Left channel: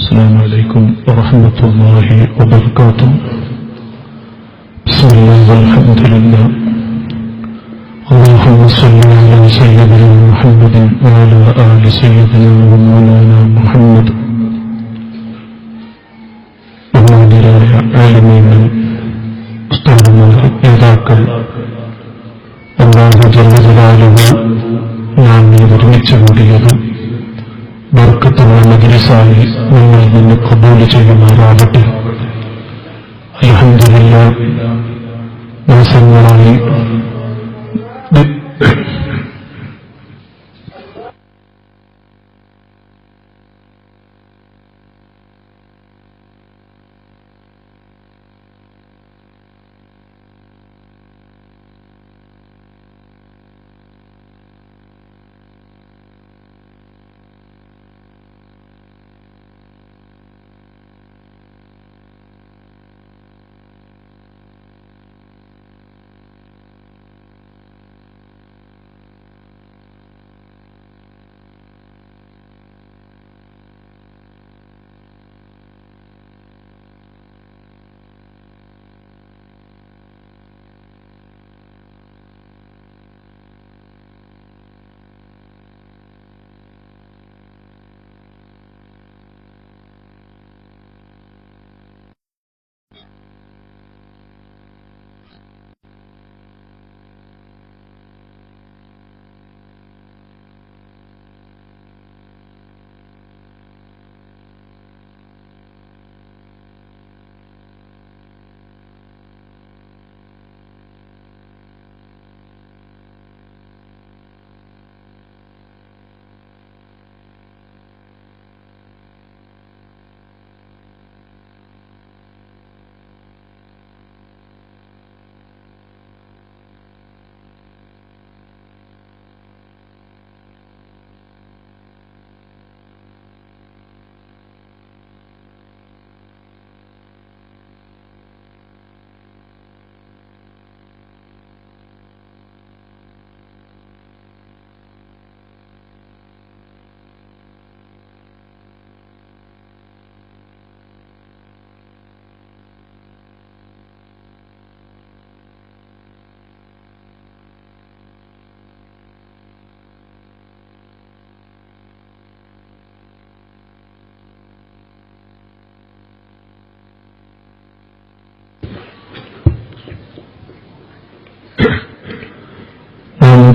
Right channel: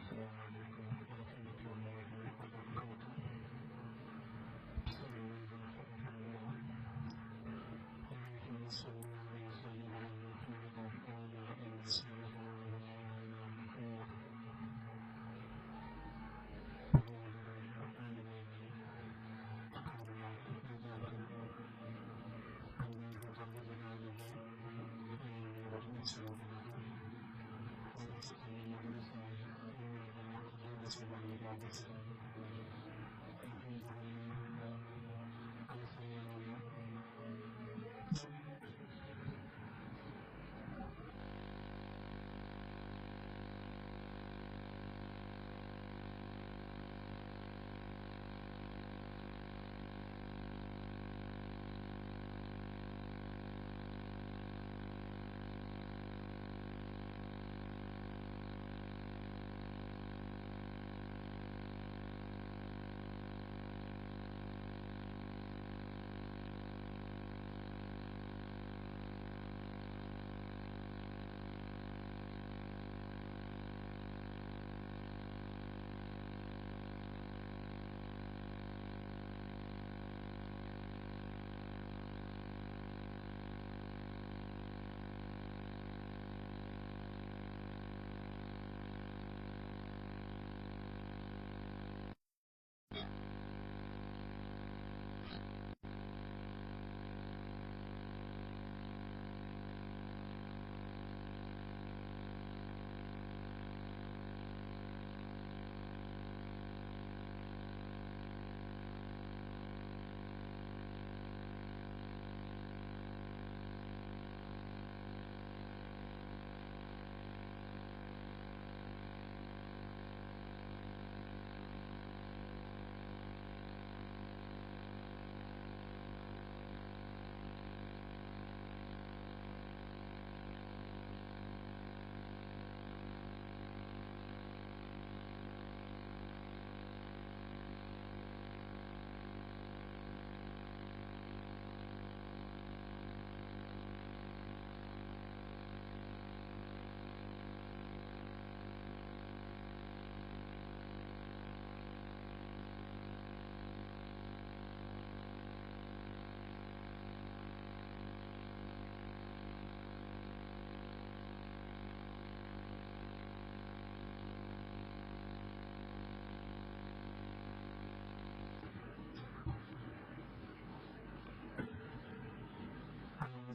السلام عليكم ورحمة الله وبركاته. بسم الله والحمد لله. اللهم صل على سيدنا محمد وعلى آل سيدنا ومولانا محمد. ബഹുമാന്യരായ ആലിമീങ്ങൾ, ഉസ്താദുമാർ, നേതാക്കൾ, അല്ലാഹു ജല്ല ജലാലുഹു നാം ഒരുമിച്ച് കൂടിയത് ബർക്കത്തുള്ള മജ്‌ലിസായി നമ്മിൽ നിന്ന് ഖബൂൽ ചെയ്യുമാറാകട്ടെ. അൽഹംദുലില്ലാഹ്, മാസങ്ങളായി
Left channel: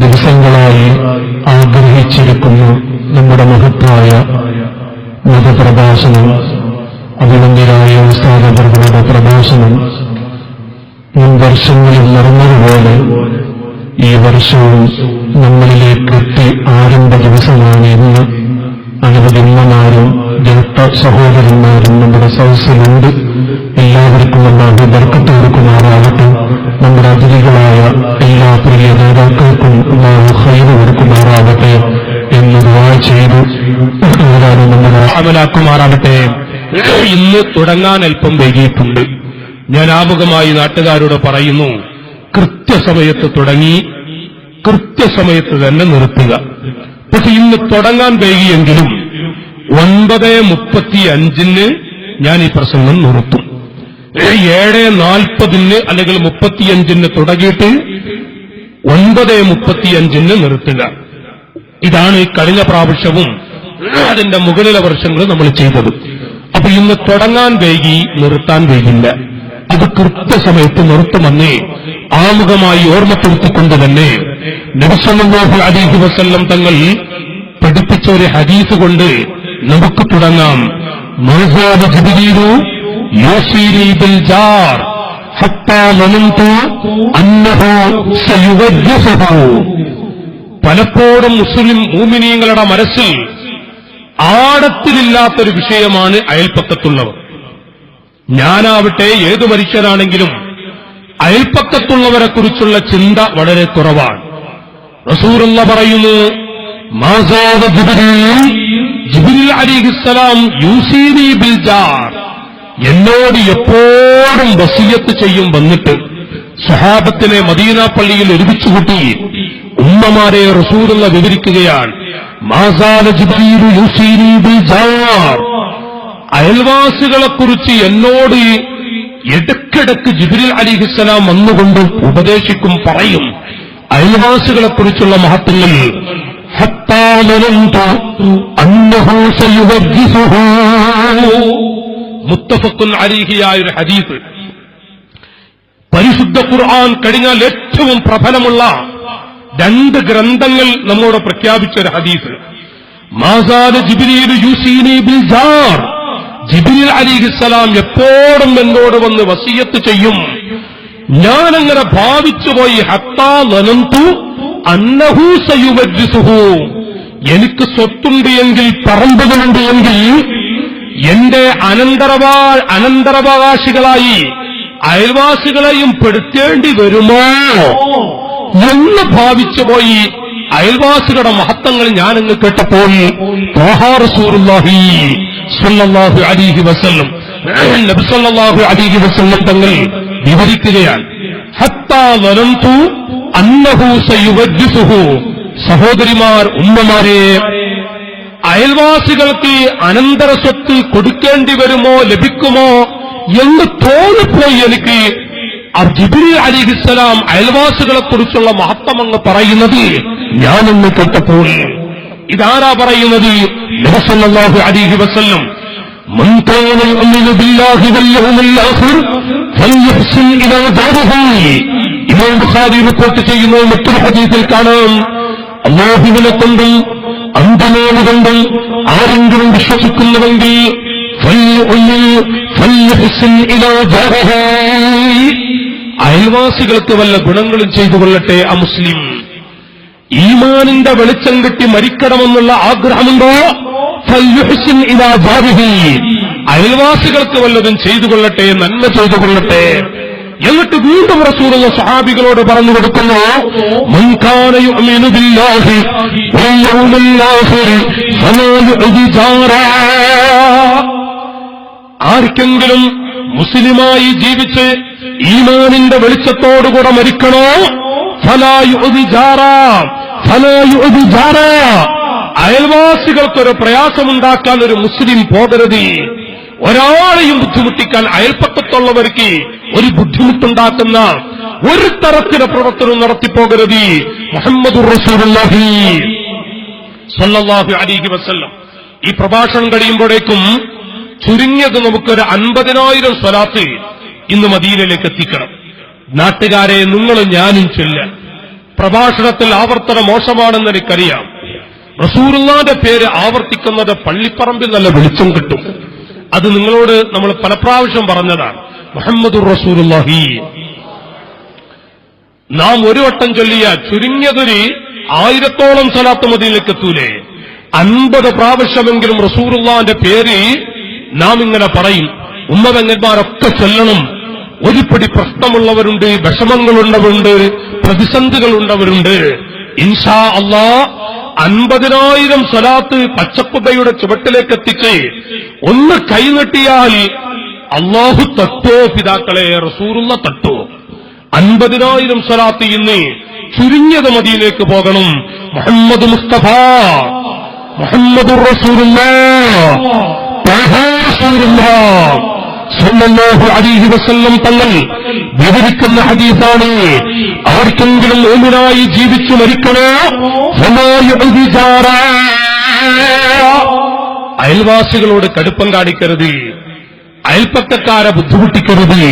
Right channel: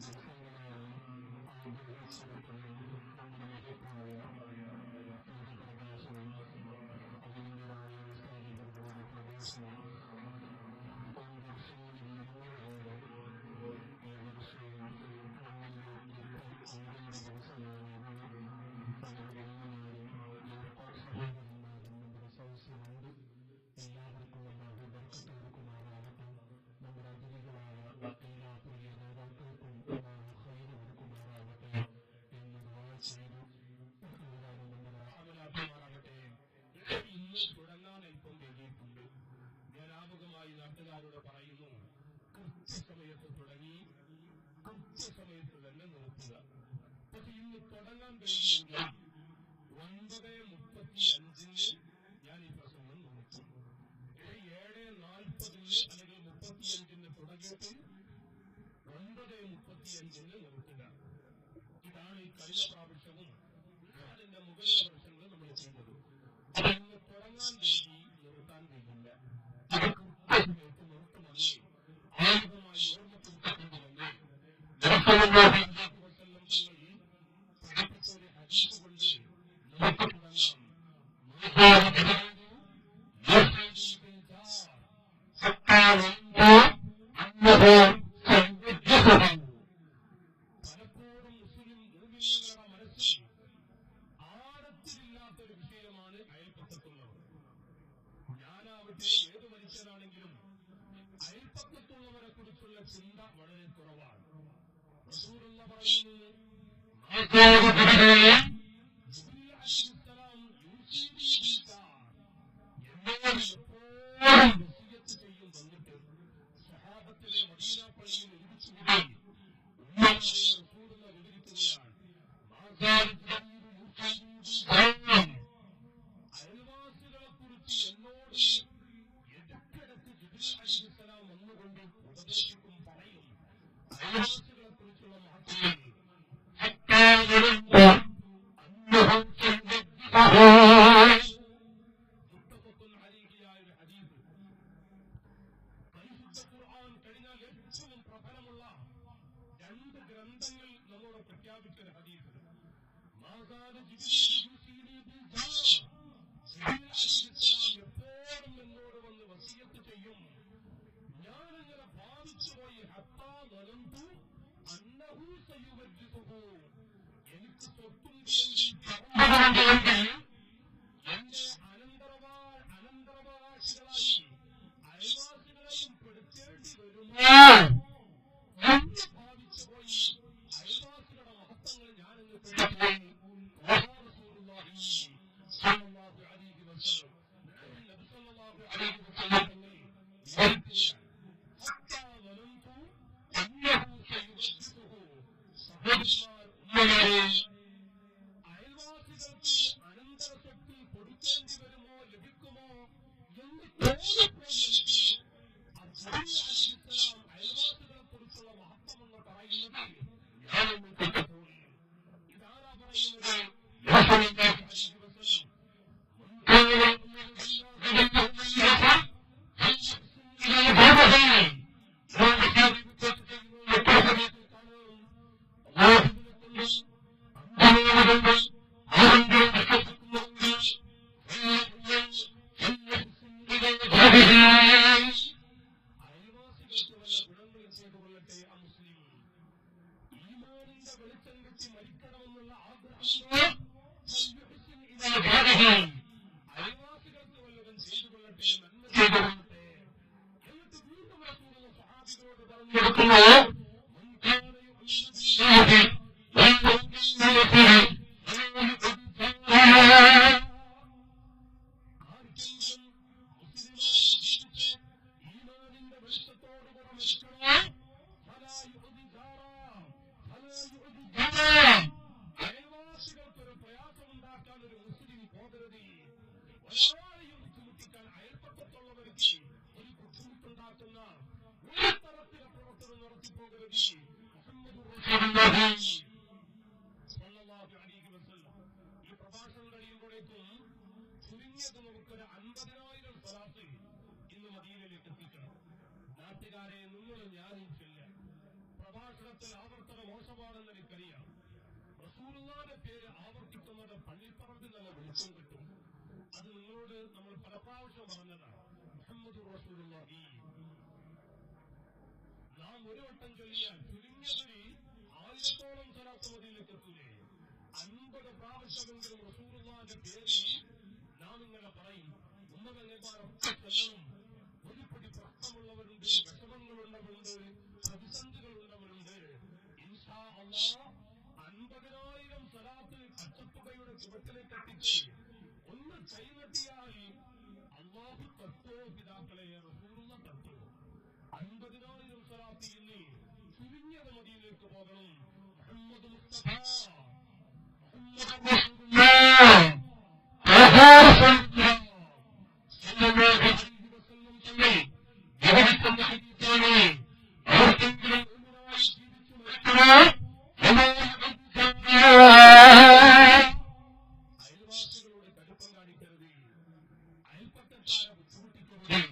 ദിവസങ്ങളായി ആഗ്രഹിച്ചിരിക്കുന്ന നമ്മുടെ മഹത്തായ മതപ്രഭാഷണം, അഭിനന്ദരായ ഉസ്താദവറുകളുടെ പ്രഭാഷണം മുൻ വർഷങ്ങളിൽ നടന്നതുപോലെ ഈ വർഷവും നമ്മളിലേക്ക് എത്തി ആരംഭ ദിവസമാണ് ഇന്ന്. അനവധി ഉമ്മമാരും ജ്യേഷ്ഠ സഹോദരന്മാരും നമ്മുടെ സദസ്സിലുണ്ട്. എല്ലാവർക്കും അല്ലാഹു ബർക്കത്ത് കൊടുക്കുമാറാകട്ടെ. നമ്മുടെ അതിഥികളായ എല്ലാ പ്രിയ നേതാക്കൾക്കും അല്ലാഹു ഖൈറ് കൊടുക്കുമാറാകട്ടെ എന്ന് ദുആ ചെയ്തു നമ്മുടെ അമലാക്കുമാറാകട്ടെ. ഇന്ന് തുടങ്ങാൻ അല്പം വൈകിയിട്ടുണ്ട്. ഞാൻ ആമുഖമായി നാട്ടുകാരോട് പറയുന്നു, കൃത്യസമയത്ത് തുടങ്ങി കൃത്യസമയത്ത് തന്നെ നിർത്തുക. പക്ഷെ ഇന്ന് തുടങ്ങാൻ വൈകിയെങ്കിലും 9:35 ഞാൻ ഈ പ്രസംഗം നിർത്തും. 7:40 അല്ലെങ്കിൽ 35 തുടങ്ങിയിട്ട് 9:35 നിർത്തുക. ഇതാണ് ഈ കഴിഞ്ഞ പ്രാവശ്യവും അതിന്റെ മുകളിലെ വർഷങ്ങൾ നമ്മൾ ചെയ്തത്. അപ്പൊ ഇന്ന് തുടങ്ങാൻ വൈകി, നിർത്താൻ വൈകില്ല. അത് കൃത്യസമയത്ത് നിർത്തുമെന്ന് ആമുഖമായി ഓർമ്മപ്പെടുത്തിക്കൊണ്ട് തന്നെ നബി സല്ലല്ലാഹു അലൈഹി വസല്ലം തങ്ങൾ പഠിപ്പിച്ച ഒരു ഹദീസ് കൊണ്ട് നമുക്ക് തുടങ്ങാം. മഅസാദ ജിബ്രീലു യൂസീനി ബിൽ ജാർ ഹത്താ ലനന്തു അന്നഹു സയുവജ്ജിഹു. പലപ്പോഴും മുസ്ലിം മുഅ്മിനീങ്ങളുടെ മനസ്സിൽ ആഴത്തിലില്ലാത്തൊരു വിഷയമാണ് അയൽപ്പക്കത്തുള്ളവർ. ഞാനാവട്ടെ ഏതു മനുഷ്യരാണെങ്കിലും അയൽപ്പക്കത്തുള്ളവരെ കുറിച്ചുള്ള ചിന്ത വളരെ കുറവാണ്. റസൂലുള്ളാഹി പറയുന്നു, മാസാദ ജിബ്രീൽ അലൈഹിസ്സലാം യൂസീനി ബിൽ ജാർ, എന്നോട് എപ്പോഴും വസിയത്ത് ചെയ്യും. വന്നിട്ട് സ്വഹാബത്തിനെ മദീന പള്ളിയിൽ ഒരുമിച്ചുകൂട്ടി ഉമ്മമാരെ റസൂലുള്ളാഹി വിവരിക്കുകയാണ്. മാസാദ ജിബ്രീൽ യൂസീനി ബിൽ ജാർ, അയൽവാസികളെക്കുറിച്ച് എന്നോട് ഇടയ്ക്കിടയ്ക്ക് ജിബ്രീൽ അലിഹിസ്സലാം വന്നുകൊണ്ട് ഉപദേശിക്കും, പറയും അയൽവാസികളെക്കുറിച്ചുള്ള മഹത്വങ്ങൾ. ഹത്താ ലനന്തു അന്നഹു സയുവജ്ജിസുഹു. മുത്തഫഖുൻ അലൈഹിയായ ഒരു ഹദീസ്. പരിശുദ്ധ ഖുർആൻ കഴിഞ്ഞാൽ ഏറ്റവും പ്രബലമുള്ള 2 ഗ്രന്ഥങ്ങൾ നമ്മോട് പ്രഖ്യാപിച്ച ഒരു ഹദീസ്. മാസാദ ജിബ്രീൽ യൂസീനി ബിൽ ജാർ. ജിബ്രീൽ അലൈഹിസ്സലാം എപ്പോഴും എന്നോട് വന്ന് വസിയത്ത് ചെയ്യും. ഞാനങ്ങനെ ഭാവിച്ചുപോയി. ഹത്താ ലനന്തു അന്നഹു സയുവജ്ജിസുഹു. എനിക്ക് സ്വത്തുണ്ട് എങ്കിൽ, പറമ്പുകളുണ്ട് എങ്കിൽ എന്റെ അനന്തരാവകാശികളായി അയൽവാസികളെയും പെടുത്തേണ്ടി വരുമോ എന്ന് ഭാവിച്ചുപോയി. അയൽവാസികളുടെ മഹത്വങ്ങൾ ഞാനങ്ങ് കേട്ടപ്പോൾ റസൂലുള്ളാഹി സ്വല്ലല്ലാഹു അലൈഹി വസല്ലം, നബി സ്വല്ലല്ലാഹു അലൈഹി വസല്ലം തങ്ങൾ വിവരിക്കുകയാണ്. ഹത്താ ലനന്തു അന്നഹു സയുവജ്ജിസുഹു. സഹോദരിമാർ, ഉമ്മമാരെ, അയൽവാസികൾക്ക് അനന്തര സ്വത്ത് കൊടുക്കേണ്ടി വരുമോ, ലഭിക്കുമോ എന്ന് തോന്നിപ്പോയി എനിക്ക്. ജിബ്രീൽ അലൈഹിസ്സലാം അയൽവാസികളെക്കുറിച്ചുള്ള മഹത്വം അങ്ങ് പറയുന്നത് ഞാനൊന്ന് കേട്ടപ്പോൾ. ഇതാരാ പറയുന്നത്? നബി സല്ലല്ലാഹു അലൈഹി വസല്ലം. മൻ കാന യുഅ്മിനു ബില്ലാഹി വൽ യൗമിൽ ആഖിർ ഫൽയുഹ്സിൻ ഇലാ ജാരിഹി. ഇമാം ബുഖാരി റിപ്പോർട്ട് ചെയ്യുന്ന മറ്റൊരു ഹദീസിൽ കാണാം, അല്ലാഹുവിനെ കൊണ്ടും അന്ത്യനാള് കൊണ്ടും ആരെങ്കിലും വിശ്വസിക്കുന്നുവെങ്കിൽ ഫൽയുഹ്സിൻ ഇലാ ജാരിഹി. അയൽവാസികൾക്ക് വല്ല ഗുണങ്ങളും ചെയ്തു കൊള്ളട്ടെ ആ മുസ്ലിം. ഈമാനിന്റെ വെളിച്ചം കിട്ടി മരിക്കണമെന്നുള്ള ആഗ്രഹമുണ്ടോ? ഫൽയുഹ്സിൻ ഇലാ ജാരിഹി. അയൽവാസികൾക്ക് വല്ലതും ചെയ്തു കൊള്ളട്ടെ, നന്മ ചെയ്തു കൊള്ളട്ടെ. എന്നിട്ട് വീണ്ടും റസൂലുള്ള സ്വഹാബികളോട് പറഞ്ഞു കൊടുക്കുന്നു, മൻ കാന യുഅ്മിനു ബില്ലാഹി വൽ യൗമിൽ ആഖിർ ഫലാ യുഅ്ദി ജാറാ. ആർക്കെങ്കിലും മുസ്ലിമായി ജീവിച്ച് ഈമാനിന്റെ വെളിച്ചത്തോടുകൂടെ മരിക്കണോ? ഫലാ യുഅ്ദി ജാറാ, ഫലാ യുഅ്ദി ജാറാ. അയൽവാസികൾക്കൊരു പ്രയാസമുണ്ടാക്കാൻ ഒരു മുസ്ലിം പോകരുത്. ഒരാളെയും ബുദ്ധിമുട്ടിക്കാൻ അയൽപ്പക്കത്തുള്ളവർക്ക് ഒരു ബുദ്ധിമുട്ടുണ്ടാക്കുന്ന ഒരു തരത്തിലെ പ്രവർത്തനം നടത്തിപ്പോകരുത്. മുഹമ്മദുർ റസൂലുള്ളാഹി സ്വല്ലല്ലാഹു അലൈഹി വസല്ലം. ഈ പ്രഭാഷണം കഴിയുമ്പോഴേക്കും ചുരുങ്ങിയത് നമുക്കൊരു 50,000 സ്വലാത്ത് ഇന്ന് മദീനയിലേക്ക് എത്തിക്കണം. നാട്ടുകാരെ, നിങ്ങളും ഞാനും ചൊല്ലാം. പ്രഭാഷണത്തിൽ ആവർത്തനം മോശമാണെന്ന് എനിക്കറിയാം. റസൂലുള്ളാഹിന്റെ പേര് ആവർത്തിക്കുന്നത് പള്ളിപ്പറമ്പിൽ നല്ല വെളിച്ചം കിട്ടും. അത് നിങ്ങളോട് നമ്മൾ പല പ്രാവശ്യം പറഞ്ഞതാണ്. മുഹമ്മദുർ റസൂലുള്ളാഹി നാം ഒരു വട്ടം ചൊല്ലിയ ചുരുങ്ങിയതൊരു 1000-ഓളം സ്വലാത്ത് മദീനയിലേക്ക് എത്തൂലേ? 50 പ്രാവശ്യമെങ്കിലും റസൂലുള്ളാഹിന്റെ പേര് നാം ഇങ്ങനെ പറയും. ഉമ്മപെങ്ങന്മാരൊക്കെ ചൊല്ലണം. ഒരുപടി പ്രശ്നമുള്ളവരുണ്ട്, വിഷമങ്ങളുള്ളവരുണ്ട്, പ്രതിസന്ധികളുള്ളവരുണ്ട്. ഇൻഷാ അല്ലാഹ് 50,000 സ്വലാത്ത് പച്ചക്കുബയുടെ ചുവട്ടിലേക്ക് എത്തിച്ച് ഒന്ന് കൈനീട്ടിയാൽ അല്ലാഹു തട്ടോ പിതാക്കളെ, റസൂലുള്ള തട്ടോ. 50,000 സ്വലാത്ത് ഇന്ന് ചുരുങ്ങിയത് മദീനയിലേക്ക് പോകണം. മുഹമ്മദ് മുസ്തഫ, മുഹമ്മദുർ റസൂലുള്ളാഹ് സല്ലല്ലാഹു അലൈഹി വസല്ലം തങ്ങൾ വിവരിക്കുന്ന ഹദീസാണ്. ആർക്കെങ്കിലും മുഅ്മിനായി ജീവിച്ചു മരിക്കണോ? ഫലാ യുഅ്ദി ജാറാ. അയൽവാസികളോട് കടുപ്പം കാണിക്കരുത്. അയൽപ്പക്കക്കാരെ ബുദ്ധിമുട്ടിക്കരുത്.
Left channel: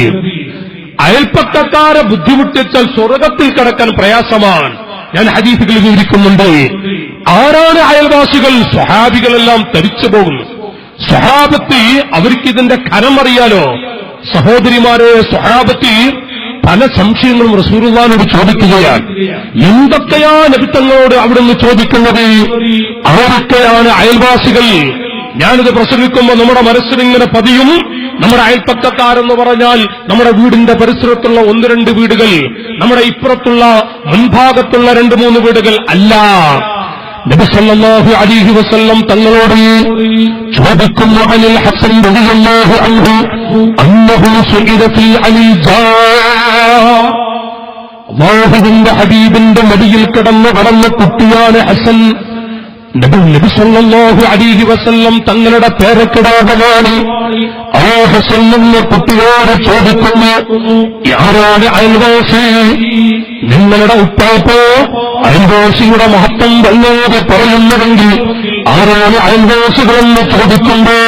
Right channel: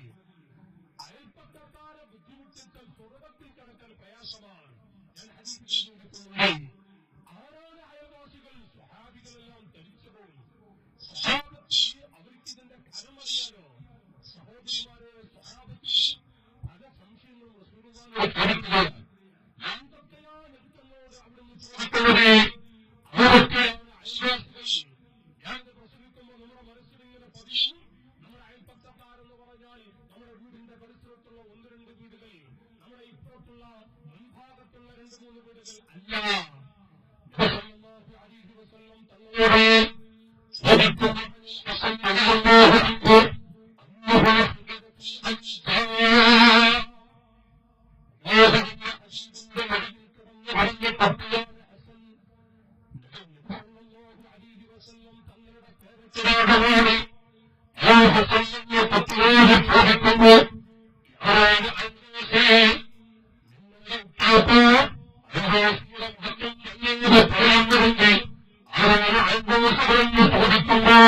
അയൽപ്പക്കക്കാരെ ബുദ്ധിമുട്ടിച്ചാൽ സ്വർഗത്തിൽ കടക്കാൻ പ്രയാസമാണ്. ഞാൻ ഹദീസുകളിൽ വിവരിക്കുന്നുണ്ട്. ആരാണ് അയൽവാസികൾ? സ്വഹാബികളെല്ലാം തരിച്ചു പോകുന്നു. സ്വഹാബത്ത് അവർക്കിതിന്റെ ഖനം അറിയാലോ. സഹോദരിമാരെ, സ്വഹാബത്ത് പല സംശയങ്ങളും റസൂലുള്ളാഹിനോട് ചോദിക്കുകയാണ്. എന്തൊക്കെയാ നബി തങ്ങളോട് അവിടുന്ന് ചോദിക്കുന്നത്? ആരൊക്കെയാണ് അയൽവാസികൾ? ഞാനിത് പ്രസംഗിക്കുമ്പോൾ നമ്മുടെ മനസ്സിലിങ്ങനെ പതിയും. നമ്മുടെ അയൽപ്പക്കക്കാരെന്ന് പറഞ്ഞാൽ നമ്മുടെ വീടിന്റെ പരിസരത്തുള്ള 1-2 വീടുകൾ, നമ്മുടെ ഇപ്പുറത്തുള്ള മുൻഭാഗത്തുള്ള 2-3 വീടുകൾ അല്ല. നബി സല്ലല്ലാഹു അലൈഹി വസല്ലം തങ്ങളോട് ചോദിക്കുന്നു, അനിൽ ഹസൻ റളിയല്ലാഹു അൻഹു അന്നഹു സുഇല ഫീ അലിൽ ജാ. അല്ലാഹുവിന്റെ ഹബീബിന്റെ മടിയിൽ കിടന്ന കുട്ടിയാണ് ഹസൻ. നബി സല്ലല്ലാഹു അലൈഹി വസല്ലം തങ്ങളുടെ പേരക്കിടാകമാണ് ആ ഹസൻ എന്ന കുട്ടിയോട് ചോദിക്കുന്നു, ആരാണ് അയൽവാസി? നിങ്ങളുടെ ഉപ്പാപ്പ അയൽവാസിയുടെ മഹത്വം വല്ലാതെ പറയുന്നുവെങ്കിൽ ആരാണ് അയൽവാസികളെന്ന് ചോദിക്കുമ്പോ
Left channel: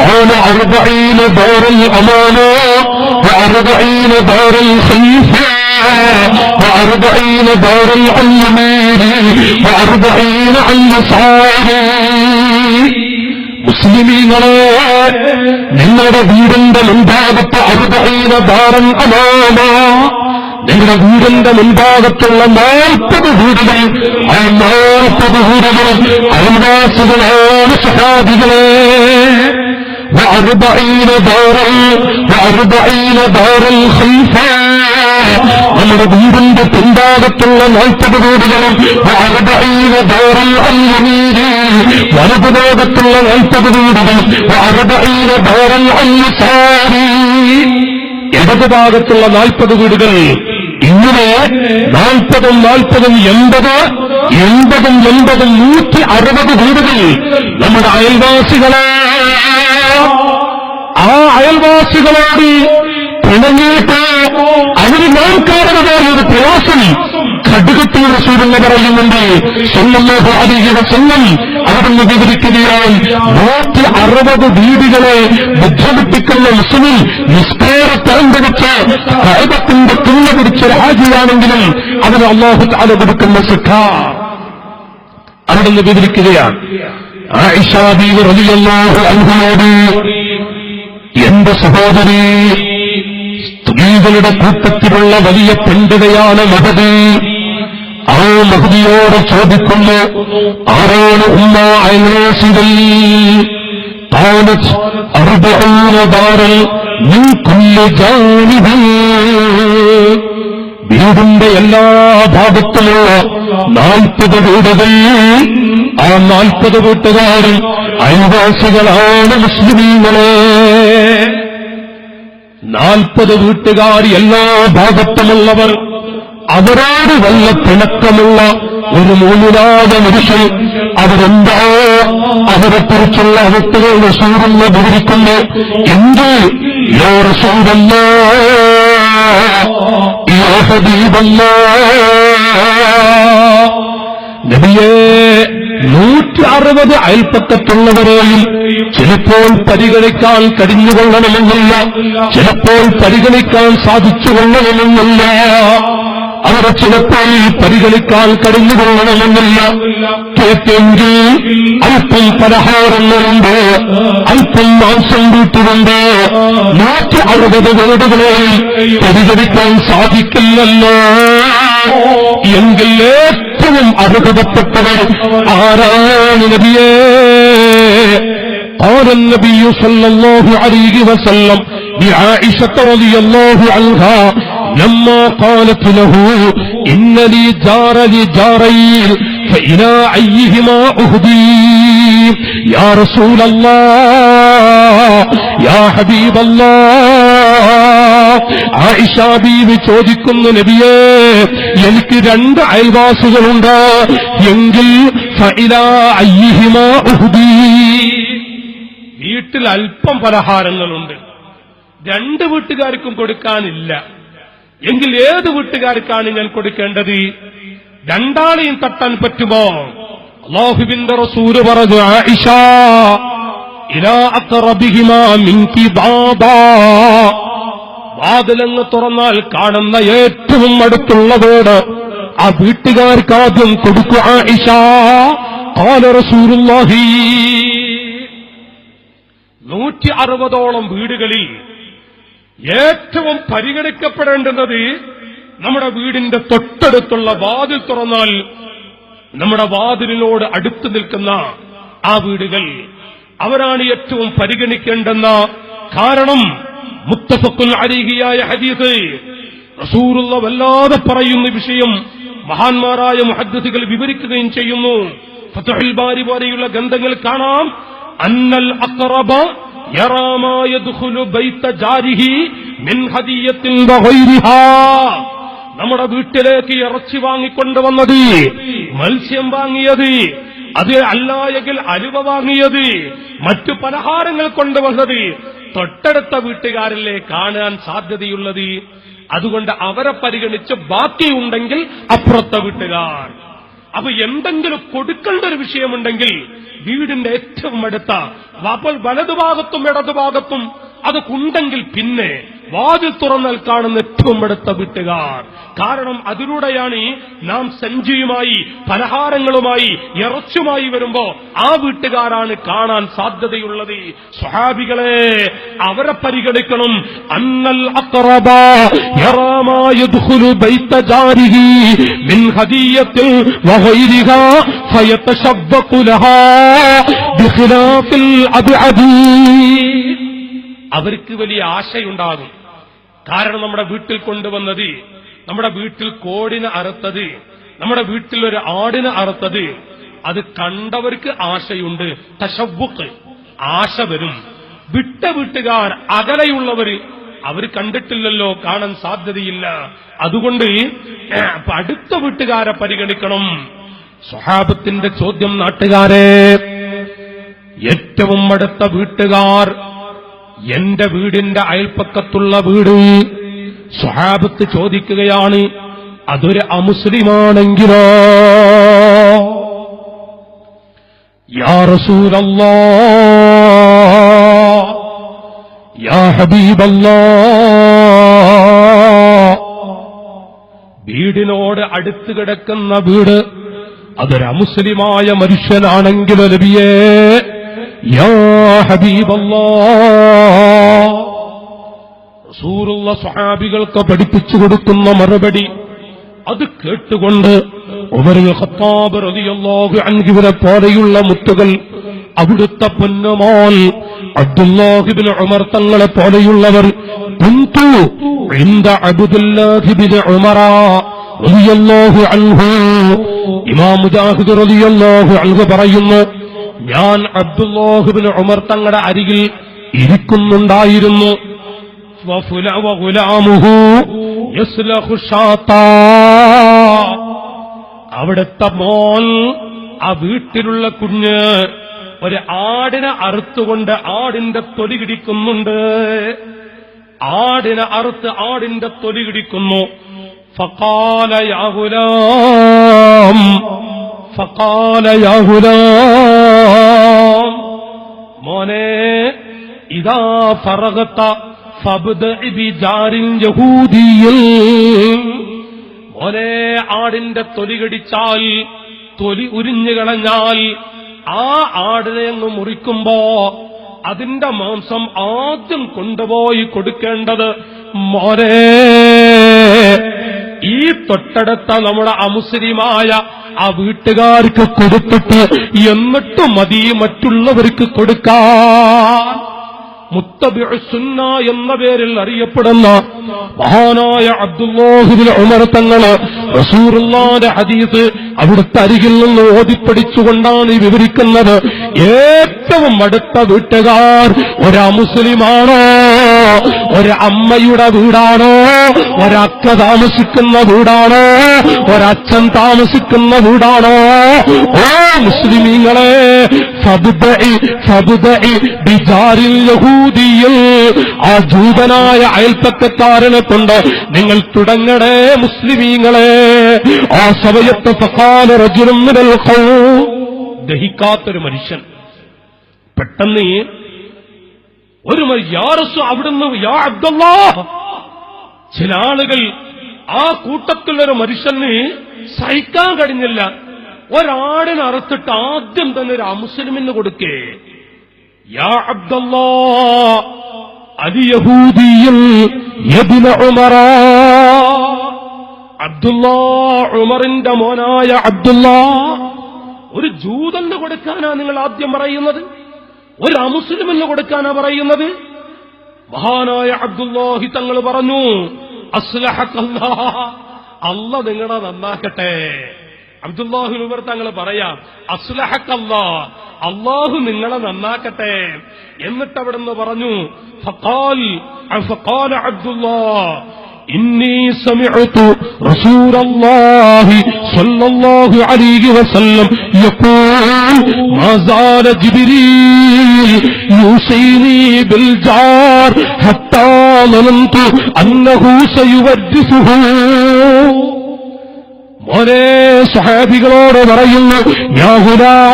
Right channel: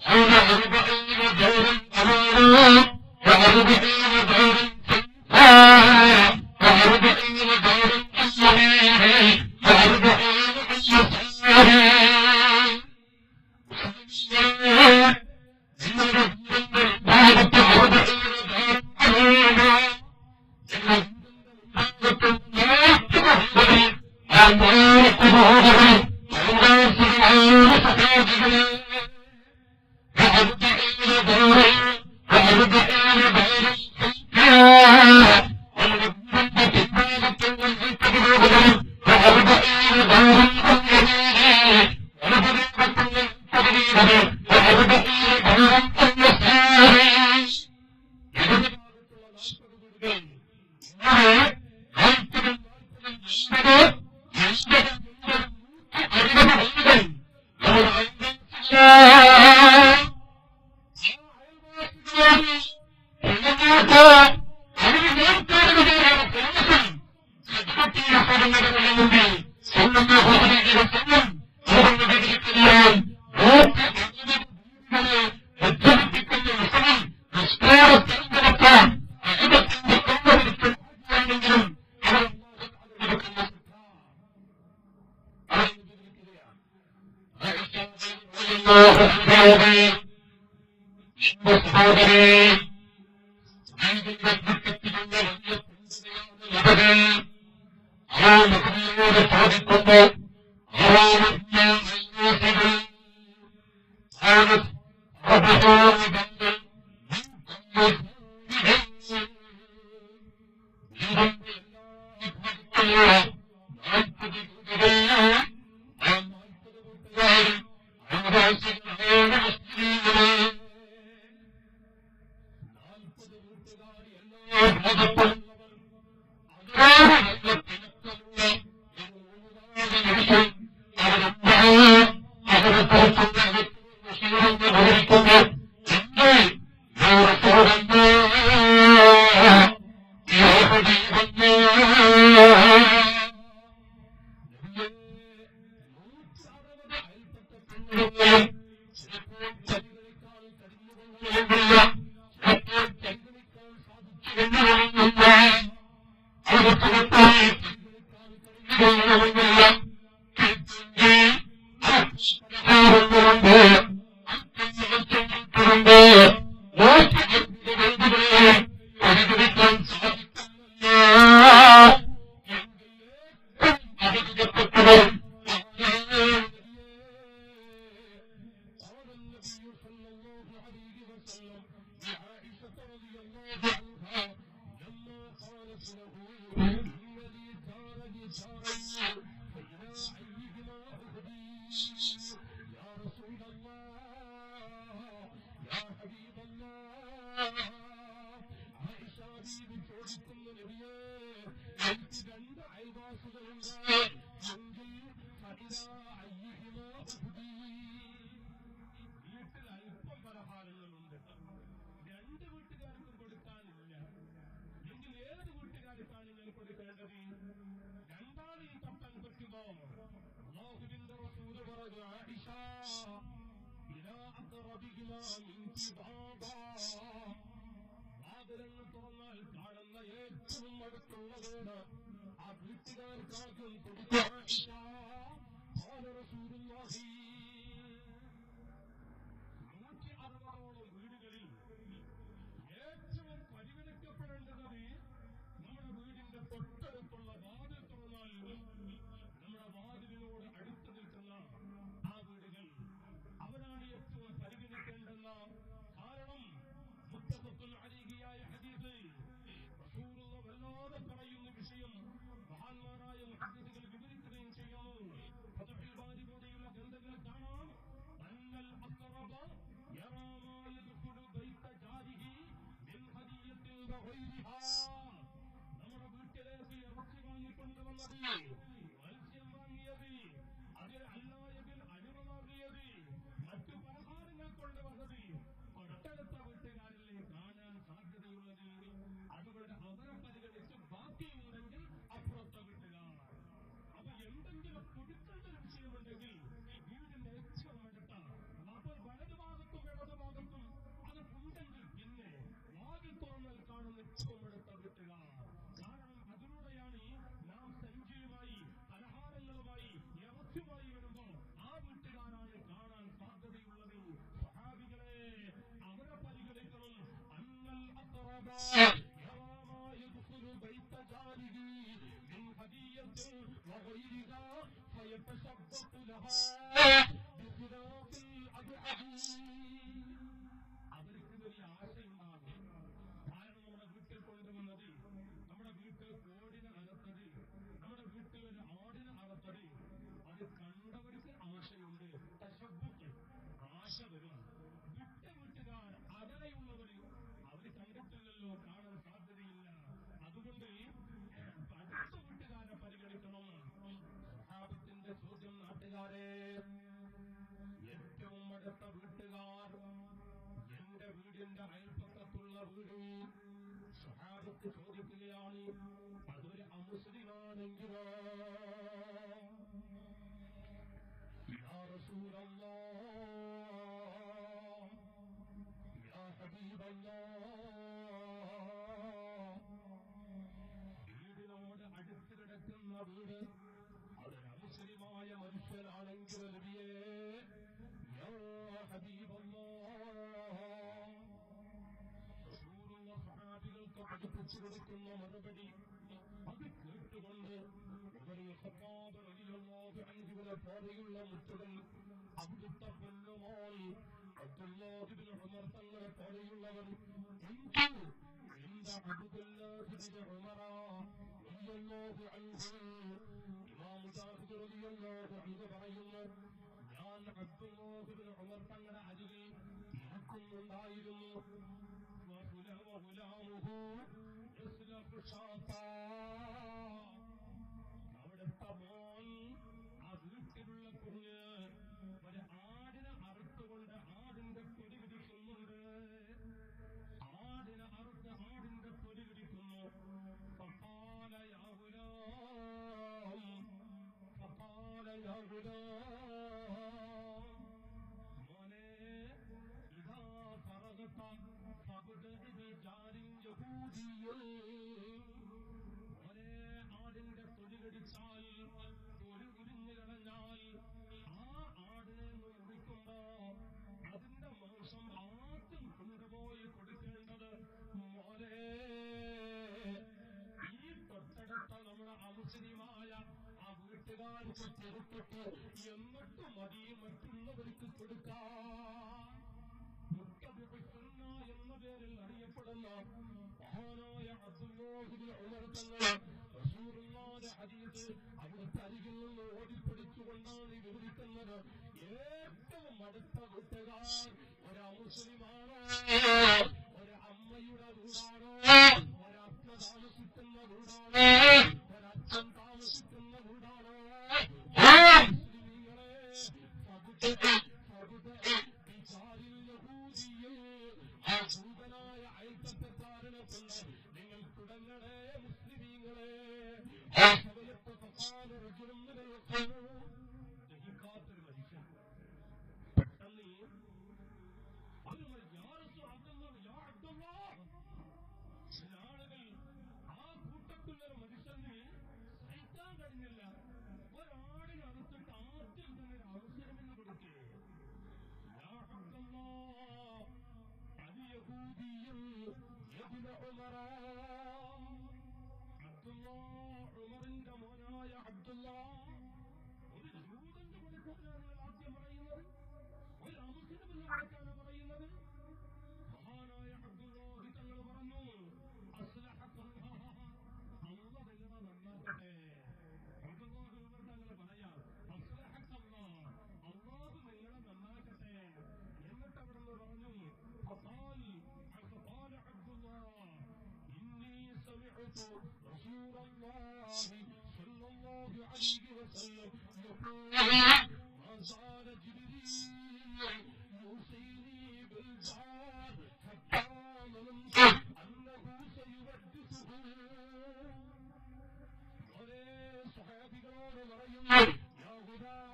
قال 40 دار الأمانة و40 دار الخليفة و40 دار اليمين و40 عن يساره. മുസ്ലിമീങ്ങളെ, നിങ്ങളുടെ വീടിന്റെ മുൻഭാഗത്ത് 40 ദാറൻ അമാന, നിങ്ങളുടെ വീടിന്റെ മുൻഭാഗത്തുള്ള 40 വീടുകൾ, ആ 40 വീടുകൾ അയൽവാസികളാണ് സഹാബികളെ. و40 دار الخليفة, നമ്മുടെ വീടിന്റെ പിൻഭാഗത്തുള്ള 40 വീടുകളും 40 دار اليمين, വലതുഭാഗത്തുള്ള 40 വീടുകളും 40 دار اليسار, ഇടതുഭാഗത്തുള്ള 40 വീടുകൾ. ഇങ്ങനെ 40 40 80 80 160 വീടുകൾ നമ്മുടെ അയൽവാസികളെ. ആ അയൽവാസികളോട് പിണങ്ങിയിട്ട് അവര് നാം കാരണമായ ഒരു പ്രയാസം ഖഡ്ഗത്തിൽ റസൂലുള്ള പറയുന്നുണ്ട് സല്ലല്ലാഹു അലൈഹി വസല്ലം. അവിടുന്ന് വിവരിക്കുകയാണ്, 160 വീടുകളെ ബുദ്ധിമുട്ടിക്കുന്ന മുസ്ലിം നിസ്കാരത്തരം പിടിച്ച് കഅബത്തിന്റെ തുന്ന പിടിച്ചൊരു ഹാജിയാണെങ്കിലും അവന് അല്ലാഹു തആല കൊടുക്കുന്ന ശിക്ഷ അവിടുന്ന് വിവരിക്കുകയാണ്. ആയിഷ ബീവി റളിയല്ലാഹു അൻഹയോട്, എന്റെ സഹോദരി, സ്ത്രീകളുടെ കൂട്ടത്തിലുള്ള വലിയ പണ്ഡിതയാണ് മഹദി. ആ മഹദിയോട് ചോദിക്കുന്നു, ആരാണ് ഉമ്മ അയൽവാസികൾ? قالت 40 دارا من كل جانب, വീടിന്റെ എല്ലാ ഭാഗത്തുമുള്ള 40 വീടുകൾ, ആ 40 വീട്ടുകാരും അയൽവാസികളാണ് മുസ്ലിമീങ്ങളെ. 40 വീട്ടുകാർ എല്ലാ ഭാഗത്തുമുള്ളവർ, അവരോട് വല്ല പിണക്കമുള്ള ഒരു മൂന്നിലായ മനുഷ്യൻ, അവരെന്താ അവരെക്കുറിച്ചുള്ള അവസ്ഥകൾ റസൂലുള്ള വിവരിക്കുന്നു. എന്ത് യാ റസൂലല്ലാഹ്, യാ ഹബീബല്ലാഹ്, നബിയേ, 160 അയൽപ്പക്കത്തുള്ളവരെയും ചിലപ്പോൾ പരിഗണിക്കാൻ കഴിഞ്ഞുകൊള്ളണമെന്നില്ല, ചിലപ്പോൾ പരിഗണിക്കാൻ സാധിച്ചുകൊള്ളണമെന്നില്ല, അവരെ ചിലപ്പോൾ പരിഗണിക്കാൻ കഴിഞ്ഞുകൊള്ളണമെന്നില്ല. കേട്ടെങ്കിൽ അല്പം പലഹാരങ്ങളുണ്ട്, അല്പം മാംസം വീട്ടിലുണ്ട്, 160 വീടുകളെയും പരിഗണിക്കാൻ സാധിക്കില്ലല്ലോ. എങ്കിൽ ഏറ്റവും അർഹതപ്പെട്ടവർ ആരാണ് നബിയേ? قال النبي صلى الله عليه وسلم لعائشة رضي الله عنها لما قالت له إن لي جار لجارين فإلى أيهما أهدي يا رسول الله يا حبيب الله. ആയിഷ ബീവി ചോദിക്കുന്നു, നബിയേ, എനിക്ക് 2 അയൽവാസികളുണ്ട്, എങ്കിൽ ഫഇലാ അയ്യിഹിമാ ഉഹ്ദി, വീട്ടിൽ അല്പം പലഹാരങ്ങളുണ്ട്, 2 വീട്ടുകാർക്കും കൊടുക്കാനില്ല, എങ്കിൽ ഏത് വീട്ടുകാർക്കാണ് ഞാൻ കൊടുക്കേണ്ടത്? 2 ആളെയും തട്ടാൻ പറ്റുമോ? അല്ലാഹുവിന്റെ റസൂല് പറഞ്ഞു, ആയിഷ, ഇലാ അഖറബിഹിമാ മിൻകി ബാബാ, വാതിലങ്ങ് തുറന്നാൽ കാണുന്ന ഏറ്റവും അടുത്തുള്ളവരോട് ആ വീട്ടുകാർക്ക് ആദ്യം കൊടുക്കുക. ആയിഷ ഖാല റസൂലുള്ളാഹി, 160ഓളം വീടുകളിൽ ഏറ്റവും പരിഗണിക്കപ്പെടേണ്ടുന്നത് നമ്മുടെ വീടിന്റെ തൊട്ടടുത്തുള്ള വാതിൽ തുറന്നാൽ നമ്മുടെ വാതിലിനോട് അടുത്ത് നിൽക്കുന്ന ആ വീടുകൾ, അവരാണ് ഏറ്റവും പരിഗണിക്കേണ്ടെന്ന. കാരണം മുത്തഫഖുൻ അലൈഹിയായ ഹദീസ് റസൂലുള്ള വല്ലാതെ പറയുന്ന വിഷയം മഹാന്മാരായ മുഹദ്ദിസുകൾ വിവരിക്കുകയും ചെയ്യുന്നു. ഫത്ഹുൽ ബാരി പോലെയുള്ള ഗ്രന്ഥങ്ങൾ കാണാം, അന്നൽ അഖറബ യറാ മാ യദ്ഖുലു ബൈത ജാരിഹി മിൻ ഹദിയത്തിൻ വഗൈരിഹാ, നമ്മുടെ വീട്ടിലേക്ക് ഇറച്ചി വാങ്ങിക്കൊണ്ടുവന്നത്, മത്സ്യം വാങ്ങിയത്, അത് അല്ല എങ്കിൽ അലുവ വാങ്ങിയത്, മറ്റു പലഹാരങ്ങൾ കൊണ്ടുവന്നത് തൊട്ടടുത്ത വീട്ടുകാരിലെ കാണാൻ സാധ്യതയുള്ളത്. അതുകൊണ്ട് അവരെ പരിഗണിച്ച് ബാക്കിയുണ്ടെങ്കിൽ അപ്പുറത്തെ വീട്ടുകാർ. അപ്പൊ എന്തെങ്കിലും കൊടുക്കേണ്ട ഒരു വിഷയമുണ്ടെങ്കിൽ വീടിന്റെ ഏറ്റവും അടുത്ത വലതുഭാഗത്തും ഇടതുഭാഗത്തും അതൊക്കെയുണ്ടെങ്കിൽ പിന്നെ വാതിൽ തുറന്നാൽ കാണുന്ന ഏറ്റവും അടുത്ത വീട്ടുകാർ. കാരണം അതിലൂടെയാണ് നാം സഞ്ചിയുമായി പലഹാരങ്ങളുമായി ഇറച്ചുമായി വരുമ്പോ ആ വീട്ടുകാരാണ് കാണാൻ സാധ്യതയുള്ളത്. സ്വഹാബികളെ, അവരെ പരിഗണിക്കണം. അന്നൽ അഖറബ യറാ മാ യദ്ഖുലു ബൈത ജാരിഹി മിൻ ഹദിയത്തിൽ വഗൈരിഹാ ഫയതശബ്ബഖു ലഹാ ബിഖിലാഫിൽ അബ്അദി. അവർക്ക് വലിയ ആശയുണ്ടാകും. കാരണം നമ്മുടെ വീട്ടിൽ കൊണ്ടുവന്നത്, നമ്മുടെ വീട്ടിൽ കോടിനെ അറുത്തത്, നമ്മുടെ വീട്ടിൽ ഒരു ആടിനെ അറുത്തത്, അത് കണ്ടവർക്ക് ആശയുണ്ട്. തശവ്വുഖ്, ആശ വരും. വിട്ട വീട്ടുകാർ, അകലെയുള്ളവർ, അവർ കണ്ടിട്ടില്ലല്ലോ, കാണാൻ സാധ്യതയില്ല. അതുകൊണ്ട് അടുത്ത വീട്ടുകാരെ പരിഗണിക്കണം. സ്വഹാബത്തിന്റെ ചോദ്യം, നാട്ടുകാരെ, ഏറ്റവും അടുത്ത വീട്ടുകാർ, എന്റെ വീടിന്റെ അയൽപ്പക്കത്തുള്ള വീട്. സ്വഹാബത്ത് ചോദിക്കുകയാണ്, അതൊരു അമുസ്ലിമാണെങ്കിലോ? യാ റസൂലല്ലാഹ്, യാ ഹബീബല്ലാഹ്, വീടിനോട് അടുത്ത് കിടക്കുന്ന വീട് അതൊരു അമുസ്ലിമായ മനുഷ്യനാണെങ്കിലോ നബിയേ? യാ ഹബീബല്ലാഹ്, റസൂലുള്ള സ്വഹാബികൾക്ക് പഠിപ്പിച്ചു കൊടുക്കുന്ന മറുപടി അത് കേട്ടുകൊണ്ട് ഉമറുൽ ഖത്താബ് റളിയല്ലാഹു അൻഹുവിനെ പോലെയുള്ള മുത്തുകൾ, അവിടുത്തെ പൊന്നുമോൻ അബ്ദുല്ലാഹ് ഇബ്നു ഉമർ തങ്ങളെ പോലെയുള്ളവർ, കുന്തു ഇൻദ അബ്ദുല്ലാഹ് ഇബ്നു ഉമർ റളിയല്ലാഹു അൻഹു, ഇമാം മുജാഹിദ് റളിയല്ലാഹു അൻഹു പറയുന്നു, ഞാൻ അബ്ദുല്ലാഹ് ഇബ്നു ഉമർ തങ്ങളുടെ അരികിൽ ഇരിക്കുന്നുണ്ടായിരുന്നു. അവിടുത്തെ മോൻ, ആ വീട്ടിലുള്ള കുഞ്ഞ് ഒരു ആടിനെ അറുത്തുകൊണ്ട് ആടിന്റെ തൊലി കിടിക്കുന്നുണ്ട്. ആടിനെ അറുത്ത് ആടിന്റെ തൊലി കിടിക്കുന്നു. ഫഖാല യാ ഗുലാം, ഫഖാല യാ ഗുലാം, മോനെ, ഇദാ ഫറഗത ഫബ്ദഇ ബിജാരിൻ യഹൂദിയിൽ, മോനെ, ആടിന്റെ തൊലി കടിച്ചാൽ, തൊലി ഉരിഞ്ഞു കളഞ്ഞാൽ, ആ ആടിനെ അങ്ങ് മുറിക്കുമ്പോ അതിന്റെ മാംസം ആദ്യം കൊണ്ടുപോയി കൊടുക്കേണ്ടത് മോനെ ഈ തൊട്ടടുത്ത നമ്മുടെ അമുസ്ലിമായ ആ വീട്ടുകാർക്ക് കൊടുത്തിട്ട് എന്നിട്ട് മതി മറ്റുള്ളവർക്ക് കൊടുക്കാൻ. മുത്തബിഉ സുന്ന എന്ന പേരിൽ അറിയപ്പെടുന്ന മഹാനായ അബ്ദുല്ലാഹ് ഇബ്നു ഉമർ തങ്ങൾ റസൂലുള്ളാഹിന്റെ ഹദീസ് അവിടുത്തെ അരികിൽ നിന്ന് ഓതിപ്പടിച്ചുകൊണ്ടാണ് വിവരിക്കുന്നത്. ഏറ്റവും അടുത്ത വീട്ടുകാർ ഒരു മുസ്ലിമാണോ, ഒരു അമ്മയുടെ വീടാണോ, ഒരക്ക താമസിക്കുന്ന വീടാണോ, ഒരച്ഛൻ താമസിക്കുന്ന വീടാണോ? ഓ മുസ്ലിമീങ്ങളെ, ഫബ്ദഇ ബിജാരിൽ യഹൂദിയിൽ, ആ ജൂതനായ അയൽപ്പക്കക്കാരനെ കൊണ്ട് നിങ്ങൾ തുടങ്ങണേ മുസ്ലിമീങ്ങളെ. ആ സമയത്ത് ഫഖാല റജുലുൻ മിനൽ ഖൗം, ദഹിക്കാത്തൊരു മനുഷ്യൻ പെട്ടെന്ന് ഒരു അവിടുന്ന് യാ അബ്ദുല്ലാഹ്, ചില ആളുകൾ ആ കൂട്ടത്തിലൊരു മനുഷ്യന് സഹിക്കാൻ കഴിഞ്ഞില്ല. ഒരാടിനെ അറുത്തിട്ട് ആദ്യം തന്നെ ഒരു അമുസ്ലിമിന് കൊടുക്കേ. യാ അബ്ദുല്ലാഹ് അലി യഹൂദിയിൽ യബ്ന ഉമറ, അബ്ദുല്ലാഹ് ഉമറിന്റെ മോനായ അബ്ദുല്ലാഹ്, ഒരു ജൂതന് കൊടുക്കാനാ നിങ്ങൾ ആദ്യം പറയുന്നത്? ഒരു അമുസ്ലിമിന് കൊടുക്കാനാ പറയുന്നത്? മഹാനായ അബ്ദുല്ലാഹി തങ്ങൾ പറഞ്ഞു, അസ്ലഹക്കല്ലാഹ്, അല്ലാഹ് നിങ്ങളെ നന്നാക്കട്ടെ. അബ്ദുല്ലാഹി ഉമർ തങ്ങൾ പറയാം, അസ്ലഹക്കല്ലാഹ്, അല്ലാഹു നിങ്ങളെ നന്നാക്കട്ടെ. എന്നിട്ട് അവിടുന്ന് പറഞ്ഞു, ഫഖാല അബ്ദുല്ലാഹ് ഇന്നി സമിഅതു റസൂലല്ലാഹി സ്വല്ലല്ലാഹു അലൈഹി വസല്ലം യഖൂൽ മാ സാല ജിബ്രീൽ യൂസീനി ബിൽ ജാർ ഹത്താ ളനന്തു അന്നഹു സയുവദ്ദിസുഹു. മോനെ സ്വഹാബികളോട് പറയുന്നു, യാ ഗുലാം,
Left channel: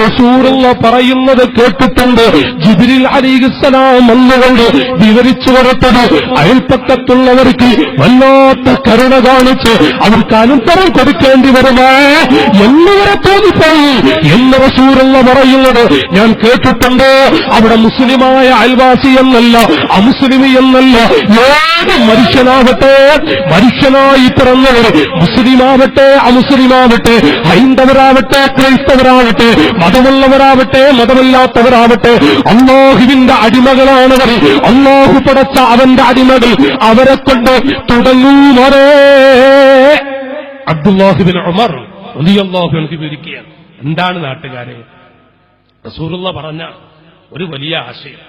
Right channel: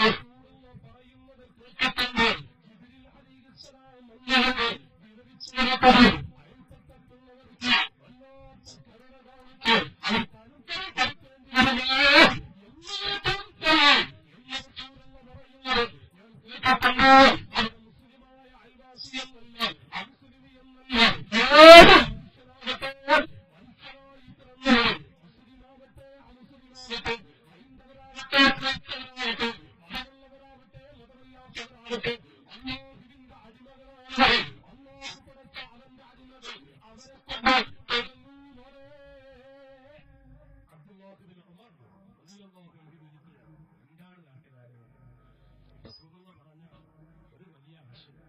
റസൂലുള്ള പറയുന്നത് കേട്ടിട്ടുണ്ട്. ജിബ്രീൽ അലൈഹിസ്സലാം വന്നുകൊണ്ട് വിവരിച്ചു കൊടുത്തത് അയൽപ്പക്കത്തുള്ളവർക്ക് വല്ലാത്ത കരുണ കാണിച്ച് അവർക്ക് അനന്തരം കൊടുക്കേണ്ടി വരുമോ എന്നിവരെ തോന്നിപ്പോയി എന്ന് റസൂലുള്ള പറയുന്നത് ഞാൻ കേട്ടിട്ടുണ്ട്. അവിടെ മുസ്ലിമായ അയൽവാസി എന്നല്ല, അമുസ്ലിമി എന്നല്ല, ഏത് മനുഷ്യനാവട്ടെ, മനുഷ്യനായി പിറന്നവർ, മുസ്ലിമാവട്ടെ അമുസ്ലിമാവട്ടെ, ഹൈന്ദവരാവട്ടെ ക്രൈസ്തവരാവട്ടെ, മതമുള്ളവരാവട്ടെ മതമില്ലാത്തവരാവട്ടെ, അല്ലാഹുവിന്റെ അടിമകളാണവർ. അല്ലാഹു പടച്ച അവന്റെ അടിമകൾ, അവരെ കൊണ്ട് തുടങ്ങൂമറേ. അബ്ദുല്ലാഹിബ്ൻ ഉമർ റളിയല്ലാഹു അൻഹു വിവരിക്കുകയാണ്. എന്താണ് നാട്ടുകാരെ, റസൂലുള്ളാഹി പറഞ്ഞ ഒരു വലിയ ആശയം,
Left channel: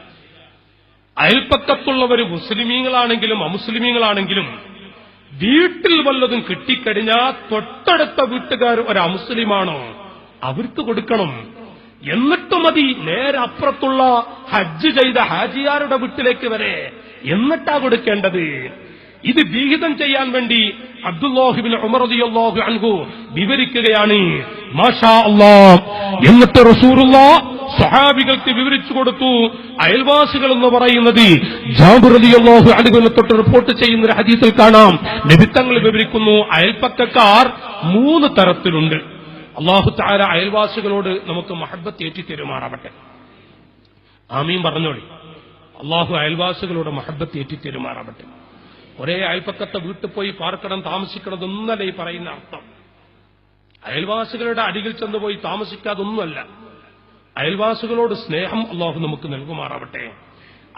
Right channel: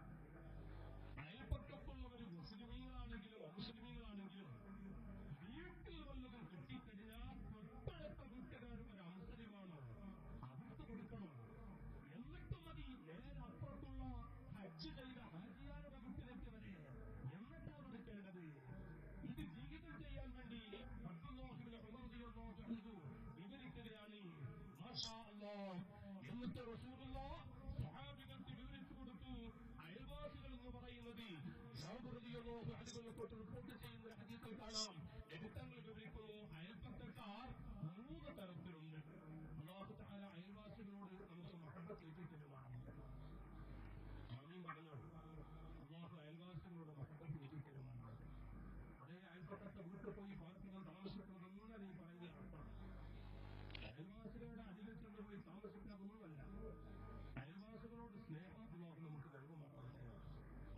അയൽപ്പക്കത്തുള്ളവർ മുസ്ലിമീങ്ങളാണെങ്കിലും അമുസ്ലിമീങ്ങളാണെങ്കിലും വീട്ടിൽ വല്ലതും കിട്ടിക്കഴിഞ്ഞാൽ തൊട്ടടുത്ത വീട്ടുകാർ ഒരു അമുസ്ലിമാണോ അവർക്ക് കൊടുക്കണം. എന്നിട്ട് മതി നേരെ അപ്പുറത്തുള്ള ഹജ്ജ് ചെയ്ത ഹാജിയാരുടെ വീട്ടിലേക്ക് വരെ എന്നിട്ടാ കൊടുക്കേണ്ടത്. ഇത് വിഹിതം ചെയ്യാൻ വേണ്ടി അബ്ദുല്ലാഹിബ്ൻ ഉമർ റളിയല്ലാഹു അൻഹു വിവരിക്കുകയാണ്. മാഷാ അല്ലാഹ്. എന്നിട്ട് റസൂലുള്ളാഹി സ്വഹാബികൾക്ക് വിവരിച്ചു കൊടുത്തു. അയൽവാസികൾ എന്ന് പറയുന്നത് ജാബിർ റളിയല്ലാഹു അൻഹുവിനെ തൊട്ട് റിപ്പോർട്ട് ചെയ്യുന്ന ഒരു ഹദീസിൽ കാണാം. നബി തങ്ങൾ വിവരിക്കുന്നു, അയൽപ്പക്കക്കാർ 3 തരത്തിലുണ്ട്. അല്ലാഹു തആല അയൽവാസികളോട് നമുക്ക് മഹബ്ബത്ത് ഏറ്റി തെരുമാറാവട്ടെ. ആമീൻ പറഞ്ഞോളി. അല്ലാഹു അയൽവാസികളോട് മഹബ്ബത്ത് ഏറ്റി തെരുമാറാവട്ടെ. ഒരേ അയൽപ്പക്കത്തെ വീട്ടിൽ പോയി പാർക്കണം, താമസിക്കണതൊന്നല്ല ഈ പറയുന്ന അർത്ഥം. അയൽവാസികളുടെ അടിയിൽ ചെന്നുപോയി താമസിക്കാതൊന്നുമല്ല. അയൽവാസികളോട് സ്നേഹം അല്ലാഹു നമുക്ക് നൽകുമാറാവട്ടെ.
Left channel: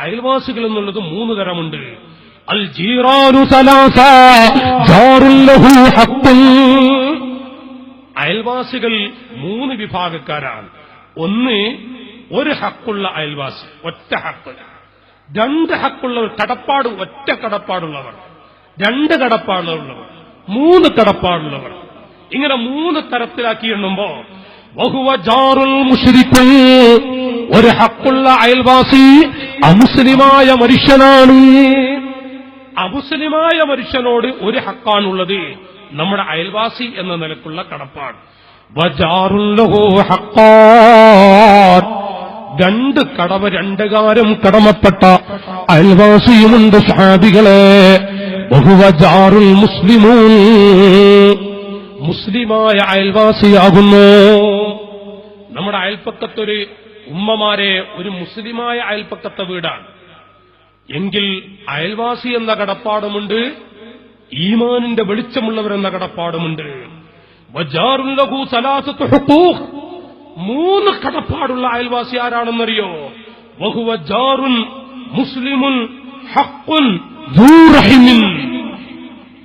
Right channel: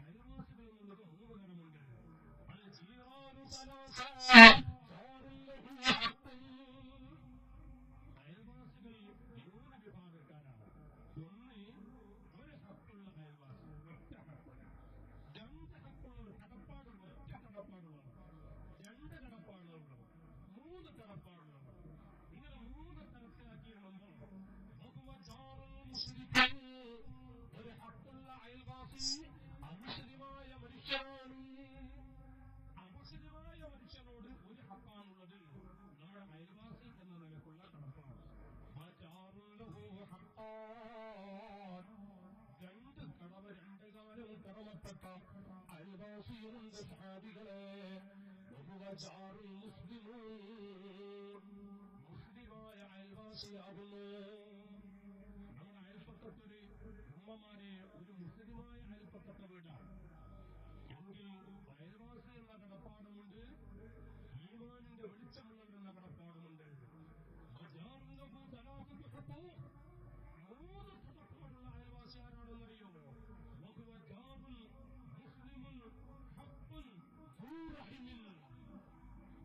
അയൽവാസികൾ എന്നുള്ളത് 3 തരമുണ്ട്. അൽ ജീറാനു സലാസ ജാറുൻ ലഹു ഹഖ്ഖുൻ. അയൽവാസികൾ 3 വിഭാഗക്കാരാണ്. ഒന്ന്, ഒരു ഹക്കുള്ള അയൽവാസി, ഒറ്റ ഹക്ക്. 2 ഹക്കുള്ളവർ, കടപ്പാട്, ഒറ്റ കടപ്പാടുള്ളവർ. 2 കടപ്പാടുള്ളവർ, 3 കടപ്പാടുള്ളവർ. ഇങ്ങനെ 3 തരത്തിലാക്കി എണ്ണുമ്പോ വഹുവ ജാറുൽ മുശ്രിക്, ഒരു ഹക്കുള്ള അയൽവാസി അമുസ്ലിമായ മനുഷ്യനാണ്. അമുസ്ലിമായ മനുഷ്യനോട് ഒരു ഹക്കാണുള്ളത്, നമ്മുടെ അയൽവാസി എന്ന നിലക്കുള്ള കടപ്പാട്. വജാറുൽ ലഹു ഹഖ്ഖാൻ, 2 കടമ, 2 കാര്യം കടമപ്പെട്ട അയൽവാസിയുമുണ്ട് സ്വഹാബികളെ. വഹുവ ജാറുൽ മുസ്ലിമൂൻ, മുസ്ലിമായ അയൽവാസിയാകുന്നു. നമ്മുടെ അയൽപ്പക്കത്തൊരു ഉമ്മമാരെ ഒരു മുസ്ലിമായ അയൽപ്പക്കത്തെ വീടാണ് എങ്കിൽ അയൽവാസി എന്ന കടപ്പാടുമുണ്ട്, ഈമാനിന്റെ വെളിച്ചമുള്ളവരെന്ന കടപ്പാടുമുണ്ട്. വജാറുൻ ലഹു സലാസത്തു ഹുഖൂഖ്, 3 കടപ്പാടുള്ള അയൽവാസി ആരാണെന്നറിയോ? വഹുവ ജാറുൻ മുസ്ലിമുൻ ഹഖ്ഖുൻ ദൂ റഹിമിൻ,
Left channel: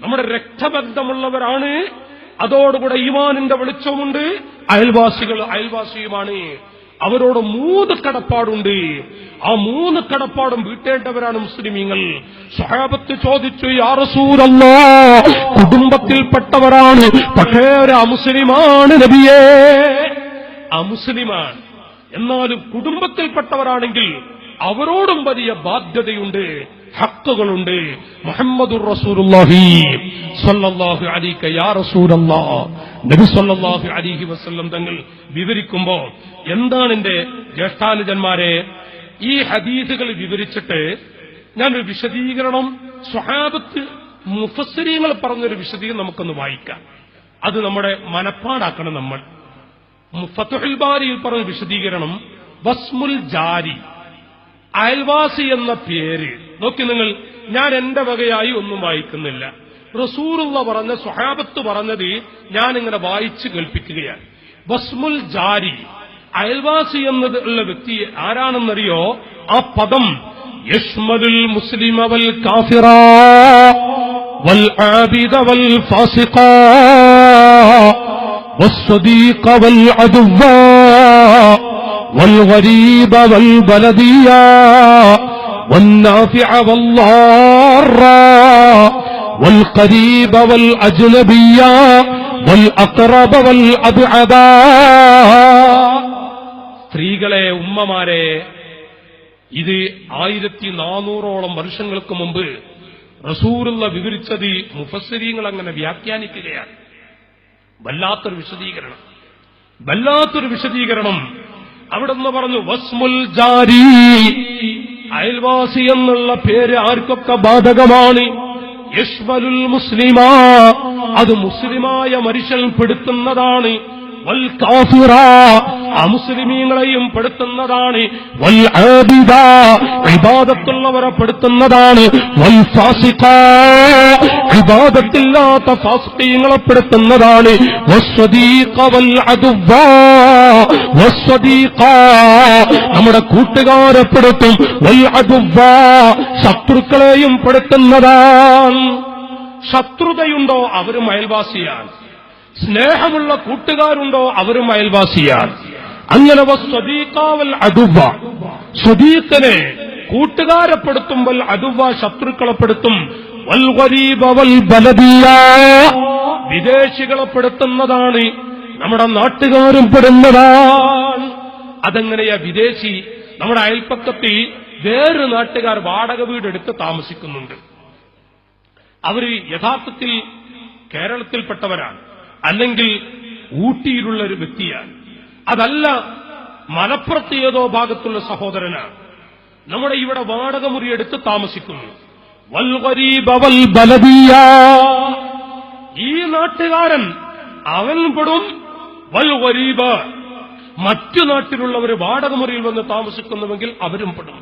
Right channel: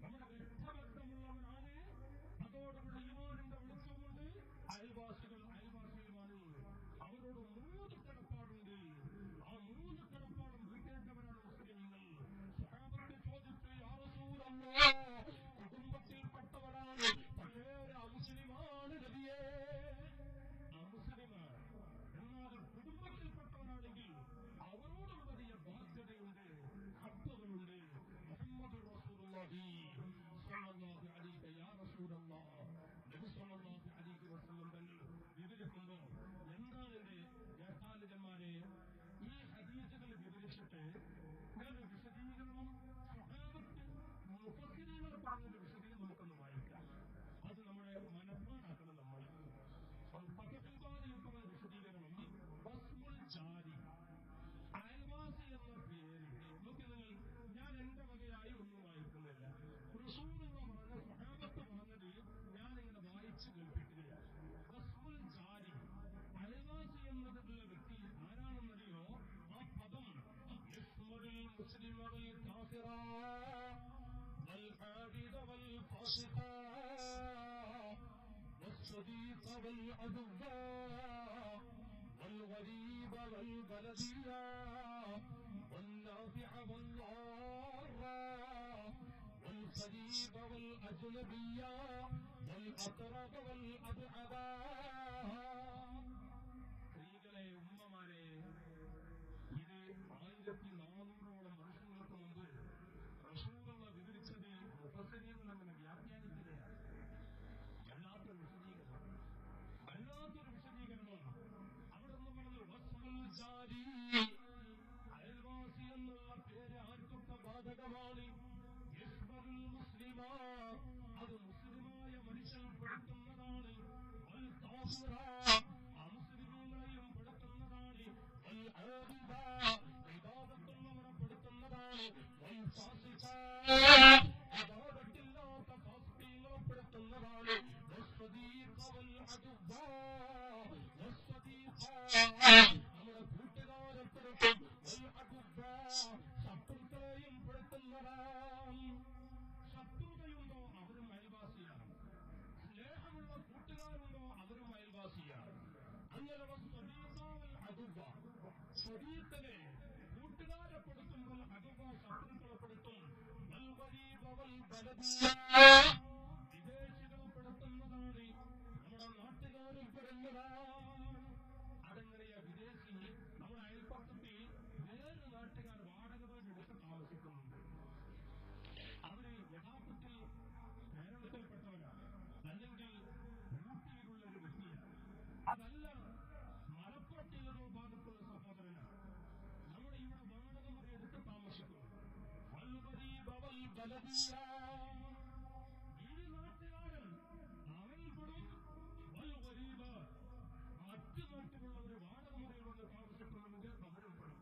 നമ്മുടെ രക്തബന്ധമുള്ളവരാണ്, അതോടുകൂടെ ഈമാനിന്റെ വെളിച്ചമുണ്ട്, അയൽവാസിയുമാണ്. അവരോട് 3 കടപ്പാടുണ്ട്. ആ 3 കടപ്പാടും വീട്ടേണ്ടവരാണ് മുസ്ലിമീങ്ങൾ. സ്വഹാബത്ത് ചോദിച്ചു, യാ റസൂലല്ലാഹ്, കുടുംബത്തിൽപ്പെട്ടവരാണ്, പക്ഷേ ഒരു അമുസ്ലിമാണ് നബിയേ. അമുസ്ലിമാണ്, എന്നാലും കുടുംബത്തിൽപ്പെട്ടവരാണെങ്കിൽ അവരോടും വലിയ ബാധ്യതയുണ്ട്, ഹക്കുകളുണ്ട്. മുഹമ്മദുർ റസൂലുള്ളാഹി സ്വല്ലല്ലാഹു അലൈഹി യാ റസൂലല്ലാഹ്, നബി സ്വല്ലല്ലാഹു അലൈഹി വസല്ലം തങ്ങൾ വിവരിക്കുമ്പോ, എന്താണ് എന്റെ ജ്യേഷ്ഠാനുജന്മാരെ, ഈ ഹദീസുകൾ വിവരിച്ചിട്ട് ഞാനൊരു വിശദീകരണം, സ്വഹാബത്ത് മുഫസ്സിരീങ്ങൾ പറഞ്ഞൊരു വിശദീകരണം നമുക്കൊന്ന് വായിക്കാം. അത് നമ്മുടെ മനപ്പാടാക്കണം. നമ്മൾ ഫത്ഹുൽ ബാരിയിൽ പറഞ്ഞ വിശദീകരണം, വസ്മുൽ ജാരി, അയൽവാസി എന്ന പേര് നോക്കി നിങ്ങൾ. ഞാൻ എന്റെ വകയായി ഒന്നും വായിക്കുന്നില്ല, റസൂലുള്ള പറഞ്ഞ, സ്വഹാബത്ത് പറഞ്ഞത് ഞാനിങ്ങനെ വായിച്ച് കേൾപ്പിക്കുകയാണ്. വസ്മുൽ ജാരി, അയൽവാസി എന്നത് ഉള്ള വ്യക്തി ആരാണെന്നറിയോ? ആ പദം യശ്മലുൽ മുസ്ലിമ വൽ കാഫിറ വൽ ആബിദ വൽ ഫാസിഖ വസ്സദീഖ വൽ അദുവ والغريب والبلدية والنافع والضار والقريب والأجنبي والأقرب والأبعد. സ്ത്രീകളെ, ഉമ്മമാരെ, ഇത് 1400ഓളം വർഷങ്ങൾക്ക് മുമ്പ് റസൂലുള്ള വിവരിച്ചത് മുഫസ്സിരീങ്ങൾ അങ്ങനെ വ്യാഖ്യാനിക്കുകയാണ്. വല്ലാത്തൊരു വിശദീകരണം. അവിടെ നിന്ന് പറഞ്ഞു, വസ്മുൽ ജാരി, അയൽവാസി എന്നുള്ള പേര് ആർക്കൊക്കെ ബാധകമാണ്. യശ്മലുൽ മുസ്ലിമാ, അത് മുസ്ലിമായ മനുഷ്യൻ പെടുത്തുന്നതാണ്. വൽ കാഫിറ, അമുസ്ലിമീങ്ങളെയും പെടുത്തുന്നതാണ്. വൽ ആബിദ, ഇബാദത്തുള്ളവരെ പെടുത്തുന്നതാണ്. വൽ ഫാസിഖ, ഇബാദത്തില്ലാത്ത ഫാസിഖീങ്ങളെ പെടുത്തുന്നതാണ്. വസ്സദീഖ വൽ അദുവ്വ, വസ്സദീഖ, നമ്മുടെ കൂട്ടുകാരെ പെടുത്തും. വൽ അദുവ്വ, ശത്രുക്കളെയും പെടുത്തുന്നതാണ്. ശത്രുതയുണ്ടോ അവരും അയൽവാസിയാണ്. സ്നേഹമുള്ള കൂട്ടുകാരുണ്ടോ അവരും അയൽവാസിയാണ്. അങ്ങനെ വസ്സദീഖാവൽ അദുവ്വ, സ്വദീഖനെ കൂട്ടുകാരെപ്പെടുത്തുമ്പോൾ അദുവ്വ ശത്രുക്കളെപ്പെടുത്തും. വൽ ഗരീബ വൽ ബലദിയ, വിദേശികളെപ്പെടുത്തുന്നതാണ്. നമ്മുടെ നാട്ടുകാരും പെടുന്നതാണ്. അതെങ്ങനെയാ? വിദേശി നമ്മുടെ അയൽപ്പക്കത്തിൽ വേറൊരു നാട്ടുകാർ വാടക വീടെടുത്ത് താമസിക്കുന്നുണ്ട്. അവര് യഥാർത്ഥത്തിൽ കേരളത്തിൽപ്പെട്ടവരാണ്, അല്ലെങ്കിൽ ഊട്ടിയിലുള്ള ഒരു വ്യക്തിയാണ്, അതല്ല മലപ്പുറത്ത് ഏതോ ഭാഗത്തുള്ള സഹോദരനാണ്. നമ്മുടെ ഇവിടെ വാടക മുറിയെടുത്ത് താമസിക്കുന്നു. വൽ ഗരീബ വൽ ബലദിയ, ഈ നാട്ടുകാരൻ അവൻ പെടും. വൽ ഗരീബ, മറ്റു നാട്ടിലുള്ളവർ വാടക മുറിയിൽ വന്ന് താമസിക്കുന്നുവെങ്കിൽ അവരും പെടും.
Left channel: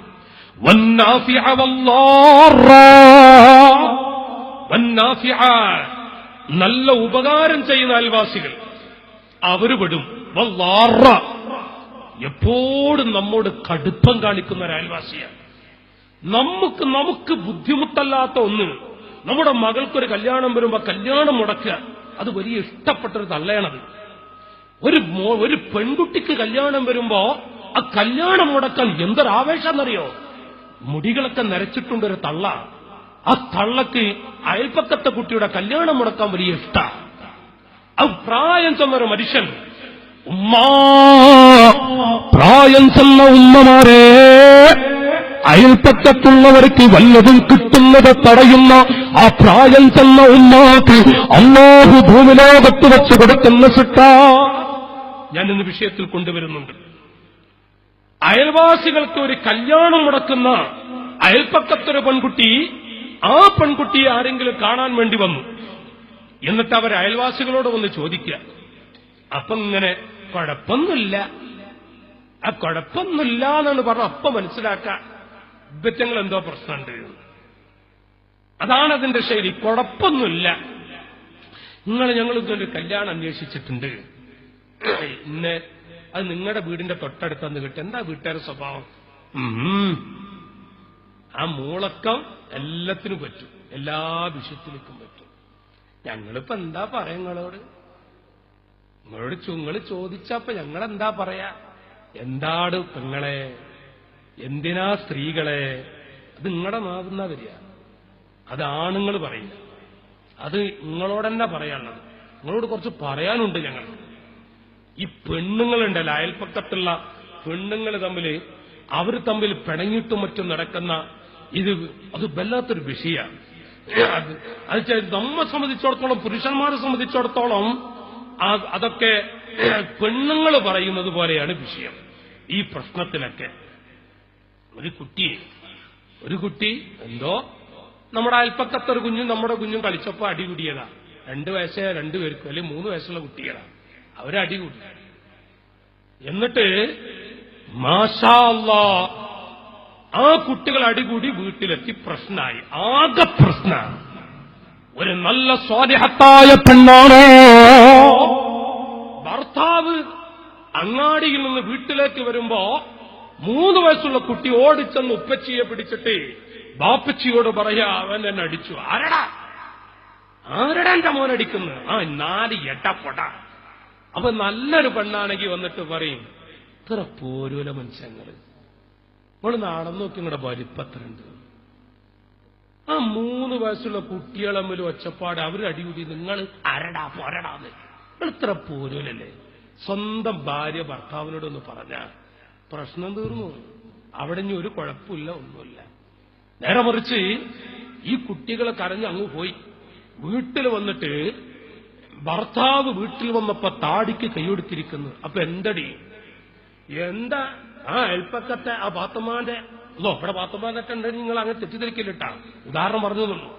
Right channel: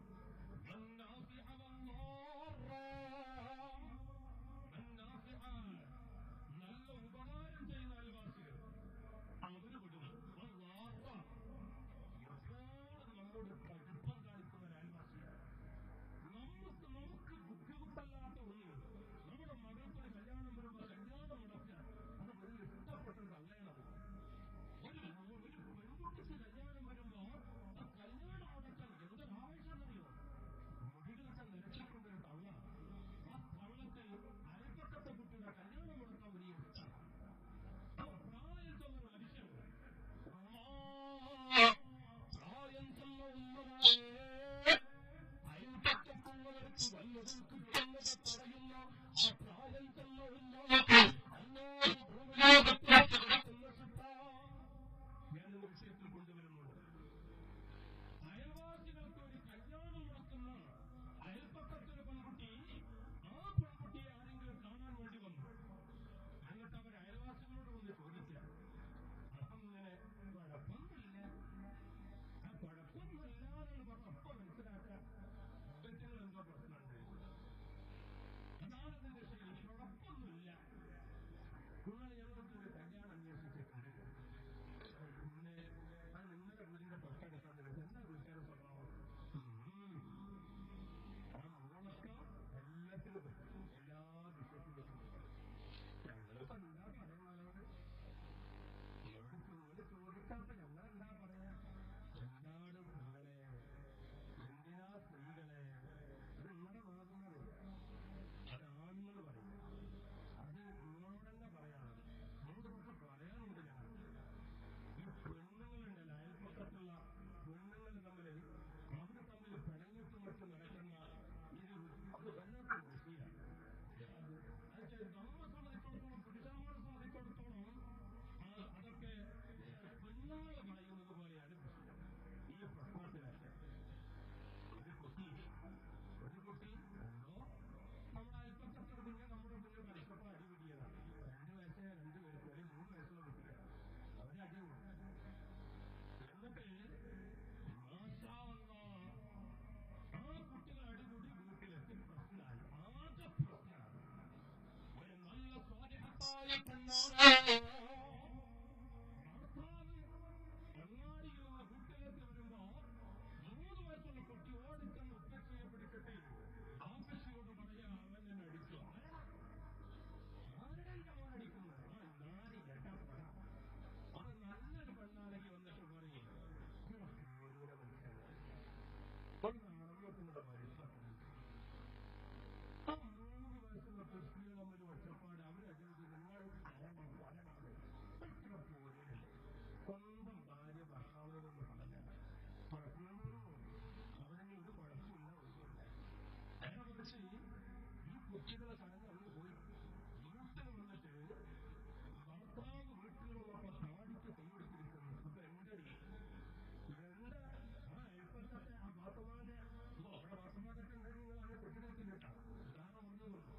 വന്നാഫിഅ വല്ലാറ, വന്നാഫിഅ, നല്ല ഉപകാരം ചെയ്യുന്ന അയൽവാസികൾ അവര് പെടും. വല്ലാറ, എപ്പോഴും നമ്മോട് കടുപ്പം കാണിക്കുന്ന ഒരു അയൽവാസിയാണ്. നമുക്ക് ബുദ്ധിമുട്ടല്ലാത്ത ഒന്ന്, നമ്മുടെ മകൾക്കൊരു കല്യാണം വരുമ്പോ കല്യാണം മുടക്കുക, അത് വലിയ ഇഷ്ടപ്പെട്ടൊരു തള്ളയാണത്. ഒരു പെൺകുട്ടിക്ക് കല്യാണം വരുമ്പോ ആ കല്യാണം മുടക്കാൻ എന്തൊരാവേശം എന്നറിയോ? മുടികളൊക്കെ നരച്ചിട്ടുണ്ട് ഒരു തള്ള. ആ തള്ളക്ക് അയൽപ്പക്കത്തെ കുട്ടിയുടെ കല്യാണം മുടക്കാൻ വലിയ ഇഷ്ട. അത് പ്രായം ചെന്നൊരു മനുഷ്യൻ, പ്രായം ചെന്ന ഉമ്മമാരെ, അയൽപ്പക്കത്തുള്ളവർക്ക് വല്ലതും കിട്ടുന്നത് തടയുന്ന ആ പ്രായം ചെന്ന ഉമ്മാക്ക് അല്ലാഹു ഭൂമിലോകത്ത് വെച്ച് കൊടുക്കുന്ന ശിക്ഷ ഞാൻ ഇന്ന് വിഷയത്തിൽ കൊണ്ടുവരുന്നുണ്ട്. അയൽവാസികൾക്ക് ഒരു കല്യാണം മുടക്കുന്ന അയൽപ്പക്കത്തൊരു പെൺകുട്ടി, ആ പെൺകുട്ടിയെ ആരെങ്കിലും കാണാൻ വേണ്ടി വന്നു. എന്നിട്ട് അവർ അയൽവാസികളോട് വന്ന് ചോദിക്കുക. അപ്പം ഇങ്ങനെ കുഴപ്പമൊന്നുമില്ല, ആ കുഴപ്പമൊന്നുമില്ല എന്നാണ് പറഞ്ഞ അപ്പം മനസ്സിലാക്കുക ഇവറ്റങ്ങൾ എന്തോ പ്രശ്നമുണ്ട്. അതാണ് അതിന്റെ ശൈലി. കുഴപ്പമൊന്നുമില്ല, ഞങ്ങൾ ഇതൊരു കല്യാണം അന്വേഷിച്ചിട്ടുണ്ട്, ഇന്ന് അത് നിങ്ങളുടെ വീടിന്റെ തൊട്ടടുത്തന്ന് കിട്ടും. എന്താ വീട്ടുകാരുടെ സ്വഭാവം? ആ മൂളക്കം എല്ലാത്തിനും പറ്റും, എല്ലാ വിഷയത്തിലേക്കും പറ്റും. ഞങ്ങളിപ്പോ എന്താ പറയാ നിങ്ങളോട് നിങ്ങൾ ചോദിച്ചപ്പോ ഞങ്ങളെന്താ പറയാ? എന്താണ് പെങ്ങളെ, എന്തിനാ സ്ത്രീകളെ? അത് നിങ്ങളുടെ നാവുന്ന വരിക, അത് ആണുങ്ങൾ പറയില്ല, അത് നിങ്ങളോടെന്നെ പറയാനുള്ളത്. നിങ്ങളോട് കുറച്ച് പറയാനുണ്ട് ഞങ്ങൾക്ക്. ഈ പെണ്ണുങ്ങളുണ്ടല്ലോ, അയൽപ്പക്കത്തുള്ള പെണ്ണുങ്ങൾ അവർ തമ്മിൽ പിണങ്ങിയിട്ടും മറ്റും നടക്കുന്ന അത് വല്ലാത്തൊരു വിഷയമാണ്. അത് നമ്മെ സംബന്ധിച്ചിടത്തോളം, പുരുഷന്മാരെ സംബന്ധിച്ചിടത്തോളം അതൊക്കെ പെണ്ണുങ്ങൾ പറയുന്നത് പോലെയാണ് വിഷയം. ഈ പ്രശ്നത്തിലൊക്കെ ഒരു കുട്ടി എന്തോ നമ്മുടെ അയൽപ്പക്കത്തൊരു കുഞ്ഞും നമ്മുടെ കുഞ്ഞും കളിച്ചപ്പോ അടികൂടിയതാ. 2 വയസ്സേ 2 പേർക്കും അല്ലെങ്കിൽ 3 വയസ്സുള്ള കുട്ടികളാ, അവരടികൂടി. എന്നിട്ട് മാഷാ അല്ലാഹ് ആ കുട്ടികൾ അടികൂടി വീട്ടിലെത്തി പ്രശ്നമായി, ആകെ പ്രശ്നമാണ്. ഒരു നല്ല സ്വാലിഹത്തായ പെണ്ണാണ്. ഭർത്താവ് അങ്ങാടിയിൽ നിന്ന് വീട്ടിലേക്ക് വരുമ്പോ 3 വയസ്സുള്ള കുട്ടി ഓടിച്ചെന്ന് ഉപ്പച്ചിയെ പിടിച്ചിട്ട് ബാപ്പച്ചിയോട് പറയാ, അവൻ എന്നെ അടിച്ചു. ആരടാ എന്റെ മോനടിക്കുന്നത്? 4 എട്ടപ്പൊട. അപ്പൊ നല്ലൊരു പെണ്ണാണെങ്കിൽ വന്നിട്ട് പറയും, ഇത്ര പോരൂല മനുഷ്യങ്ങള്, അവള് നടന്നു നോക്കി നിങ്ങളുടെ വലിപ്പത്രണ്ട്. ആ 3 വയസ്സുള്ള കുട്ടികളെ തമ്മിൽ ഒച്ചപ്പാട്, അവര് അടികൂടി, നിങ്ങൾ അരടാ പോരടാന്ന്. നിങ്ങൾ ഇത്ര പോരൂലല്ലേ? സ്വന്തം ഭാര്യ ഭർത്താവിനോടൊന്ന് പറഞ്ഞ പ്രശ്നം തീർന്നു. അവിടെ ഇനി ഒരു കുഴപ്പമില്ല, ഒന്നുമില്ല. നേരെ മറിച്ച് ഈ കുട്ടികളെ കരഞ്ഞ് അങ്ങ് പോയി. വീട്ടിൽ വന്നിട്ട് ഭർത്താവ് വീട്ടിൽ വന്നപ്പോ താടിക്ക് കൈയൊടുത്തിരിക്കുന്നു. അപ്പൊ എന്തടി, എന്താ ആ അയൽപ്പക്കത്തെ ആ പാത്തമ്മാന്റെ ഇവിടെ പാത്തമ്മാനൊക്കെ ഉണ്ടെങ്കിൽ നിങ്ങൾ അങ്ങനെ തെറ്റിദ്ധരിക്കില്ലട്ടാ, ഉദാഹരണം പറഞ്ഞു തന്നു.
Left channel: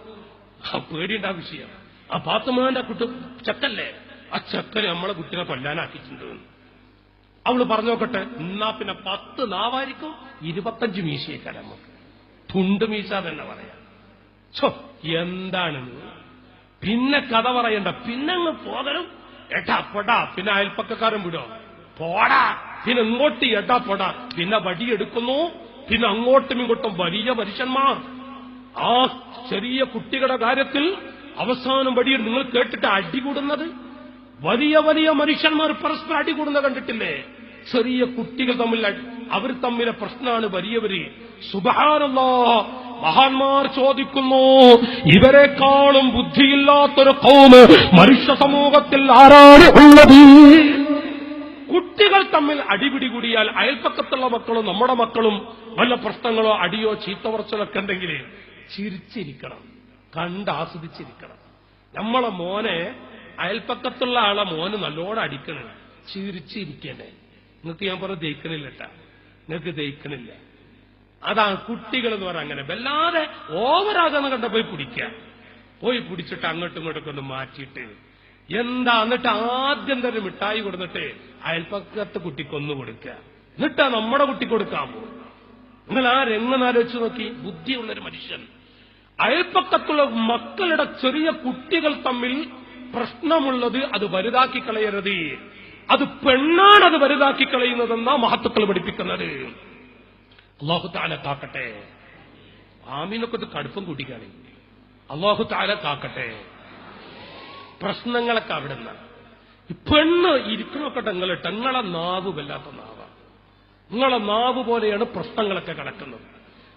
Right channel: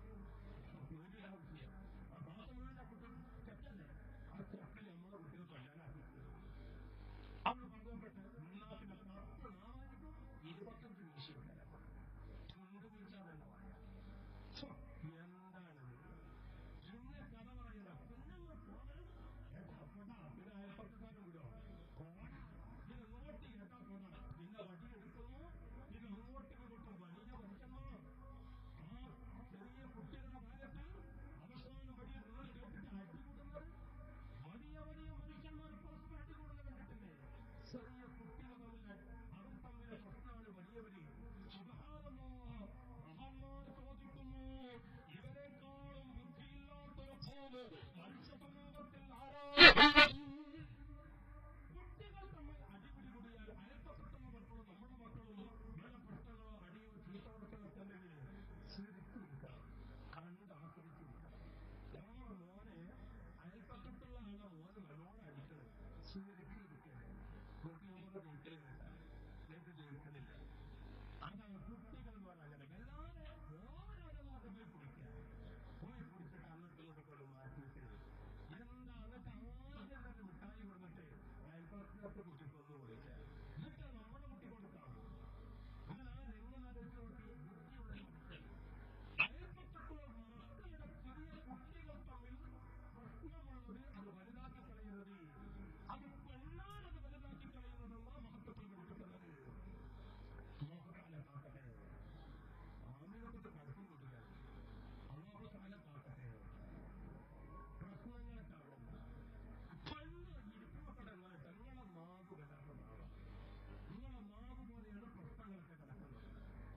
ആ പേടിയുണ്ടാ വിഷയം. ആ പാത്തമ്മാന്റെ കുട്ടി ചെക്കല്ലേ, ആ ചെക്കന് നമ്മളെ കുട്ടിനെ കൊല്ലാനാക്കിയിട്ടുണ്ട്. അവള് പറഞ്ഞു നോക്കട്ടെ, എന്നാ പിന്നെ 10 നാവായിരിക്കും, 25 മീശയേക്കാൾ നമുക്ക് തുണ്ട് മീശ തന്നെ പറയാം. എന്താണ് പിന്നെ കഥ പറയണ്ട, പിന്നെ അങ്ങ് പോകലും എട്ടാ പൊടാ, പിന്നെ അയൽപ്പക്കാരൻ വിടോ പോടാ, പിന്നെ ഇങ്ങോട്ട് എട്ടാ പൊടാ, പിന്നെ വടിയെടുക്കുന്നു, പിന്നെ അങ്ങോട്ടും ഇങ്ങോട്ടും വലിയ മനുഷ്യന്മാർ. ആ ചെറിയ കുട്ടികളുടെ കാര്യത്തിൽ അവസാനം വടിയിൽ നിങ്ങൾ കേട്ടിട്ട് അടികൂടുന്നത്, വലിയ വലിയ മനുഷ്യന്മാർ പരസ്പരം അടികൂടുന്ന കണ്ടിട്ടില്ലേ? ചെറിയ കുട്ടികൾ തമ്മിൽ അവർ തമ്മിലെ പ്രശ്നമാണ് വലിയവര്. സുബ്ഹാനല്ലാഹ്, മഹാന്മാർ ചോദിക്കുന്നു, ഇവരെക്കാളും ബുദ്ധിയില്ലാത്തൊരു ഖൗമ് മനുഷ്യ സമൂഹത്തിൽ ആരാണ് ഉള്ളത്? കുട്ടികൾ തമ്മിൽ അടിപിടി കൂടിയാൽ അയൽപ്പക്കത്തുള്ള മക്കളും നമ്മുടെ മക്കളും വല്ല പ്രശ്നങ്ങളോ അടിയോ ചീത്തവർച്ചലൊക്കെ ഉണ്ടെങ്കിൽ ചിരിച്ചിരിക്കണം, കണ്ടാസ്വദിച്ചിരിക്കണം. നമ്മളെ മോനെ അയൽപ്പക്കത്തുള്ള ആളെ മോന് നല്ലോണം അടിക്കണം, ചിരിച്ചിരിക്കണ്ടേ? നിങ്ങൾക്ക് ഞാൻ പറഞ്ഞ ദഹിക്കണില്ലട്ടാ, നിങ്ങൾക്ക് ദഹിക്കണില്ല. അതാണ് കുട്ടികൾ എന്ന് പറഞ്ഞാൽ. അങ്ങനെ വല്ലാതെ ഓവറാകാന്ന് കണ്ട പോയി പിടിക്കുക, പോയി പിടിച്ചിട്ട് അങ്ങോട്ടും ഇങ്ങോട്ടൊക്കെ ഒന്ന് മാറ്റിയിട്ട് എന്താ, എന്നിട്ട് ആദ്യം തന്നെ മിഠായി കൊടുത്തിട്ട് അയൽപ്പക്കത്തെ കുട്ടിക്കൊന്നു കൊടുക്കുക, എന്നിട്ടാ നമ്മുടെ കുട്ടി കൊടുക്കാൻ പോകും. നിങ്ങൾ ആ രംഗനാലോചിച്ച് നോക്കി. ബുദ്ധിയുള്ളൊരു മനുഷ്യൻ അയൽപ്പക്കത്തുള്ള മക്കളുടെ ചെറിയ കുട്ടികൾ തമ്മിൽ പ്രശ്നമുള്ളത് അത് വലുതാക്കി കളയരുത്. അത് പെണ്ണാണ് അത് വലുതാക്കി കളയുന്നതെന്നാ മഹത്തുക്കൾ പഠിപ്പിക്കുന്നത്. അല്ലാഹു തആല കാക്കട്ടെ. ആമീനൊക്കെ ഇത് കടുപ്പം കൂട്ടിക്കാണ്. അല്ലാഹു തആല കാക്കട്ടെ. പ്രശ്നങ്ങളൊക്കെ അവിടെ നിന്നാണ്. പെണ്ണ് ഇരിക്കണൊക്കെ നിങ്ങളെ നാവ് വല്ലാത്ത നാവാ. നിങ്ങളെ നാവ് പോലെയാണ് പ്രശ്നങ്ങളൊക്കെ കിടക്കുന്നത്.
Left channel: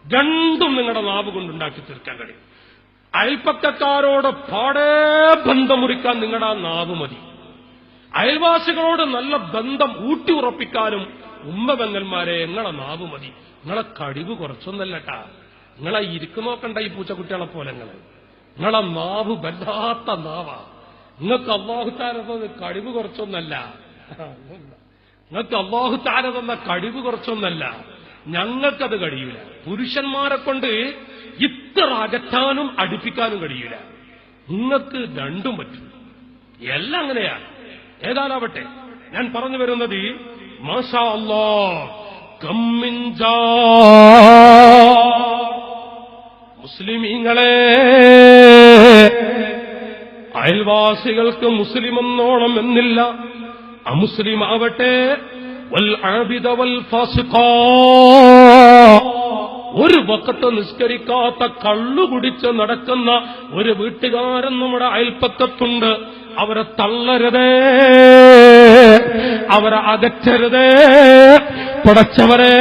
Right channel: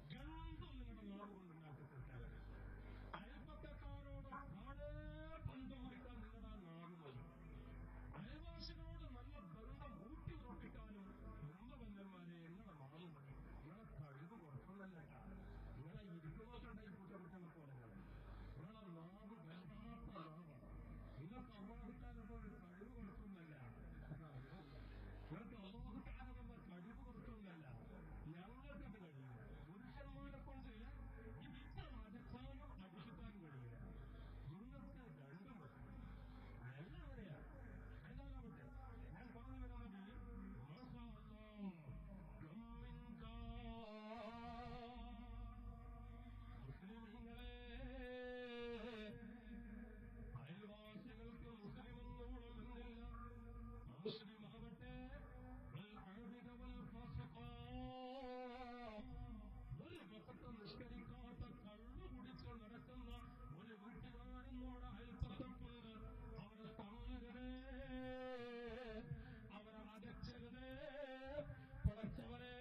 രണ്ടും നിങ്ങളുടെ നാവ് കൊണ്ടുണ്ടാക്കി തീർക്കാൻ കഴിയും. അയൽപ്പക്കക്കാരോട് പാടേ ബന്ധം മുറിക്കാൻ നിങ്ങളുടെ ആ നാവ് മതി. അയൽവാസികളോട് നല്ല ബന്ധം ഊട്ടി ഉറപ്പിക്കാനും ഉമ്മബെങ്ങന്മാരെ നിങ്ങളെ നാവ് മതി. നിങ്ങളെ കഴിവ് കുറച്ചൊന്നല്ലട്ടാ. നിങ്ങളെ ഇരിക്കുന്നോക്കണ്ട ഈ പൂച്ചക്കുട്ടികളെ പോലെ നിങ്ങളെ നാവ് വല്ലാത്ത നാവാ. നിങ്ങൾക്ക് അല്ലാഹു തആല തന്ന കഴിവ് കുറച്ചൊന്നല്ല. നിങ്ങൾക്ക് അല്ലാഹു തആല തന്ന കഴിവ് കുറച്ചൊന്നല്ല. ഞങ്ങൾക്കത് കഴിയൂല. പുരുഷന്മാരെ കൊണ്ട് ഇത്ര അകറ്റാനും അടുപ്പിക്കാനും കഴിയൂല. നിങ്ങൾക്ക് രണ്ടും പറ്റും. എല്ലാം അങ്ങനെയാണ്. ഏതാനാവട്ടെ, ഞാൻ പറഞ്ഞു വരുന്നത് മാഷാ അല്ലാഹ് കമ്മിൻ ജാ മുസ്ലിമീങ്ങളെ, അയൽവാസികൾക്ക് മുസ്ലിം എന്നോണം എന്നില്ല. അമുസ്ലിം ആവട്ടെ, വൽ ആബിദ വൽ ഫാസിഖ, ഒരു വഖത്ത് നിസ്കരിക്കാത്ത കള്ളുകുടിച്ച് നടക്കുന്ന ഒരു വീട്ടുകാരൻ നമ്മുടെ അയൽപ്പക്കത്തുണ്ട്. അവരെ തള്ളരുതേ, അവരെ അകറ്റരുതേ. പടച്ചവരെ,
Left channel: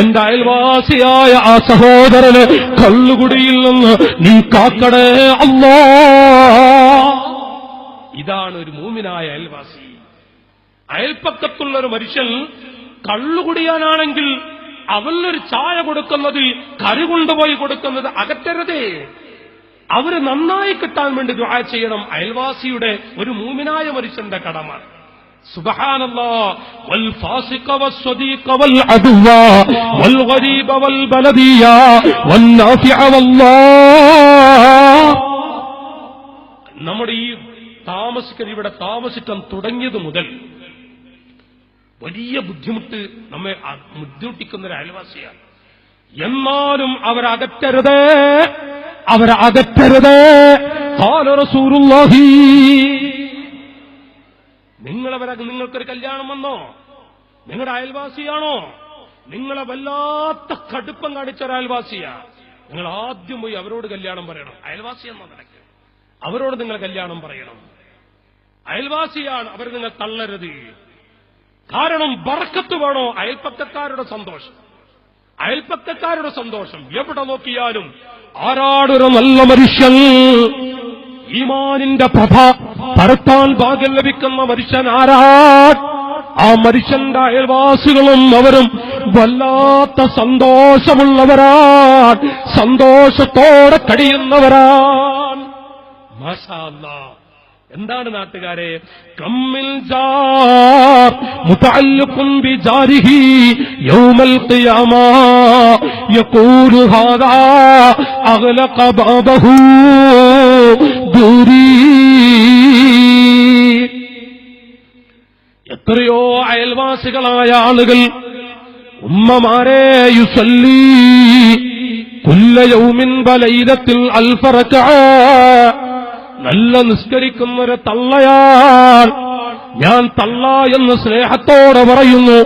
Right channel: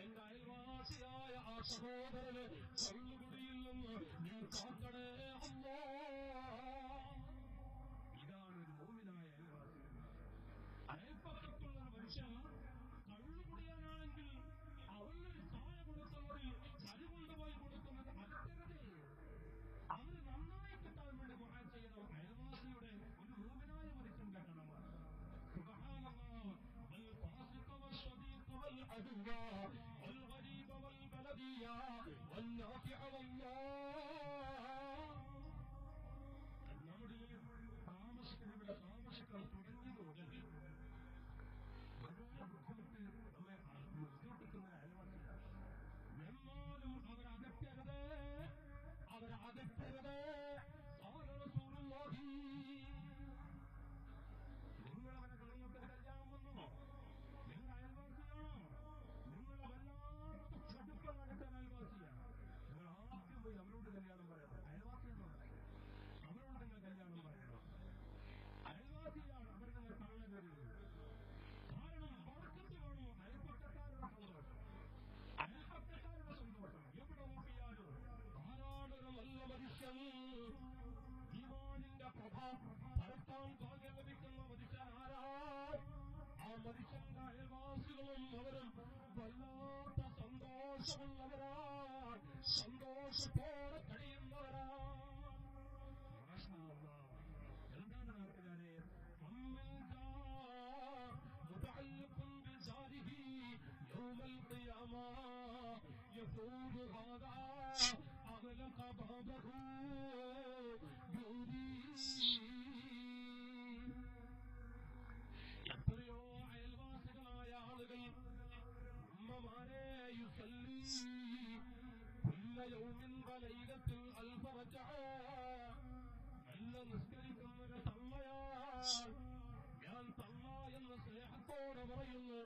എന്റെ അയൽവാസിയായ ആ സഹോദരന് കള്ളുകുടിയിൽ നിന്ന് നീ കാക്കടേ അല്ലാ. ഇതാണ് ഒരു മൂമിനായ അയൽവാസി. അയൽപ്പക്കത്തുള്ളൊരു മനുഷ്യൻ കള്ളുകുടിയാനാണെങ്കിൽ അവനൊരു ചായ കൊടുക്കുന്നത്, കറി കൊണ്ടുപോയി കൊടുക്കുന്നത് അകറ്റരുതേ. അവര് നന്നായി കിട്ടാൻ വേണ്ടി ദുആ ചെയ്യണം. അയൽവാസിയുടെ ഒരു മൂമിനായ മനുഷ്യന്റെ കടമ. സുബ്ഹാനല്ലാഹ്. വൽ ഫാസിഖ വസ്സദീഖ വൽ അദുവ വൽ ഗരീബ വൽ ബലദിയ വൻ നാഫിഅ വല്ലാഹ്. നമ്മുടെ ഈ ഇവിടെ താമസിക്കാൻ തുടങ്ങിയത് മുതൽ വലിയ ബുദ്ധിമുട്ട് നമ്മെ ബുദ്ധിമുട്ടിക്കുന്ന ഒരു അയൽവാസിയാണ്. എന്നാലും അവരകറ്റരുതേ, അവരകറ്റരുതേ. ഖാല റസൂലുള്ളാഹി. നിങ്ങൾക്കൊരു കല്യാണം വന്നോ? നിങ്ങളുടെ അയൽവാസിയാണോ? നിങ്ങളെ വല്ലാത്ത കടുപ്പം കാണിച്ച ഒരു അയൽവാസിയാ. നിങ്ങൾ ആദ്യം പോയി അവരോട് കല്യാണം പറയണം. അയൽവാസി എന്ന നിലയ്ക്ക് അവരോട് നിങ്ങൾ കല്യാണം പറയണം. അയൽവാസിയാണ്, അവർ നിങ്ങൾ തള്ളരുത്. കാരണം ബർക്കത്ത് വേണോ? അയൽപ്പക്കക്കാരുടെ സന്തോഷം. അയൽപ്പക്കക്കാരുടെ സന്തോഷം. എവിടെ നോക്കിയാലും ആരാടൊരു നല്ല മനുഷ്യൻ, ഈമാനിന്റെ പ്രഭ പരത്താൻ ഭാഗ്യം ലഭിക്കുന്ന മനുഷ്യൻ ആരാ? ആ മനുഷ്യന്റെ അയൽവാസികളും അവരും വല്ലാത്ത സന്തോഷമുള്ളവരാണ്, സന്തോഷത്തോടെ കഴിയുന്നവരാണ്. മാഷാ അല്ലാഹ്. എന്താണ് നാട്ടുകാരെ? കമ്മിൽ ജാർ മുതഅല്ലിഖുൻ ബിജാരിഹി യൗമൽ ഖിയാമ യഖൂലു ഹാദാ അഗ്ലഖ ബാബഹു ദൂരി. എത്രയോ അയൽവാസികളായ ആളുകൾ, ഉമ്മമാരെ, യുസല്ലി കുല്ല യൗമിൻ വലൈലത്തിൽ അൽഫ റക്അ, നല്ല നിസ്കരിക്കുന്നൊരു തള്ളയാൽ, ഞാൻ തള്ള എന്ന് സ്നേഹത്തോടെ പറയുന്നു.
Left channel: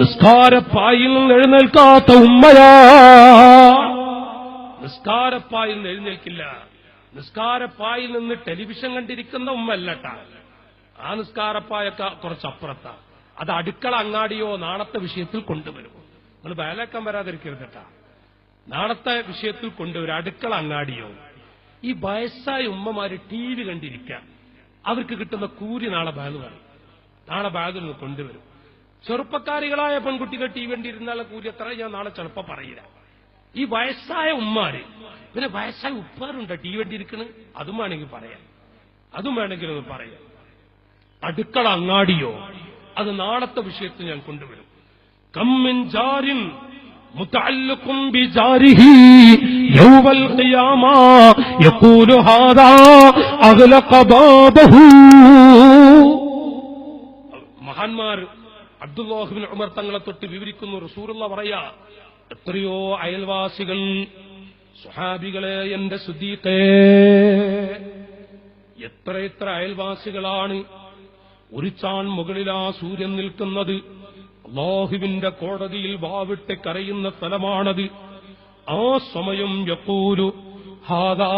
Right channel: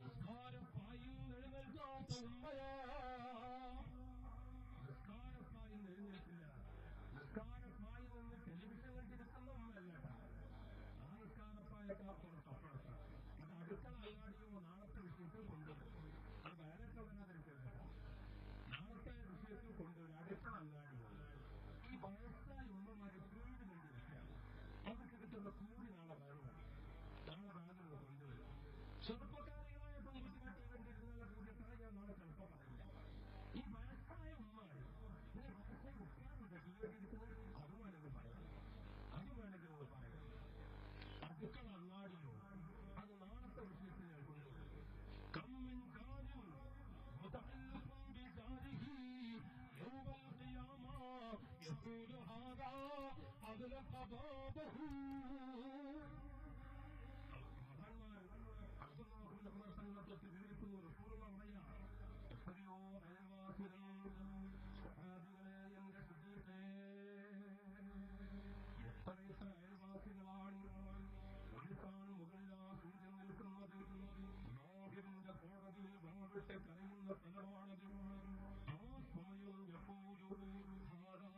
നിസ്കാരപ്പായിൽ നിന്ന് എഴുന്നേൽക്കാത്ത ഉമ്മയാ. നിസ്കാരപ്പായിൽ നിന്ന് എഴുന്നേൽക്കില്ല. നിസ്കാരപ്പായിൽ നിന്ന് ടെലിവിഷൻ കണ്ടിരിക്കുന്ന ഉമ്മല്ലട്ടാ. ആ നിസ്കാരപ്പായൊക്കെ കുറച്ചപ്പുറത്താ. അത് അടുക്കള അങ്ങാടിയോ നാളത്തെ വിഷയത്തിൽ കൊണ്ടുവരും. നമ്മൾ വേലക്കം വരാതിരിക്കരുതട്ടാ. നാളത്തെ വിഷയത്തിൽ കൊണ്ടുവരും, അടുക്കള അങ്ങാടിയോ. ഈ വയസ്സായ ഉമ്മമാര് ടി വി കണ്ടിരിക്കാം. അവർക്ക് കിട്ടുന്ന കൂലി നാളെ ബാഗ് പറയും. നാളെ ബാഗിൽ നിന്ന് കൊണ്ടുവരും. ചെറുപ്പക്കാരികളായ പെൺകുട്ടികൾ ടി വി കണ്ടിരുന്നാലെ കൂലി എത്ര ഞാൻ നാളെ ചിലപ്പോ പറയില്ല. ഈ വയസ്സായ ഉമ്മാര്, പിന്നെ വയസ്സായ ഉപ്പാരുണ്ടോ ടി വി കണ്ടിരിക്കണ്? അതും വേണമെങ്കിൽ പറയാം, അതും വേണമെങ്കിൽ ഒന്ന് പറയാം. അടുക്കള അങ്ങാടിയോ, അത് നാളത്തെ വിഷയത്തിൽ ഞാൻ കൊണ്ടുവരും. കമ്മിൻ ജാരിൻ മുതഅല്ലിഖുൻ ബിജാരിഹി യൗമൽ ഖിയാമ യഖൂലു ഹാദാ അഗ്ലഖ ബാബഹു. മഹാന്മാർ അബ്ദുല്ലാഹ് ഇബ്നു ഉമർ തങ്ങളെ തൊട്ട് വിവരിക്കുന്നു. റസൂലുള്ളാഹി പറയാ, എത്രയോ അയൽവാസികൾ, സ്വഹാബികളെ, എന്റെ സുദീഖേ, എത്ര അയൽവാസികളാണ്. ഒരു ചാൺ മുകളിലാ സൂര്യൻ നിൽക്കുന്നത്. അല്ലാഹുവിന്റെ കോടതിയിൽ വാവിട്ട് കരയുന്ന സ്ഥലമാണത്. ആ സമയം യഖൂലു ഹാദാ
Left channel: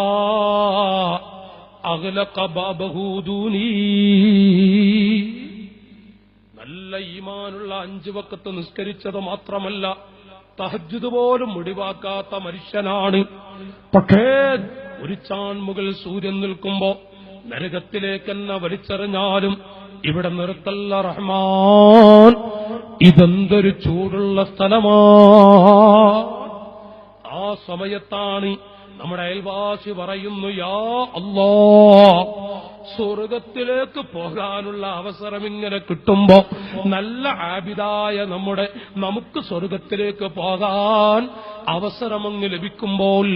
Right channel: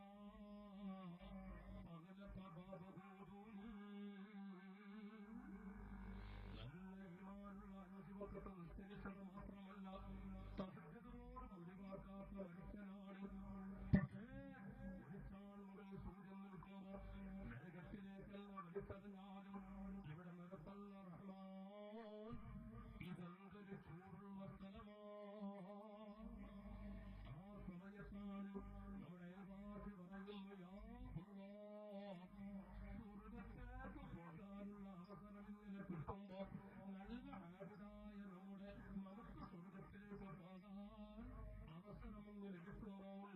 അഗ്ലഖ ബാബഹു ദൂനി. നല്ല ഈമാനുള്ള 5 വഖത്ത് നിസ്കരിച്ചത് മാത്രമല്ല, തഹജ്ജുദ് പോലും ഒഴിവാക്കാത്ത മനുഷ്യനാണ്. പക്ഷേ ഒരു ചാൺ മുകൾ സൂര്യൻ നിൽക്കുമ്പോ നരകത്തിലേക്കെന്നെ വലിച്ചെറിഞ്ഞാലും ഇവിടെ നിർത്തല്ല റഹ്മാൻ. ഇതെന്തൊരു ചൂടുള്ള സ്ഥലമാ. ആ സമയത്താണ് നമ്മുടെ അയൽവാസി പറയുന്നു, യാ അല്ലാഹ്, സ്വർഗത്തിലേക്ക് പോകാനുള്ള അവസരം ഇങ്ങനെ കിട്ടുമ്പോ, നല്ല ആബിദായ നമുക്ക് സ്വർഗത്തിലേക്ക് പോകാൻ അവസരമങ്ങ് ലഭിക്കുമ്പോൾ,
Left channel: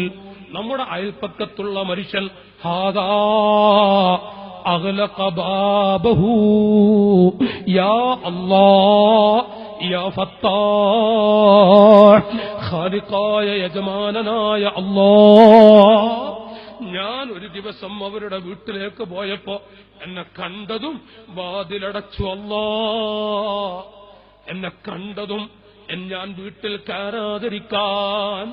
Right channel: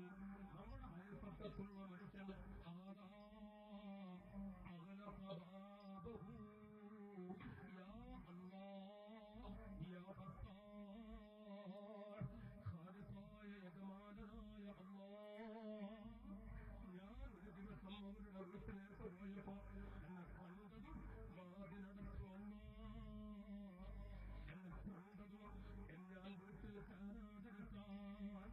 നമ്മുടെ അയൽപ്പക്കത്തുള്ള മനുഷ്യൻ ഹാദാ അഗ്ലഖ ബാബഹു യാ അല്ലാഹ് യാ ഫത്താഹ്, ഖാലിഖായ യജമാനനായ അല്ലാഹ്. ഞാൻ ഒരു ദിവസം അവരുടെ വീട്ടിലേക്ക് പോയപ്പോ എന്നെ കണ്ടതും വാതിലടച്ചു. അല്ലാഹ്, എന്നെ കണ്ടതും ഞാൻ വീട്ടിൽ കയറാതിരിക്കാൻ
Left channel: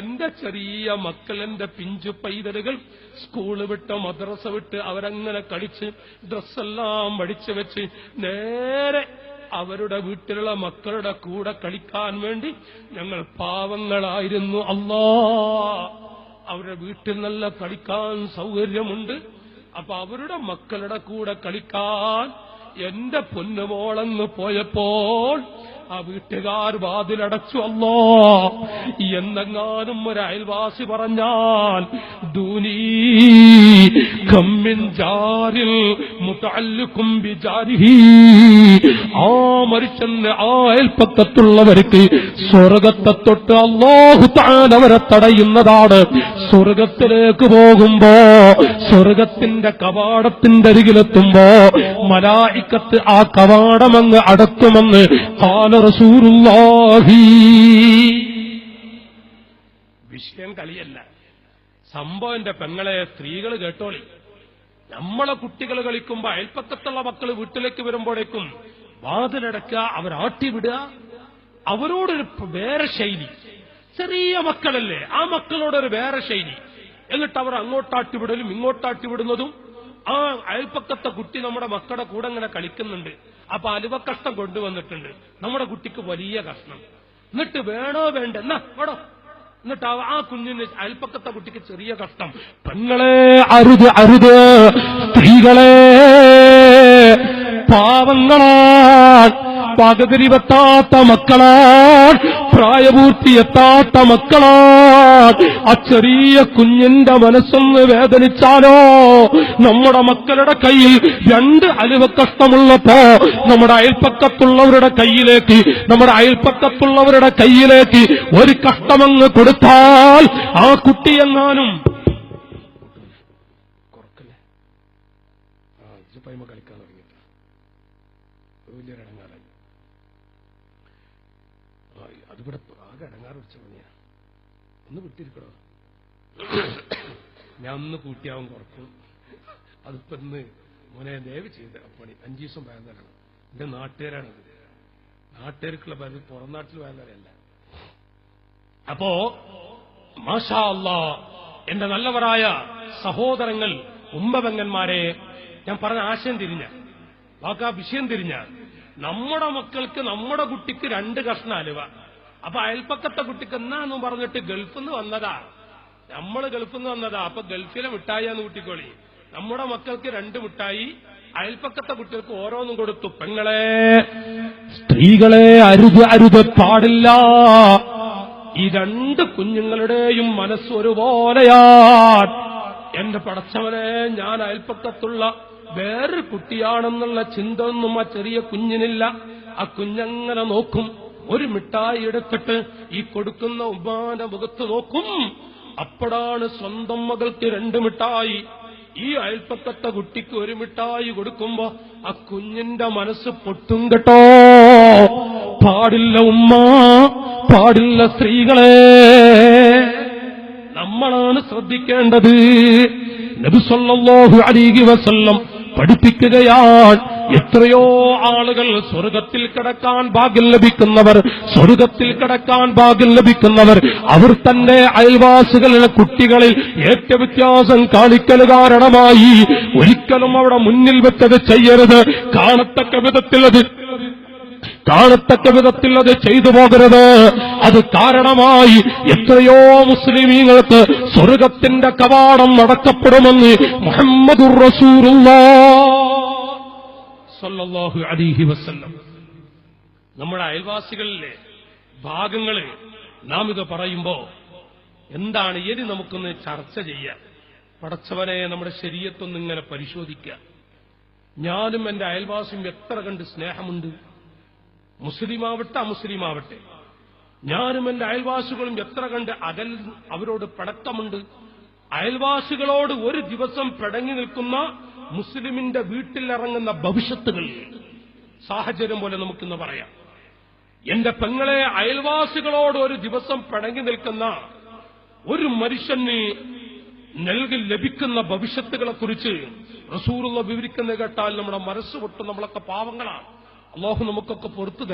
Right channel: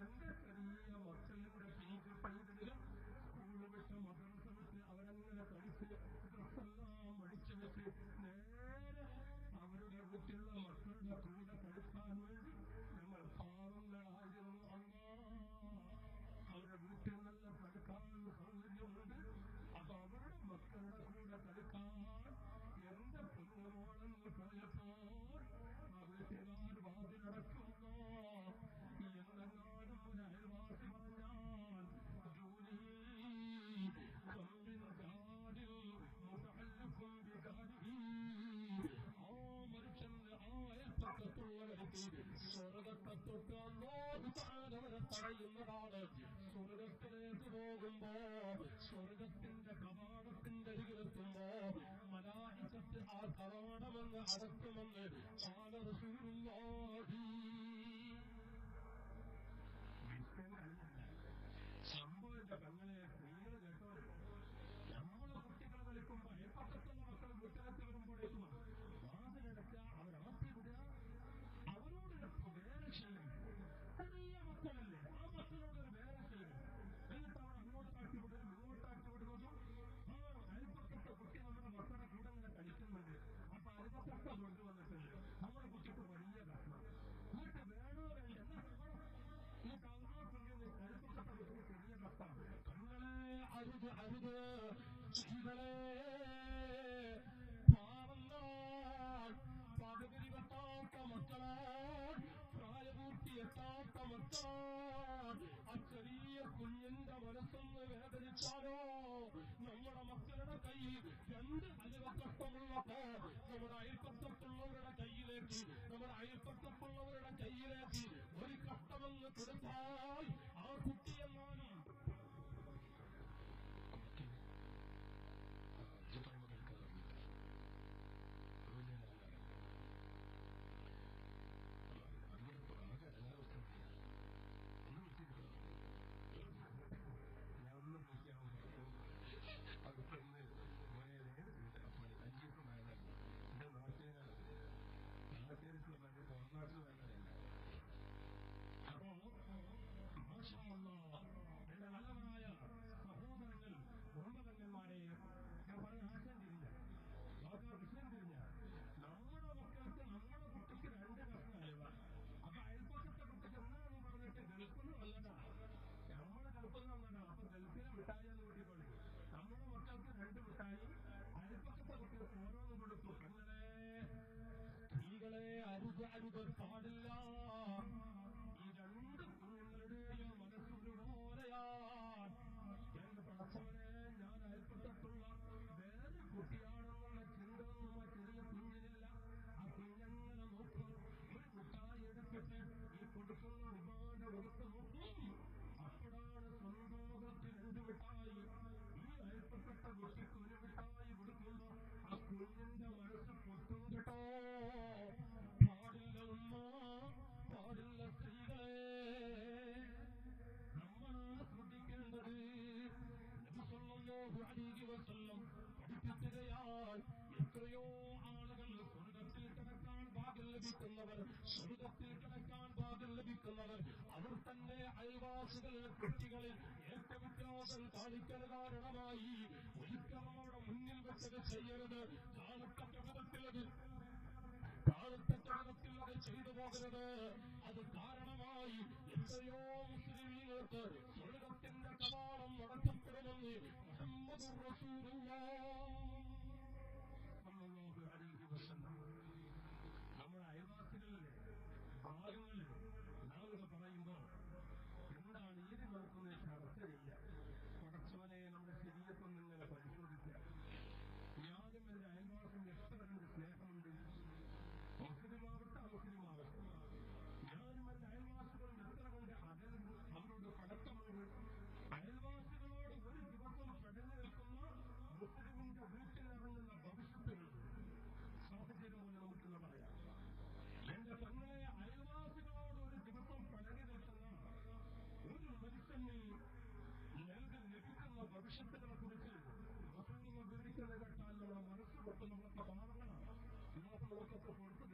എന്റെ ചെറിയ മക്കൾ, എന്റെ പിഞ്ചു പൈതലുകൾ സ്കൂള് വിട്ട് മദ്രസ വിട്ട് അവരങ്ങനെ കളിച്ച് ഡ്രസ്സെല്ലാം വടിച്ചു വെച്ച് നേരെ അവരുടെ വീട്ടിലുള്ള മക്കളുടെ കൂടെ കളിക്കാൻ വേണ്ടി ഞങ്ങൾ പാവങ്ങളായിരുന്നു. അല്ലാഹ്, അവരുടെ വീട്ടിൽ നല്ല കളിക്കാൻ സൗകര്യമുണ്ട്. അപ്പൊ അവരുടെ മക്കളുടെ കൂടെ കളിക്കാൻ എന്റെ പൊന്നുമോളെന്ന് പോയപ്പോൾ ആ വീട്ടുകാർ വാതിലടച്ചു. അല്ലാഹ്, എന്നെങ്ങാനും ഒരു അയൽവാസി പറഞ്ഞാൽ ദൂനീ കമ്മിൻ ജാരിൽ മുതഅല്ലിഖുൻ ബിജാരിഹി, ആ മനുഷ്യന്, ആ അയൽപ്പക്കത്തുള്ളവർക്ക് സ്വർഗത്തെ തൊട്ട് അല്ലാഹു തആല അവരെ തടയുന്നതാണ്. സ്വർഗത്തിലേക്ക് പോകുമ്പോ, സ്വർഗത്തിന്റെ കവാടത്തിന്റെ അരികിലെത്തുമ്പോ മലായിക്കത്ത് ആ കവാടമങ്ങ് അടക്കുമെന്ന് ഖാല റസൂലുള്ളാഹി. വിഷയം കളിയല്ല, സംഭവം. എന്റെ പെങ്ങളെ, സ്ത്രീകൾ കേട്ടോളി. നമ്മളെ കുട്ടികൾ കളിക്കുമ്പോ അയൽപ്പക്കത്തുള്ള മക്കൾ വീട്ടിലേക്ക് വരുമ്പോഴേക്കും വാതിലടക്കുക, അവരാട്ടി വിടുക, അവരോടൊരു വേറെ ശൈലി. ചെറിയ മക്കളല്ലേ, ആ മക്കളോടൊരു വേറെ ശൈലി. എന്നിട്ട് അവർ അങ്ങോട്ടാട്ടി വിടലും ഇങ്ങോട്ടാട്ടി വിടുന്നതും. ആ അയൽപ്പക്കത്തെ കുട്ടി നമ്മുടെ മക്കളുടെ കൂടെ ഇങ്ങനെ കളിക്കുന്നുണ്ട്. അപ്പൊ അലുവ കഷ്ണം കൊണ്ടുവന്നിട്ടുണ്ട്. നമ്മുടെ കുട്ടിക്ക് വലിയ കഷ്ണം. എന്നിട്ട് വേണോ വേണ്ട എന്നാ വേണോ, എന്നിട്ട് ആ കുഞ്ഞിന് അയൽപ്പക്കത്തെ കുട്ടിക്ക് ചെറിയ കഷ്ടം. പെങ്ങളെ അരുത് അരുത്, സ്ത്രീകളെ പാവങ്ങളാൻ, പകുതിരിവെത്താത്ത മക്കളാൻ, പ്രായപൂർത്തിയെത്താത്ത മക്കളാൻ. ആ ചെറിയ കുഞ്ഞിന്റെ മനസ്സൊന്ന് വേദനിച്ചാലോ, നമ്മുടെ മക്കളുടെ കയ്യിൽ 2 അലുവ കഷ്ടമുള്ളപ്പോ നമ്മുടെ അയൽപ്പക്കത്തുള്ളവരുടെ കയ്യിലേക്ക് ഒരു കഷ്ടമങ്ങ് കൊടുത്താൽ ആ കുട്ടിയെങ്ങാനും കളിക്കാൻ തുടങ്ങിയിട്ട് വലിയൊരടങ്ങാറായി. അതിവിടെ ആകെ അടങ്ങാറ് വെച്ച പണിയാ. ഒന്ന് വിട്ടിരിക്കണോ, ഞാൻ ഒന്ന് കൂട്ടിയാവും കുറക്കും. അതിപ്പോ ഇന്ന് മോനെ ദയവ് ചെയ്ത് പണി 5 ദിവസം വേദനയാണ്. എന്റെ നാട്ടുകാരാണത്, നാട്ടുകാർക്കുള്ള പുറം നാട്ടിൽ വേദനയല്ല. അപ്പോ മാഷാ അല്ലാ, എന്റെ നല്ലവരായ സഹോദരങ്ങൾ, ഉമ്മപെങ്ങന്മാരെ, ഞാൻ പറഞ്ഞ ആശയം തിരിഞ്ഞ വാക്കാ വിഷയം തിരിഞ്ഞ, നമ്മുടെ മക്കൾക്ക് നമ്മുടെ കുട്ടിക്ക് 2 കഷ്ണം അലുവ. അപ്പൊ അയൽപ്പക്കത്തെ കുട്ടിക്ക് എന്നാന്ന് പറഞ്ഞിട്ട് ഗൾഫിൽ നിന്ന് വന്നതാ, നമ്മള് ഗൾഫിൽ നിന്ന് വന്നതാ, അപ്പൊ ഗൾഫിലെ മിഠായിന്ന് കൂട്ടിക്കോളി. നമ്മുടെ മക്കൾക്ക് 2 മിഠായി, അയൽപ്പക്കത്തെ കുട്ടികൾക്ക് ഓരോന്നും കൊടുത്തു. പെങ്ങളെ സ്ത്രീകളെ അരുത് അരുത്, പാടില്ല. ഈ 2 കുഞ്ഞുങ്ങളുടെയും മനസ്സ് ഒരുപോലെയാണ്. എന്റെ പടച്ചവനെ, ഞാൻ അയൽപ്പക്കത്തുള്ള വേറൊരു കുട്ടിയാണെന്നുള്ള ചിന്ത ഒന്നും ആ ചെറിയ കുഞ്ഞിനില്ല. ആ കുഞ്ഞങ്ങനെ നോക്കും, ഒരു മിഠായി എടുത്തിട്ട് ഈ കൊടുക്കുന്ന ഉമ്മാന്റെ മുഖത്ത് നോക്കും. അപ്പോഴാണ് സ്വന്തം മകൾക്ക് 2 മിഠായി, ഈ അയൽപ്പക്കത്തെ കുട്ടിക്ക് 1 മിഠായി കൊടുക്കുമ്പോ ആ കുഞ്ഞിന്റെ മനസ്സ് പൊട്ടും കേട്ടോ. പാടില്ല ഉമ്മ, പാടില്ല സ്ത്രീകളെ, നമ്മളാണ് ശ്രദ്ധിക്കേണ്ടത്. നബി സല്ലല്ലാഹു അലൈഹി വസല്ലം പഠിപ്പിക്കുകയാണ്, എത്രയോ ആളുകൾ സ്വർഗത്തിൽ കിടക്കാൻ ഭാഗ്യം ലഭിക്കുന്നവർ അവർ തന്റെ അയൽവാസികളുടെ കുട്ടികളിൽ ഏറ്റവ്യത്യാസം കാണിക്കൽ കാരണമായി ഒരിക്കലും അവിടെ മുന്നിൽ വെച്ചത് ചെയ്യരുത്. കാണത്തക്ക വിധത്തിൽ അത് ചെയ്തു പോകരുത്. അത് കാരണമായി എത്രയോ മുസ്ലിമീങ്ങൾക്ക് സ്വർഗത്തിന്റെ കവാടം അടക്കപ്പെടുമെന്ന് മുഹമ്മദുർ റസൂലുള്ളാഹ് സല്ലല്ലാഹു അലൈഹി വസല്ലം. നമ്മുടെ അയൽവാസികളിലെ ഭാഗങ്ങള് നാം ഇത് പറയുമ്പോ എന്താണ് ഇനി നമുക്കൊന്ന് ചർച്ച ചെയ്യാം. പടച്ചവനെ, നമ്മുടെ ശരീഅത്തൊന്നിങ്ങനെ പരിശോധിക്കുക. ഞാനും എന്റെ അയൽവാസിയും എത്ര കണ്ട് സ്നേഹമുണ്ട്, മുസ്ലിമാവട്ടെ അമുസ്ലിമാവട്ടെ. ഞാനും എന്റെ അയൽവാസികളും എത്ര കണ്ട് അവരോട് പടക്കമുണ്ട്. അയൽവാസികളോട് ഒരു ദിവസം പിടങ്ങി നിൽക്കുന്ന മുസ്ലിമിന്റെ വീട്ടിലിറങ്ങുന്ന ഭവിഷ്യത്തുകൾ സാഹചര്യം പോലെ നമുക്കിന്ന് പറയാം. എന്റെ പെങ്ങളെ, അയൽവാസികളോട് ഒരു ദിവസം പിടങ്ങി നിൽക്കുന്ന ഒരു മനുഷ്യന് ലഭിക്കുന്ന ഭവിഷ്യത്തുകളെ കുറിച്ച് റസൂലുള്ള വിവരിക്കുന്ന കേട്ടാൽ നമ്മുടെ മനസ്സ് പൊട്ടും. നമ്മളൊക്കെ പാവങ്ങളാണ്. അല്ലാഹു നമുക്കൊക്കെ പൊറുത്തു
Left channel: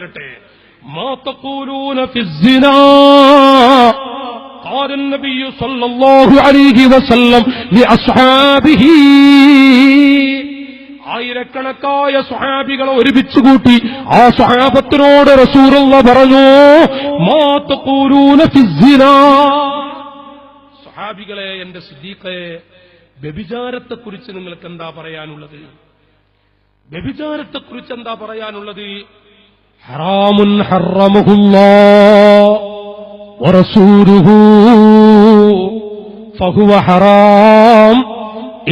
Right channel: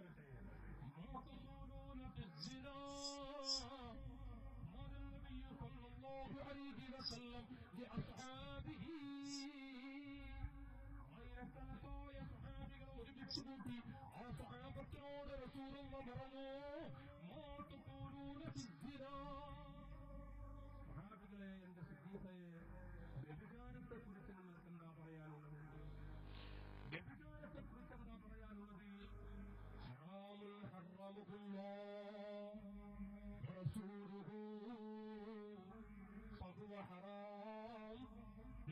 തരട്ടെ. മാ തഖൂലൂന ഫിസ്സിനാ ഖാല النبي صلى الله عليه وسلم لأصحابه. ആയിരക്കണക്കായ സ്വഹാബികളെ ഒരുമിച്ച് കൂട്ടി ആ സ്വഹാബത്തിനോട് റസൂലുള്ളാഹി പറഞ്ഞു, മാ തഖൂലൂന ഫിസ്സിനാ. സ്വഹാബികളെ, എന്റെ സിദ്ദീഖേ, വ്യഭിചാരത്തെക്കുറിച്ച് നിങ്ങൾക്ക് എന്താ പറയാനുള്ളത്? വ്യഭിചാരത്തെക്കുറിച്ച് എന്താ പറയാനുള്ളത്? ഹറാമുൻ ഹറമഹുല്ലാഹ് വറസൂലുഹു ഫഹുവ ഹറാം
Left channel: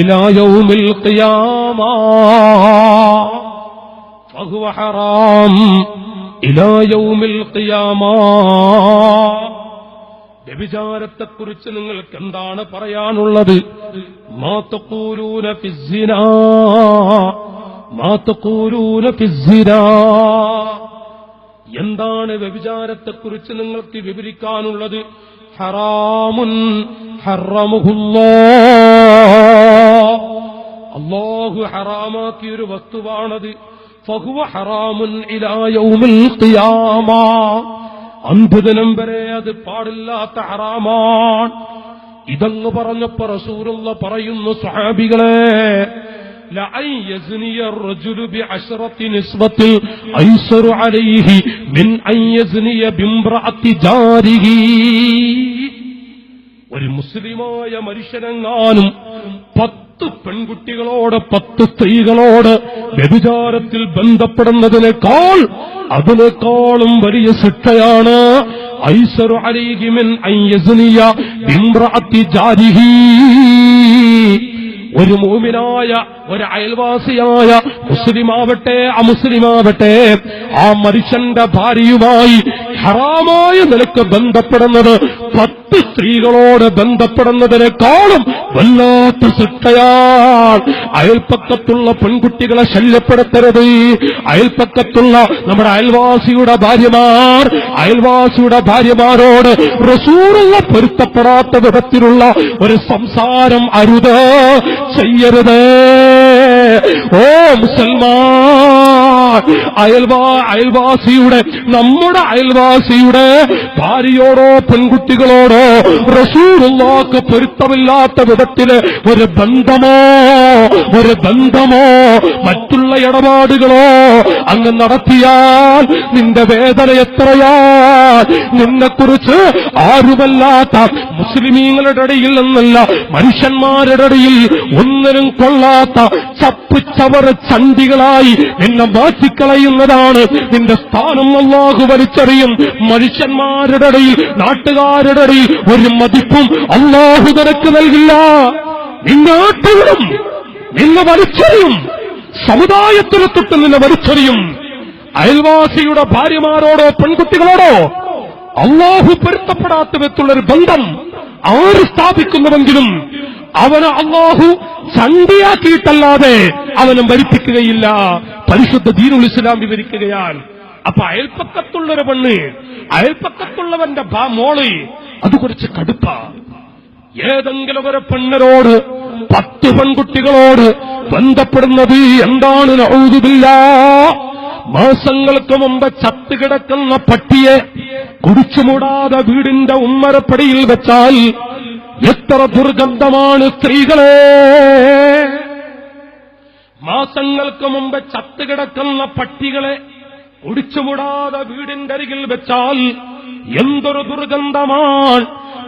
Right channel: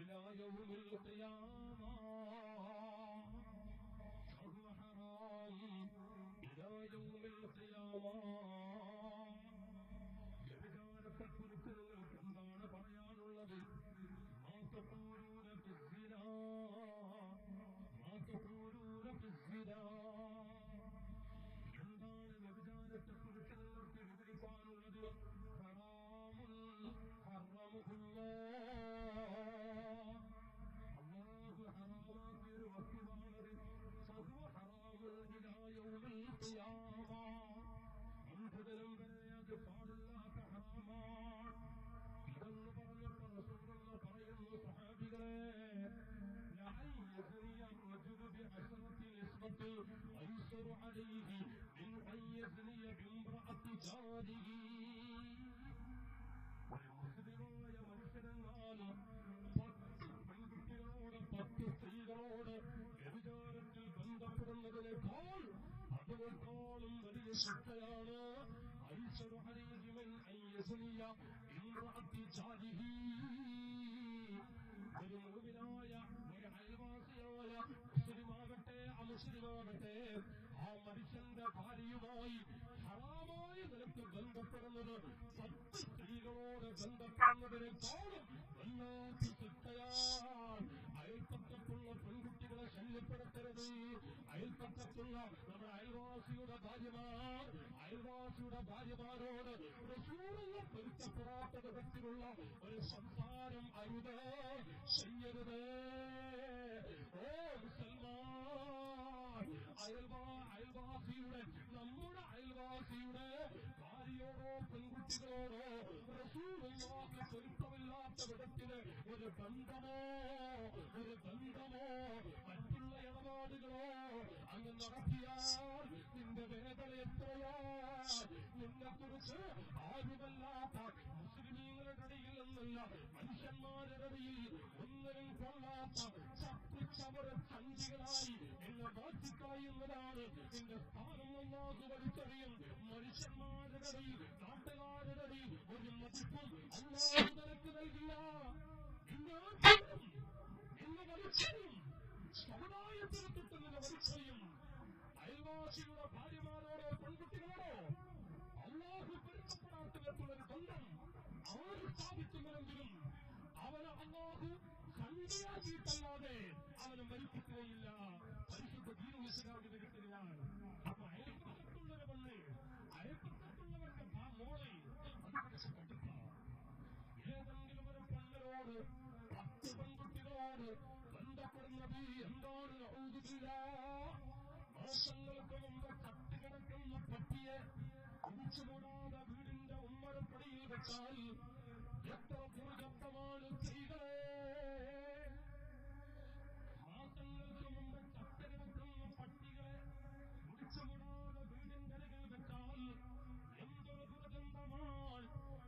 ഇലാ യൗമിൽ ഖിയാമ. ഫഹുവ ഹറാം ഇലാ യൗമിൽ ഖിയാമ. വ്യഭിചാരത്തെക്കുറിച്ച് നിങ്ങൾക്ക് എന്താണ് പറയാനുള്ളത്? മാ തഖൂലൂന ഫിസ്സിനാ, മാ തഖൂലൂന ഫിസ്സിനാ. എന്താണ് വ്യഭിചാരത്തെക്കുറിച്ച് നിങ്ങൾക്ക് വിവരിക്കാനുള്ളത്? ഹറാമുൻ ഹറമഹുല്ലാഹ്. അല്ലാഹു ഹറാമാക്കിയൊരു വസ്തുവാണത്. ഫഹുവ ഹറാമുൻ ഇലാ യൗമിൽ ഖിയാമ. അന്ത്യദിനം വരെ അത് പാടില്ലാത്ത ഹറാമാണ്. ഇതങ്ങ് പറഞ്ഞപ്പോ റസൂലുള്ളാഹി പറയുന്നു, സ്വഹാബികളെ, ലഅൻ യസ്നിയ الرجل بعشرة نسبة أيسر عليه من أن يزني بامرأة جاره. ഒരു മുസ്ലിമായ മനുഷ്യനെങ്ങാനും 10 പെൺകുട്ടികളോട് 10 സ്ത്രീകളോട് വ്യഭിചാരത്തിൽ ബന്ധപ്പെടുന്നതിനേക്കാൾ അതിനേക്കാളും വലിയ ശിക്ഷയാണ് ഐസറു അലൈഹി മിൻ അൻ യസ്നിയ ബിംറഅത്തി ജാരിഹി. ഒരു മുഅ്മിനായ ഒരു അയൽവാസിയായ മുസ്ലിമാവട്ടെ അമുസ്ലിമാവട്ടെ ആ മനുഷ്യന്റെ ഭാര്യയുമായി ഹറാമായ നിലക്ക് ബന്ധപ്പെടുന്നത് 10 സ്ത്രീകളോട് ബന്ധപ്പെടുന്നതിനേക്കാളും വല്ലാത്ത ശിക്ഷയാണ്. അയൽപ്പക്കത്തുള്ള പെൺകുട്ടികളെ ശല്യപ്പെടുത്തരുത്. അയൽപ്പക്കത്തുള്ള നമ്മുടെ അയൽവാസിയുടെ ഭാര്യമാരോട് റസൂലുള്ള പൊരുത്തപ്പെടാത്ത വിധത്തിലുള്ള ഒരു സംസാരം അരുത്, ചെയ്യരുത്. ഓ മുസൽമാൻ, നമ്മുടെ അയൽവാസിയുടെ ഭാര്യയോടോ പെൺകുട്ടികളോടോ റസൂലുള്ളാഹിക്ക് പൊരുത്തമില്ലാത്ത വിധത്തില് ഒരു ബന്ധമോ മറ്റുള്ള ഇടപാടുകളോ അങ്ങ് നടത്തിയാൽ നിന്റെ വേദന എത്രയാ. നിന്നെക്കുറിച്ച് ആരുമല്ലാത്ത മുസ്ലിമീങ്ങളുടെ ഇടയിൽ നിന്നല്ല, മനുഷ്യന്മാരുടെ ഇടയിൽ ഒന്നിനും കൊള്ളാത്ത ചപ്പുചവറ് ചണ്ടികളായി നിന്നെ മാറ്റിക്കളയുന്നതാണ്. നിന്റെ സ്ഥാനം അല്ലാഹു വലിച്ചെറിയും. മനുഷ്യന്മാരുടെ ഇടയിൽ, നാട്ടുകാരുടെ ഇടയിൽ ഒരു മതിപ്പും അല്ലാഹു നിനക്ക് നൽകില്ല. നിന്നാട്ടുകളും നിന്നെ വലിച്ചെറിയും, സമുദായത്തിനെ തൊട്ട് നിന്നെ വലിച്ചെറിയും. അയൽവാസിയുടെ ഭാര്യമാരോടോ പെൺകുട്ടികളോടോ അല്ലാഹു പൊരുത്തപ്പെടാത്ത വിധത്തിലുള്ളൊരു ബന്ധം ആര് സ്ഥാപിക്കുന്നുവെങ്കിലും അവനെ അല്ലാഹു ചണ്ടിയാക്കിയിട്ടല്ലാതെ അവനും ഭരിപ്പിക്കുകയില്ല. പരിശുദ്ധ ദീനുൽ ഇസ്ലാം വിവരിക്കുകയാണ്. അപ്പൊ അയൽപ്പക്കത്തുള്ളൊരു പെണ്ണ്, അയൽപ്പക്കത്തുള്ളവന്റെ മോള് അത് കുറച്ച് കടുപ്പ. ഏതെങ്കിലും ഒരു പെണ്ണിനോട് 10 പെൺകുട്ടികളോട് ബന്ധപ്പെടുന്നത് എന്താണ്? നഊദു ബില്ലാഹ്. മാസങ്ങൾക്ക് മുമ്പ് ചത്തുകിടക്കുന്ന പട്ടിയെ കുടിച്ചുമൂടാതെ വീടിന്റെ ഉമ്മരപ്പടിയിൽ വെച്ചാൽ എത്ര ദുർഗന്ധമാണ് സ്ത്രീകളെ. മാസങ്ങൾക്ക് മുമ്പ് ചത്തുകിടക്കുന്ന പട്ടികളെ കുടിച്ചുമൂടാതെ വീടിന്റെ അരികിൽ വെച്ചാൽ എന്തൊരു ദുർഗന്ധമാണ്.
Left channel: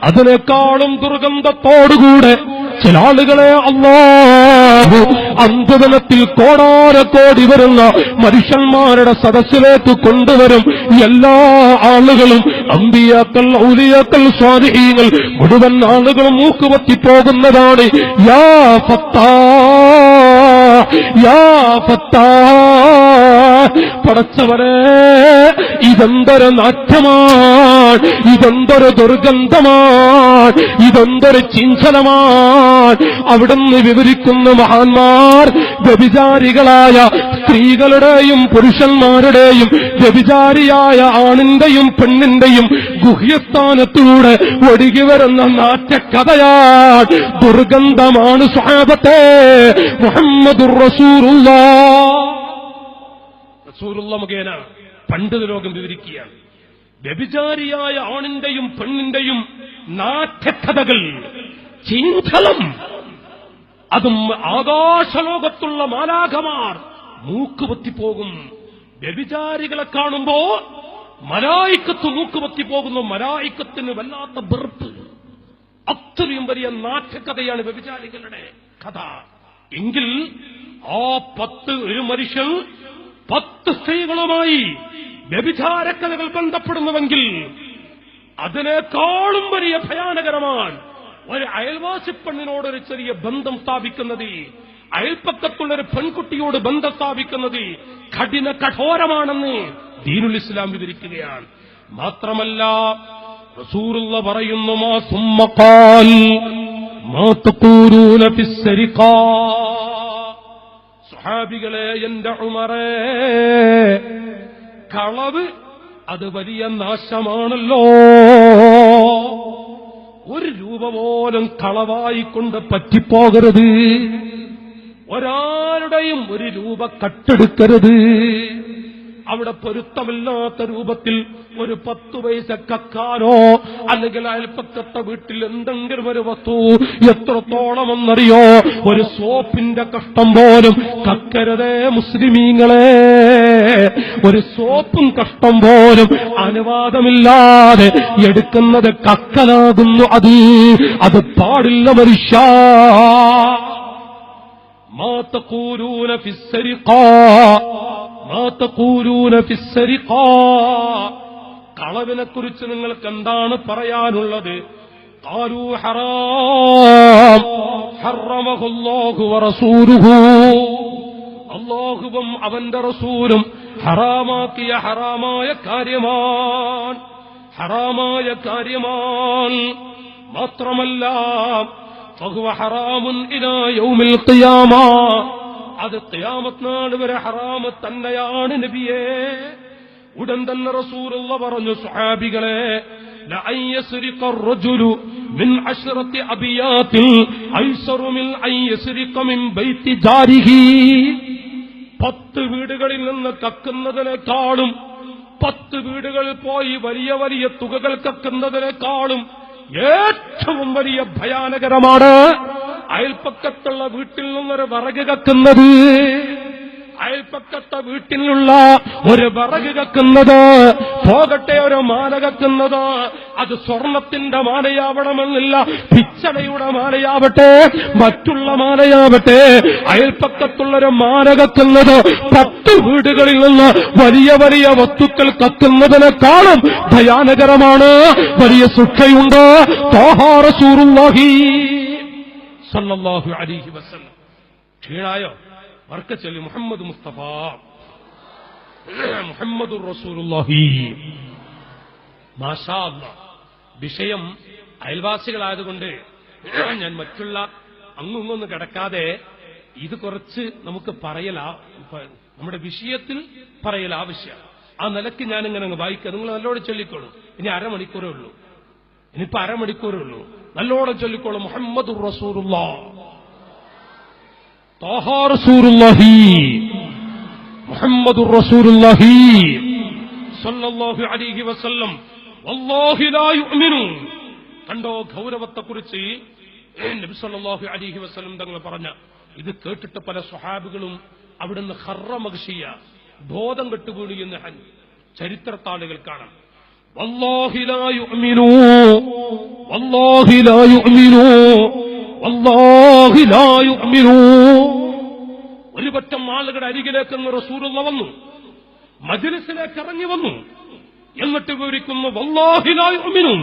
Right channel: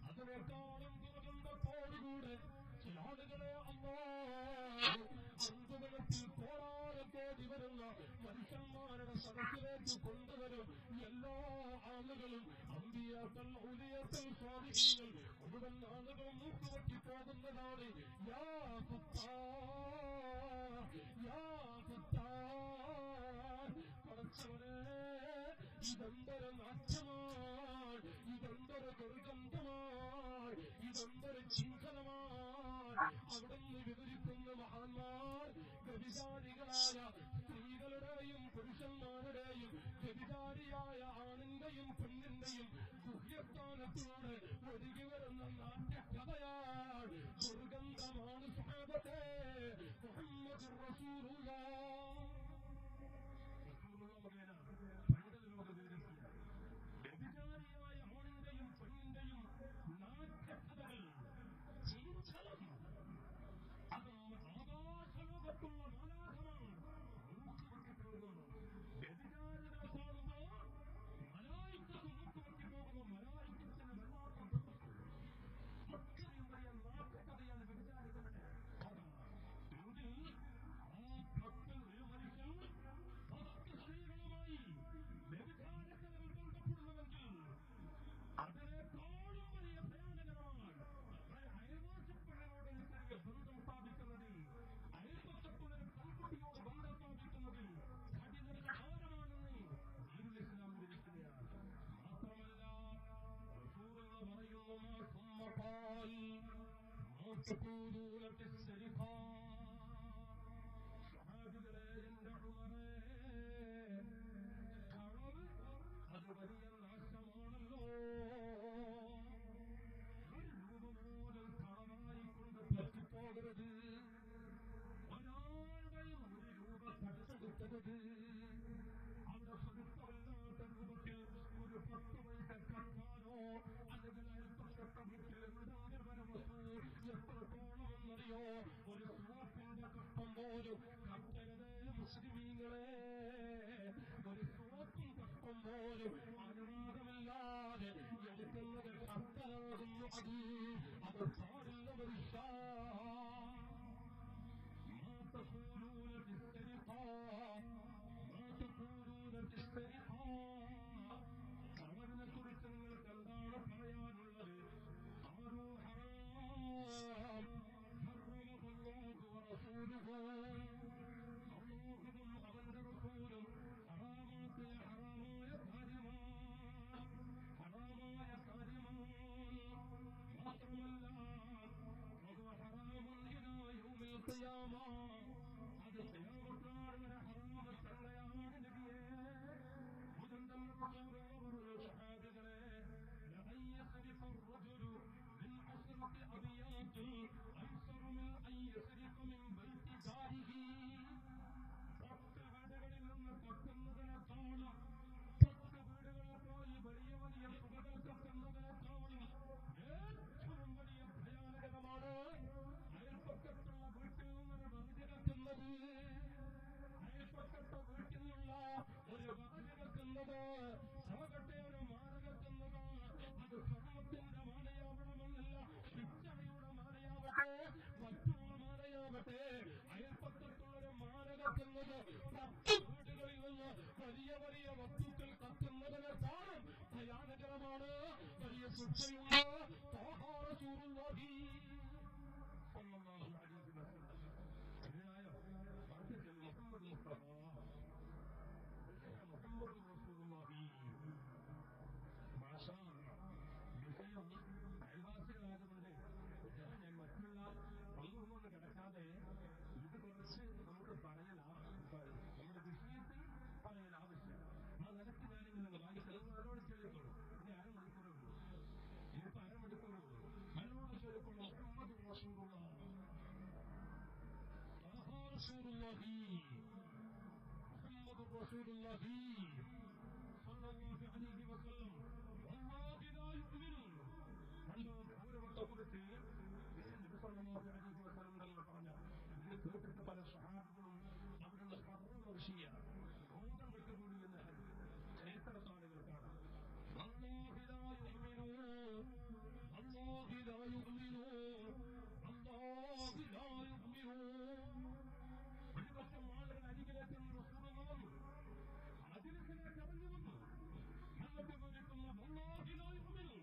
അതിനേക്കാളും ദുർഗന്ധത്തോടുകൂടെ ചില ആളുകളെ അല്ലാഹു അന്ത്യദിനത്തിൽ കോടാനക്കോടി വരുന്ന മനുഷ്യന്മാരുടെ സദസ്സിലേക്ക് കൊണ്ടുവരും. എല്ലാ ആളുകളും അമ്പിയാക്കൾ, ഔലിയാക്കൾ, സ്വാലിഹീങ്ങൾ മുഴുവൻ ആളുകളും മൂക്കുപൊത്തിപ്പോകുന്നതാണ്. യാ ഫത്താഹ്, പടച്ചവരെ ഇതെന്തൊരു നാറ്റമാണ്, ഇതെന്തൊരു ദുർഗന്ധമാണ്, ഇതെന്തൊരു ചിഞ്ചലമാണ്. അവിടുന്ന് വിവരിക്കുന്ന മഹാന്മാർ വ്യഭിചാരികളായ സ്ത്രീകളുടെയും പുരുഷന്മാരുടെയും വ്യഭിചാരിയായ ആണിന്റെയും പെണ്ണിന്റെയും ഗുഹ്യസ്ഥാനത്തൂടെ ഒഴുകി വരുന്ന നാറ്റക്കഥയാണ്, ദുർഗന്ധമാണ്. സ്വഹാബത്തെ മുഹമ്മദുർ റസൂലുള്ള മുഖേന പണ്ഡിത ലോകം വിവരിക്കുകയാണ്. വ്യഭിചാരിയായ ആണിന്റെയും പെണ്ണിന്റെയും നാട്യകഥകൾ, ചിന്തളം, അതും ആകാശലോകത്തുള്ള മാലാഖമാർ മൂക്കുപൊത്തിപ്പോകും. വ്യഭിചാരികളെ കാണുമ്പോ മലായിക്കത്ത് മൂക്കുപൊത്തിപ്പോകുന്നു. മലായിക്കത്തിന് വല്ലാത്ത വെറുപ്പ്. അത്രയും വലിയ നാട്യകഥയാണ് വ്യഭിചാരികളുടെ കഥ. എങ്കിൽ ആ 10 ഒരു മനുഷ്യൻ 10 സ്ത്രീകളുമായി വ്യഭിചാരക്കഥകൾ ബന്ധപ്പെടുന്നുവെങ്കിൽ അതിനേക്കാളും വലിയ ഭയാനകരമാണ് ഒരു അയൽവാസി പെണ്ണിനോടൊരു ചെറിയ ബന്ധം സ്ഥാപിക്കുന്നത്, അയൽപ്പക്കത്തുള്ളൊരു പെൺകുട്ടിയോട് ബന്ധം സ്ഥാപിക്കുന്നത് കഠോരമാണെന്ന് ദീനുൽ ഇസ്ലാം വിവരിക്കുകയാണ്. മാത്രമല്ല റസൂലുള്ള പറയുന്നു, മാ സുമ്മ ഖാൽ മാ തഖൂലൂന ഫിസ്സരിഖാ. സ്വഹാബികളെ, എന്റെ ഉമറേ, കളവ് അത് വലിയ നാശമാണല്ലോ. 1 രൂപ പോലും കളവായിക്കൊണ്ട് പറ്റിപ്പോകരുത്. ഒരാളുടെയും 1 രൂപ കട്ടെടുക്കരുത്. അവിടെ പൊരുത്തമില്ലാത്ത രൂപത്തിൽ ഒരു 10 പൈസ കക്കാനോ അല്ലെങ്കിൽ അയൽപ്പക്കത്തെ വീട്ടിൽ എന്തെങ്കിലും ഒരു വസ്തു എത്രത്തോളമെന്നറിയോ, ഒരു സോപ്പിന്റെ കഷ്ടം പോലും കക്കരുതേ മുസ്ലിമീങ്ങളെ. ഒരു സോപ്പും കഷ്ടം പോലും അനുവാദമില്ലാതെ എടുക്കുന്നത് കക്കലാകുന്നു. അത് പാടില്ല മനുഷ്യ. മാ തഖൂലൂന ഫിസ്സരിഖാ, മാ തഖൂലൂന ഫിസ്സരിഖാ. കളവിനെക്കുറിച്ച് നിങ്ങൾക്ക് എന്താണ് പറയാനുള്ളത്? ഖാലൂ ഹറാം ഹറമഹുല്ലാഹു വറസൂലുഹു. അല്ലാഹുവും അവന്റെ റസൂലും ഹറാമാക്കിയ ഹറാമായ കാര്യമാണ്, ഹറാമായ കാര്യമാണ്. മാത്രമല്ല ഫഹുവ ഹറാമുൻ ഇലാ യൗമിൽ ഖിയാമ. അത് ഖിയാമത്ത് നാൾ വരെ ഹറാമ് തന്നെയാണ് നബിയേ. ഉടൻ തന്നെ റസൂലുള്ളാഹി പറഞ്ഞു, സ്വഹാബികളെ, ലഅൻ യസ്രിഖ അർറജുലു മിൻ 10 അബിയാതിൻ ഐസറു മിൻ അൻ യസ്രിഖ മിൻ ബൈതി ജാരിഹി. 10 വീടുകളിൽ നിന്ന് കക്കുന്നതിനേക്കാളും 10 വീടുകളിൽ പോയി വലിയ വലിയ തുകകൾ കക്കുന്നതിനേക്കാളും ഏറ്റവും വലിയ ഭയാനകരമാണ് അയൽപ്പക്കത്തുള്ള വീട്ടിൽ നിന്നൊരു വിറക് കക്കുന്നത്. അയൽപ്പക്കത്തെ വീട്ടിലുള്ള ഒരു വിറക് കക്കുന്നത്, പോകട്ടെ ഒരു മാല കക്കുന്നത്, അത് സ്വർണത്തിന്റെ മാലയാവണമെന്നില്ല, പിച്ചളയുടെ മാലയാവട്ടെ, മറ്റുള്ള മാലയാവട്ടെ, അയൽപ്പക്കത്തുള്ളൊരു മാല കക്കുന്നത് 10 വീടുകളിൽ നിന്ന് വലിയ വലിയ വസ്തുക്കൾ കത്തുന്നതിനേക്കാളും ഭയാനകരമാണ്. വലിയ ശിക്ഷയുണ്ട്. ത്വാഹാ റസൂലുള്ളാഹി സല്ലല്ലാഹു അലൈഹി വസല്ലം. ക്ഷീണായോ? ബർക്കച്ചൊല്ലി മുഹമ്മദ് മുസ്തഫ മുഹമ്മദുർ റസൂലുള്ളാഹി. മാഷാ അല്ലാഹ്. വിഷയം അയൽവാസികളായതുകൊണ്ട് ഞാൻ മറ്റുള്ള അങ്ങൊന്നും കിടക്കാതെ ഇത് കുറച്ച് നമുക്ക് നമ്മുടെ വിഷയത്തിൽ പറയൽ ആവശ്യം. ആ നിലയ്ക്ക് ഞാനിങ്ങനെ അങ്ങ് വായിക്കുക. നിങ്ങൾ നല്ലോണം ചൊല്ലിക്കോളൂ. ഇനി അരമണിക്കൂറേ ഉള്ളൂ. ഇനിയിപ്പോ അരമണിക്കൂറേ ഉള്ളൂ. നല്ലോണം ചൊല്ലിക്കോളൂ. മുഹമ്മദുർ റസൂലുള്ളാഹ്, ത്വാഹാ റസൂലുള്ളാഹി, മുഹമ്മദുർ റസൂലുള്ളാഹി സ്വല്ലല്ലാഹു അലൈഹി വസല്ലം. വല്ലാഹി ലാ യുഅ്മിനു. കണ്ടോ ഗൗരവത്തെക്കുറിച്ച് നബി സല്ലല്ലാഹു അലൈഹി വസല്ലം തങ്ങൾ പറഞ്ഞ ഇത് കേട്ടിട്ട് പല സ്വഹാബികളും അവിടുന്ന് ഖർറമഗ്ഷിയ, ബോധം കെട്ടുകൂടി എന്ന് ചരിത്രത്താളുകൾ കാണാം. വല്ലാഹി ലാ യുഅ്മിനു, വല്ലാഹി ലാ യുഅ്മിനു, വല്ലാഹി ലാ യുഅ്മിനു. ഒരു പറ്റം ആളുകളുടെ അരികിലേക്ക് റസൂലുള്ളാഹി വന്നു, മജ്ലിസിലേക്ക് ഇറങ്ങി വന്നു. എന്നിട്ട് വിവരിക്കുന്നു, വല്ലാഹി ലാ യുഅ്മിനു,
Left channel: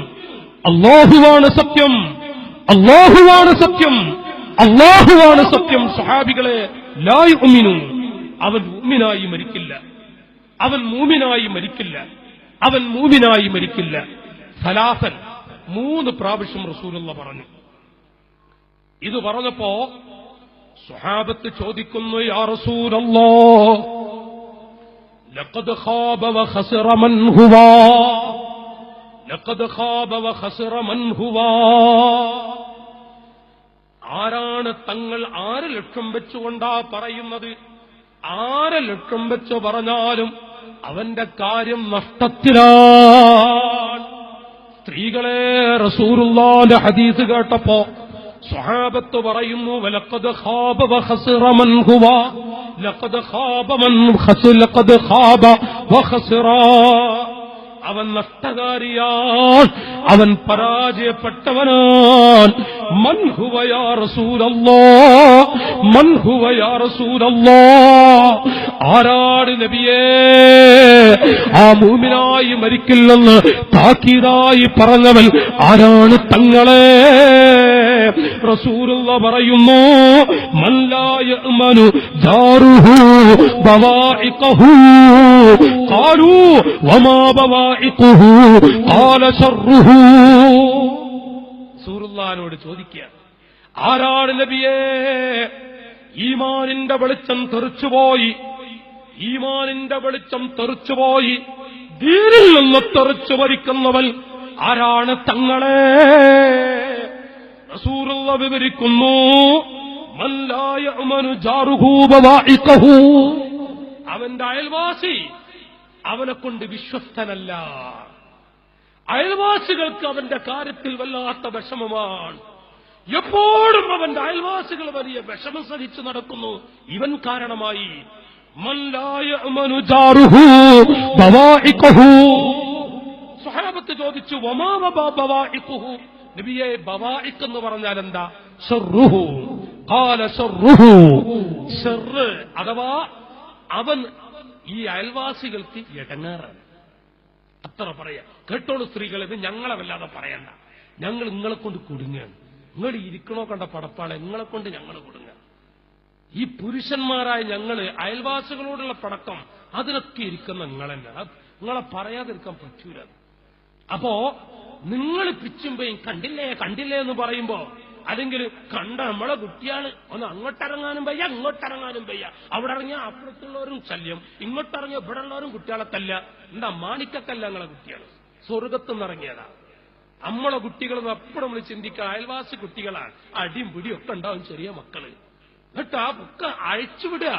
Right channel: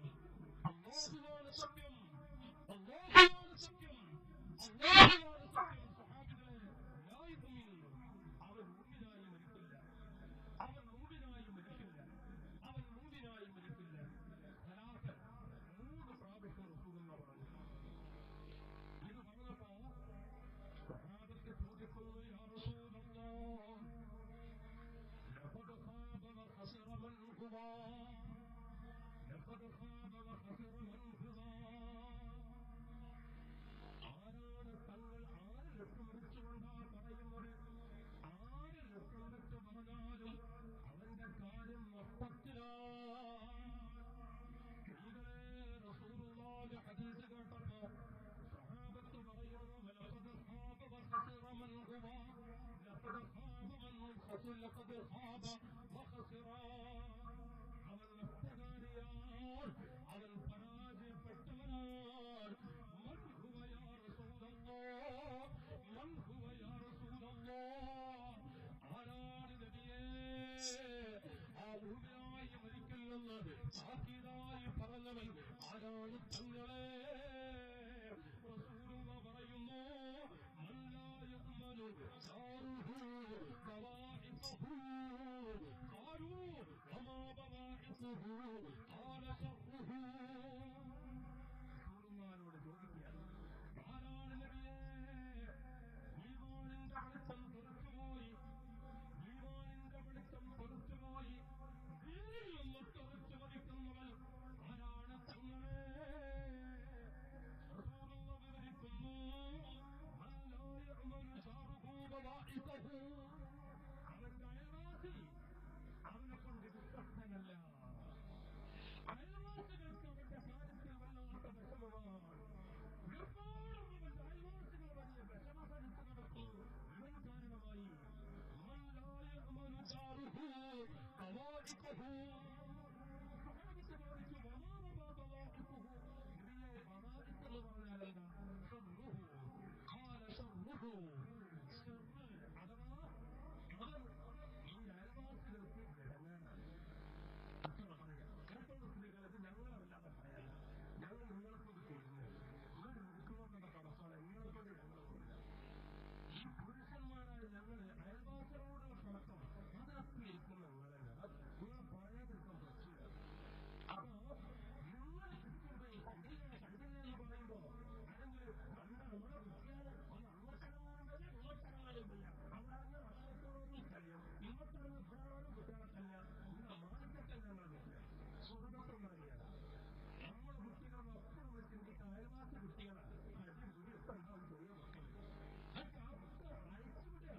അല്ലാഹുവാണ് സത്യം, അല്ലാഹുവാണ് സത്യം, അല്ലാഹുവാണ് സത്യം. സ്വഹാബികളെ, ലാ യുഅ്മിനു, അവൻ മുഅ്മിനായി മരിക്കില്ല, അവൻ മൂമിനായി മരിക്കില്ല, അവൻ മൂമിനായി മരിക്കില്ല. സലാസൻ 3 പ്രാവശ്യം റസൂലുള്ളാഹി പറഞ്ഞു. ഇത് പറഞ്ഞപ്പോ സ്വഹാബത്ത് ചോദിക്കുന്നു, യാ റസൂലല്ലാഹ്, ലഖദ് ഖാബ വഖസറ മൻ ഹുവ, ലഖദ് ഖാബ വഖസറ മൻ ഹുവ. ആരാണ് തങ്ങൾ 6 ലക്ഷം വെച്ചുകൊണ്ടാ പറയുന്നത്? 6 ലക്ഷം വെച്ച് പറഞ്ഞാലും അവന്റെ കാര്യം നഷ്ടത്തിലാണ്. സ്ത്രീകളെ, റസൂലുള്ളാഹിന്റെ ഹദീസ് കേട്ടപ്പോ സ്വഹാബത്ത് പറയുന്നു, വലഖദ് ഖാബ വഖസറ മൻ ഹുവ, ലഖദ് ഖാബ മൻ ഖസറ, ലഖദ് ഖാബ വഖസറ. അവൻ നഷ്ടകാരിയാൻ, അവൻ പരാജയപ്പെട്ടവനാൻ. മൻ ഹുവ യാ റസൂലല്ലാഹ്, മൻ ഹുവ യാ റസൂലല്ലാഹ്. ആരാണ് നബിയേ ആ മൂമിനായി മരിക്കില്ലെന്ന് താക്കീതായി പറഞ്ഞവൻ? ആരാണ് തങ്ങളെ? റസൂലുള്ളാഹി പറയുന്നു, മൻ ലാ യഅ്മനു ജാറുഹു ബവാഇഖഹു. ഖാലൂ വമാ ബവാഇഖുഹു? ഖാല ശർറുഹു. റസൂലുള്ളാഹിനോട് ചോദിക്കുക, ആരാണ് നബിയേ ഈമാനിന്റെ വെളിച്ചം തെറിച്ചുപോയി, ഈമാനിന്റെ വെളിച്ചം തെറിച്ചുപോയി, ദീനിൽ നിന്ന് തെറിച്ചു മരിക്കുന്നവൻ ആരാണ് തങ്ങളെ? റസൂലുള്ളാഹി വിവരിക്കുന്നു, മൻ ലാ യഅ്മനു ജാറുഹു ബവാഇഖഹു. അവന്റെ അയൽവാസി അവനെ കൊണ്ട് വിശ്വസ്തനല്ല. അയൽവാസികൾക്ക് അവന്റെ കാര്യത്തിൽ വല്ലാത്ത വിഷമമാണ്. എപ്പോഴും അവന്റെ അയൽവാസികൾ വലിയ വിഷമം സഹിച്ചു നടക്കുന്നു. ഇവൻ കാരണമായി സ്വഹാബത്ത് ചോദിച്ചു, നബിയെ, ബവാഇഖ് എന്ന് പറഞ്ഞാൽ എന്താ? ശർറുഹു ഖാല ശർറുഹു, ശർറ് അഥവാ അവൻ ഈ അയൽവാസികൾക്ക് ഇടങ്ങേറാണ്. അത്ര പറയാ. കേട്ടോളൂ സ്ത്രീകളെ, ഇത് ഞങ്ങളെ വല്ലാതെ പറയണ്ട. ഞങ്ങൾ നിങ്ങളെ കൊണ്ട് കുടുങ്ങാണ്. നിങ്ങൾ ഇരിക്കണോ കണ്ട പടപ്പാളെ, നിങ്ങളെ കൊണ്ട് ഞങ്ങൾ കുടുങ്ങ. ഈ പുരുഷന്മാരായ ഞങ്ങള് അയൽവാസികളോടുള്ള പടക്കം അതിനൊക്കെ ഇരിക്കുന്ന നിങ്ങളെന്നെ. നിങ്ങളെ പറയാതിരിക്കാൻ പറ്റൂല. അപ്പോ നിങ്ങൾ പിച്ചുമ്പയും കണ്ടില്ലേ കണ്ടില്ലേ എന്ന് പറയുമ്പോ, അല്ലെങ്കിൽ കണ്ട നമ്മളെ കുട്ടിയാണ് ഒന്ന് അങ്ങോട്ടിറങ്ങാനും വയ്യ ഇങ്ങോട്ടിറങ്ങാനും വയ്യ. അവിടെ ഇറങ്ങിയ അപ്പുറത്തുള്ളവരും ശല്യം, ഇങ്ങോട്ടിറങ്ങിയ ഇവിടെ ഉള്ളവരും കുട്ടികളെ തല്ല. എന്താ മാണിക്കക്കല്ല നിങ്ങളെ കുട്ടികൾ, സ്വർഗത്തുനിന്ന് ഇറങ്ങിയതാ. നമ്മളെ കുട്ടികൾ എപ്പോഴും നമ്മൾ ചിന്തിക്കുക അയൽവാസി കുട്ടികളാണ്. അടിയും പിടിയും ഒക്കെ ഉണ്ടാവും ചെറിയ മക്കള്. എന്നിട്ട് ആ ബുക്ക് അഴിച്ചുവിടുക.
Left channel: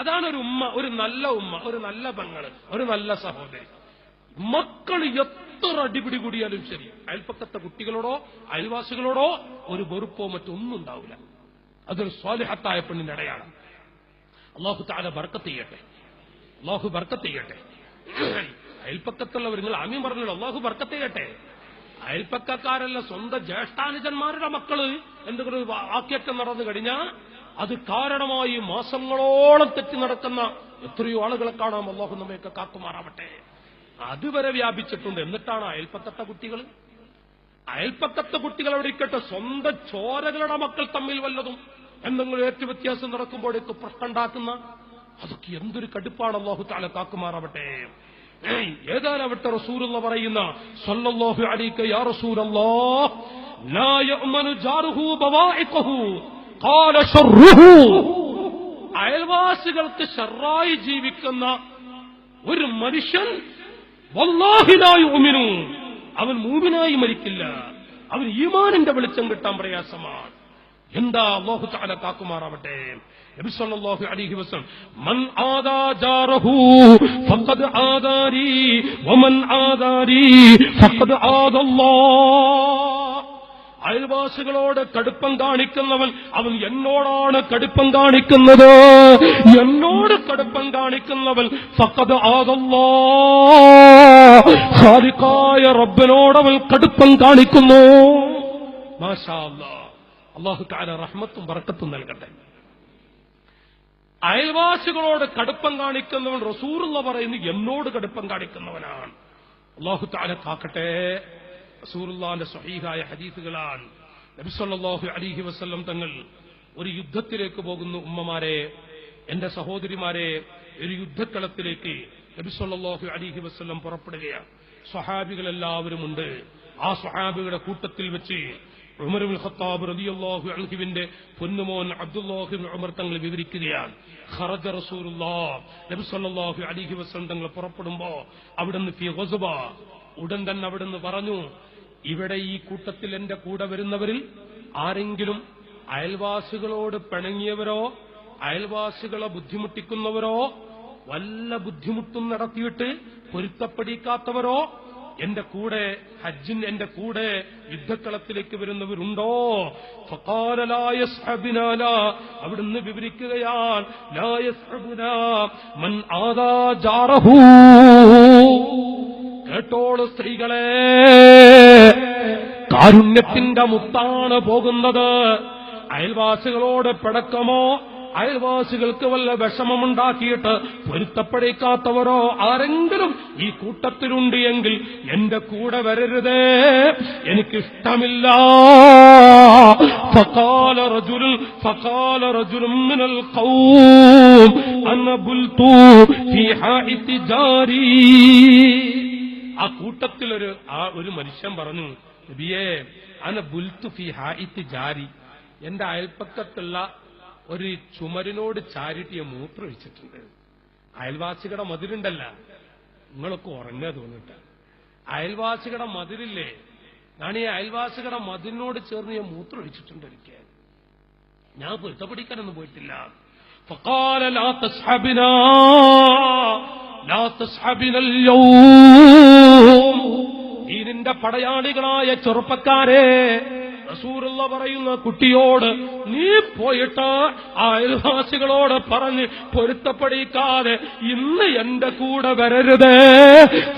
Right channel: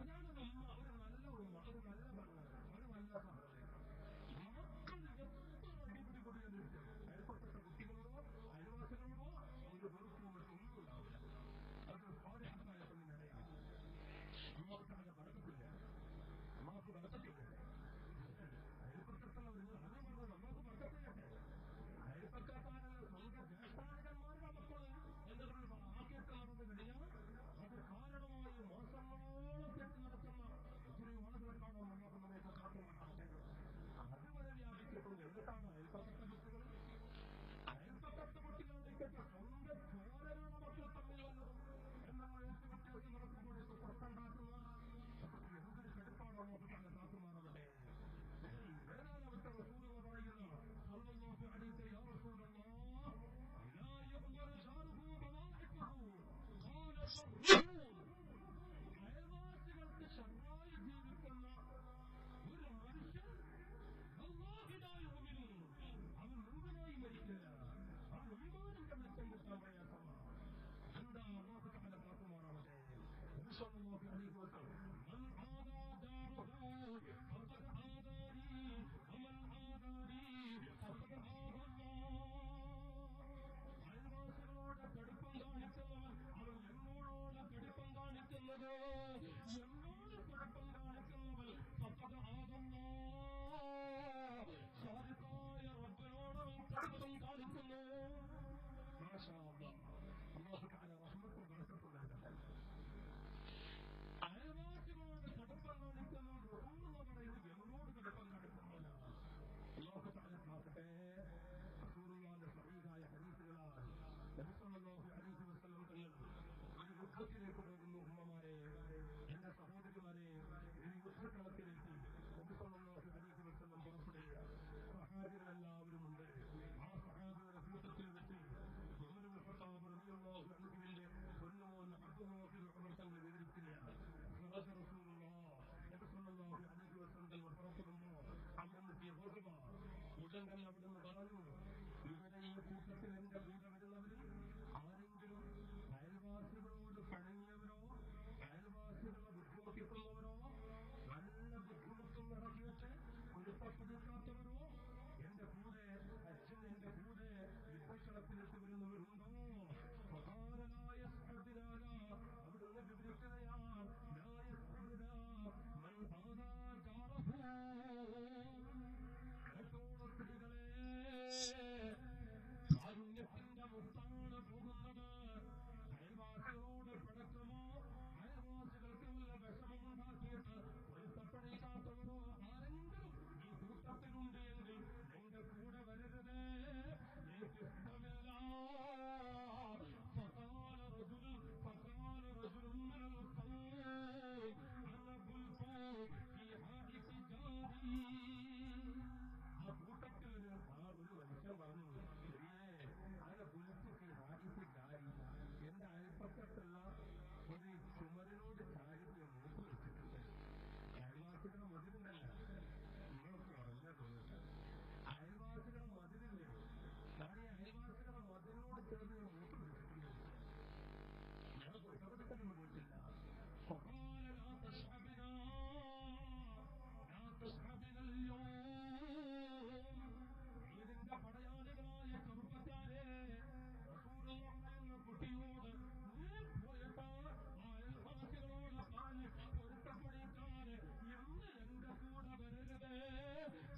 അതാണ് ഒരു ഉമ്മ, ഒരു നല്ല ഉമ്മ, ഒരു നല്ല പെങ്ങള്, ഒരു നല്ല സഹോദരി. മക്കൾ എത്ര അടിപിടി കൂടിയാലും ശരി, അയൽപ്പക്കത്തെ കുട്ടികളോടോ അയൽവാസികളോടോ ഒരു വെറുപ്പോ മറ്റൊന്നും ഉണ്ടാവില്ല. അതൊരു സ്വാലിഹത്തായ പെണ്ണിന്റെ അടയാളം. അല്ലാഹു തആല ബർക്കത്ത് ചെയ്യട്ടെ, അല്ലാഹു ബർക്കത്ത് ചെയ്യട്ടെ. അയൽപ്പക്കത്തുള്ളവർ നിങ്ങൾ ആമീൻ പറഞ്ഞല്ലോ, അല്ലാഹു ബർക്കത്ത് ചെയ്യട്ടെ. അയൽപ്പക്കക്കാരല്ല, സ്വന്തം ജ്യേഷ്ഠാനുജന്മാരുടെ മക്കള് എന്തെങ്കിലും ഒരു വാക്യറ്റം നടന്നു കഴിഞ്ഞാൽ അത് കാരണമായി മാസങ്ങളോളം തെറ്റി നടക്കുന്ന എത്രയോ ആളുകളെ കാണാം. അല്ലാഹു നമ്മയൊക്കെ കാക്കുമാറാവട്ടെ. അതുവരെ വ്യാപിച്ചിട്ടുണ്ട്. എന്നിട്ടാണ് അയൽപ്പക്കത്തെ കുട്ടികൾ, അയൽപ്പക്കത്തെ കുട്ടികൾ അവിടെ ഇരിക്കട്ടെ, സ്വന്തം ചോരകളുടെ മക്കൾ തമ്മിൽ വല്ലതും എന്തെങ്കിലും ഏറ്റുവ്യത്യാസം നടക്കുമ്പോഴേക്ക് പ്രശ്നം ഉണ്ടാക്കുന്ന, അതൊക്കെ എന്തൊരു കടുപ്പാണ്. അല്ലാഹു തആല കാക്കുമാറാവട്ടെ. ഏതാനാവട്ടെ റസൂലുള്ള പറയുന്ന സല്ലല്ലാഹു അലൈക യാ റസൂലല്ലാഹ് ലാ യഅ്മനു ജാറുഹു ബവാഇഖഹു ഖാല ശർറുഹു, അയൽവാസികൾക്ക് ശർറായി ജീവിക്കുന്ന ഒരു മനുഷ്യൻ വല്ലാഹി ലാ യുഅ്മിനു, അവൻ മൂമിനായി മരിക്കില്ല. അവൻ ഈമാനിന്റെ വെളിച്ചം കിട്ടാൻ പ്രയാസമാണ്. എന്താ? അല്ലാഹു തആല കാക്കുമാറാവട്ടെ. നബി സല്ലല്ലാഹു അലൈഹി വസല്ലം മൻ ആദാ ജാറഹു ഫഖദ് ആദാരി വമൻ ആദാരി ഫഖദ് ആദല്ലാഹ്, അയൽവാസികളോട് കടുപ്പം കാണിക്കുന്നവൻ അവൻ എന്നോടാണ് കടുപ്പം കാണിക്കുന്നത്, എന്നോട് കടുപ്പം കാണിക്കുന്നവൻ ഫഖദ് ആദല്ലാഹ്, ഖാലിഖായ റബ്ബിനോടവൻ കടുപ്പം കാണിക്കുന്നു. മാഷാ അല്ലാഹ്. അല്ലാഹു തആല റഹ്മത്തും ബറക്കത്തും നൽകട്ടെ. അയൽവാസികളോട് കടുപ്പം കാണിക്കുന്നവൻ റസൂലുള്ള പറയുന്നു എന്നോട് കടുപ്പം കാണിക്കുന്നവനാണ്. അല്ലാഹു തആല കാക്കട്ടെ. റസൂലുള്ളാഹിന്റെ സ്വഹീഹായ ഹദീസുകളാണ്. നബി സല്ലല്ലാഹു അലൈഹി വസല്ലം തങ്ങൾ ഒരു യുദ്ധത്തിലേക്ക് പോകുന്നു. ഉമ്മമാരെ, എന്റെ സഹോദരിമാരെ, ഒരു യുദ്ധക്കളത്തിലേക്ക് നബി സല്ലല്ലാഹു അലൈഹി വസല്ലം പുറപ്പെടുകയാണ്. സ്വഹാബികളെല്ലാവരും ഉണ്ട്. ആ സ്വഹാബികളുടെ കൂട്ടത്തിൽ വെച്ച് ഉമർ ഇബ്നുൽ ഖത്താബ് റളിയല്ലാഹു അൻഹുവിന്റെ പൊന്നുമോൻ അബ്ദുല്ലാഹ് ഇബ്നു ഉമർ തങ്ങൾ വിവരിക്കുകയാണ്. ഖറജ റസൂലുള്ളാഹ്, നബി സല്ലല്ലാഹു അലൈഹി വസല്ലം തങ്ങൾ പുറപ്പെടുമ്പോ അവിടുന്ന് ഫി ഗസ്വ, ഉടൻ തന്നെ അവിടുന്ന് പറഞ്ഞു, ഇവിടെ ഈ കൂട്ടത്തിൽ എന്റെ കൂടെ വരുന്നവരിൽ ആരെങ്കിലും അയൽവാസികളോട് പിണങ്ങിയവരോ അയൽവാസികളെ ബുദ്ധിമുട്ടിക്കുന്നവരോ വല്ല ബുദ്ധിമുട്ടും നടത്തിയിട്ട് പൊരുത്തപ്പെടിക്കാത്തവരോ എന്റെ കൂടെ എന്റെ കൂടെ യുദ്ധക്കളത്തിലേക്ക് വരുന്നവരുണ്ടോ? ഫഖാല ലാ യസ്ഹബുനാ, അവിടുന്ന് വിവരിക്കുകയാണ്, ലാ യസ്ഹബുനാ മൻ ആദാ ജാറഹു. കേട്ടോളൂ സ്ത്രീകളെ, കാരുണ്യത്തിന്റെ മുത്താണ് പോകുന്നത്. അയൽവാസികളോട് പിണക്കമോ അയൽവാസികൾക്ക് വല്ല വിഷമമുണ്ടാക്കിയിട്ട് പൊരുത്തപ്പെടിക്കാത്തവരോ ആരെങ്കിലും ഈ കൂട്ടത്തിലുണ്ട് എങ്കിൽ എന്റെ കൂടെ വരരുതേ, എനിക്കിഷ്ടമില്ല. ഫഖാല റജുലുൻ മിനൽ ഖൗം അന ബുൽതു ഫീ ഹാഇതി ജാരി. ആ കൂട്ടത്തിൽ ഒരു മനുഷ്യൻ പറഞ്ഞു, നബിയേ, അന ബുൽതു ഫീ ഹാഇതി ജാരി, എന്റെ അയൽപ്പക്കത്തുള്ള ഒരു ചുമരിനോട് ചാരിട്ടിയെ മൂത്രമൊഴിച്ചിട്ടുണ്ട്. അയൽവാസികളുടെ മതിലുണ്ടല്ല, നിങ്ങളൊക്കെ ഉറങ്ങാ തോന്നിട്ട അയൽവാസികളുടെ മതിലില്ലേ, ഞാൻ ഈ അയൽവാസികളുടെ മതിലിനോട് ചേർന്ന് ഞാൻ മൂത്രമൊഴിച്ചിട്ടുണ്ട്. എനിക്ക് ഞാൻ പൊരുത്തപ്പെടിക്കാനൊന്നും പോയിട്ടില്ല. ഫഖാല ലാ തസ്ഹബിനാ, ലാ തസ്ഹബിനൽ യൗം, ദീനിന്റെ പടയാളികളായ ചെറുപ്പക്കാരെ, റസൂലുള്ള പറയുന്ന കുട്ടിയോട് നീ പോയിട്ട് ആ അയൽവാസികളോട് പറഞ്ഞ് പൊരുത്തപ്പെടിക്കാതെ ഇന്ന് എന്റെ കൂടെ വരരുത്.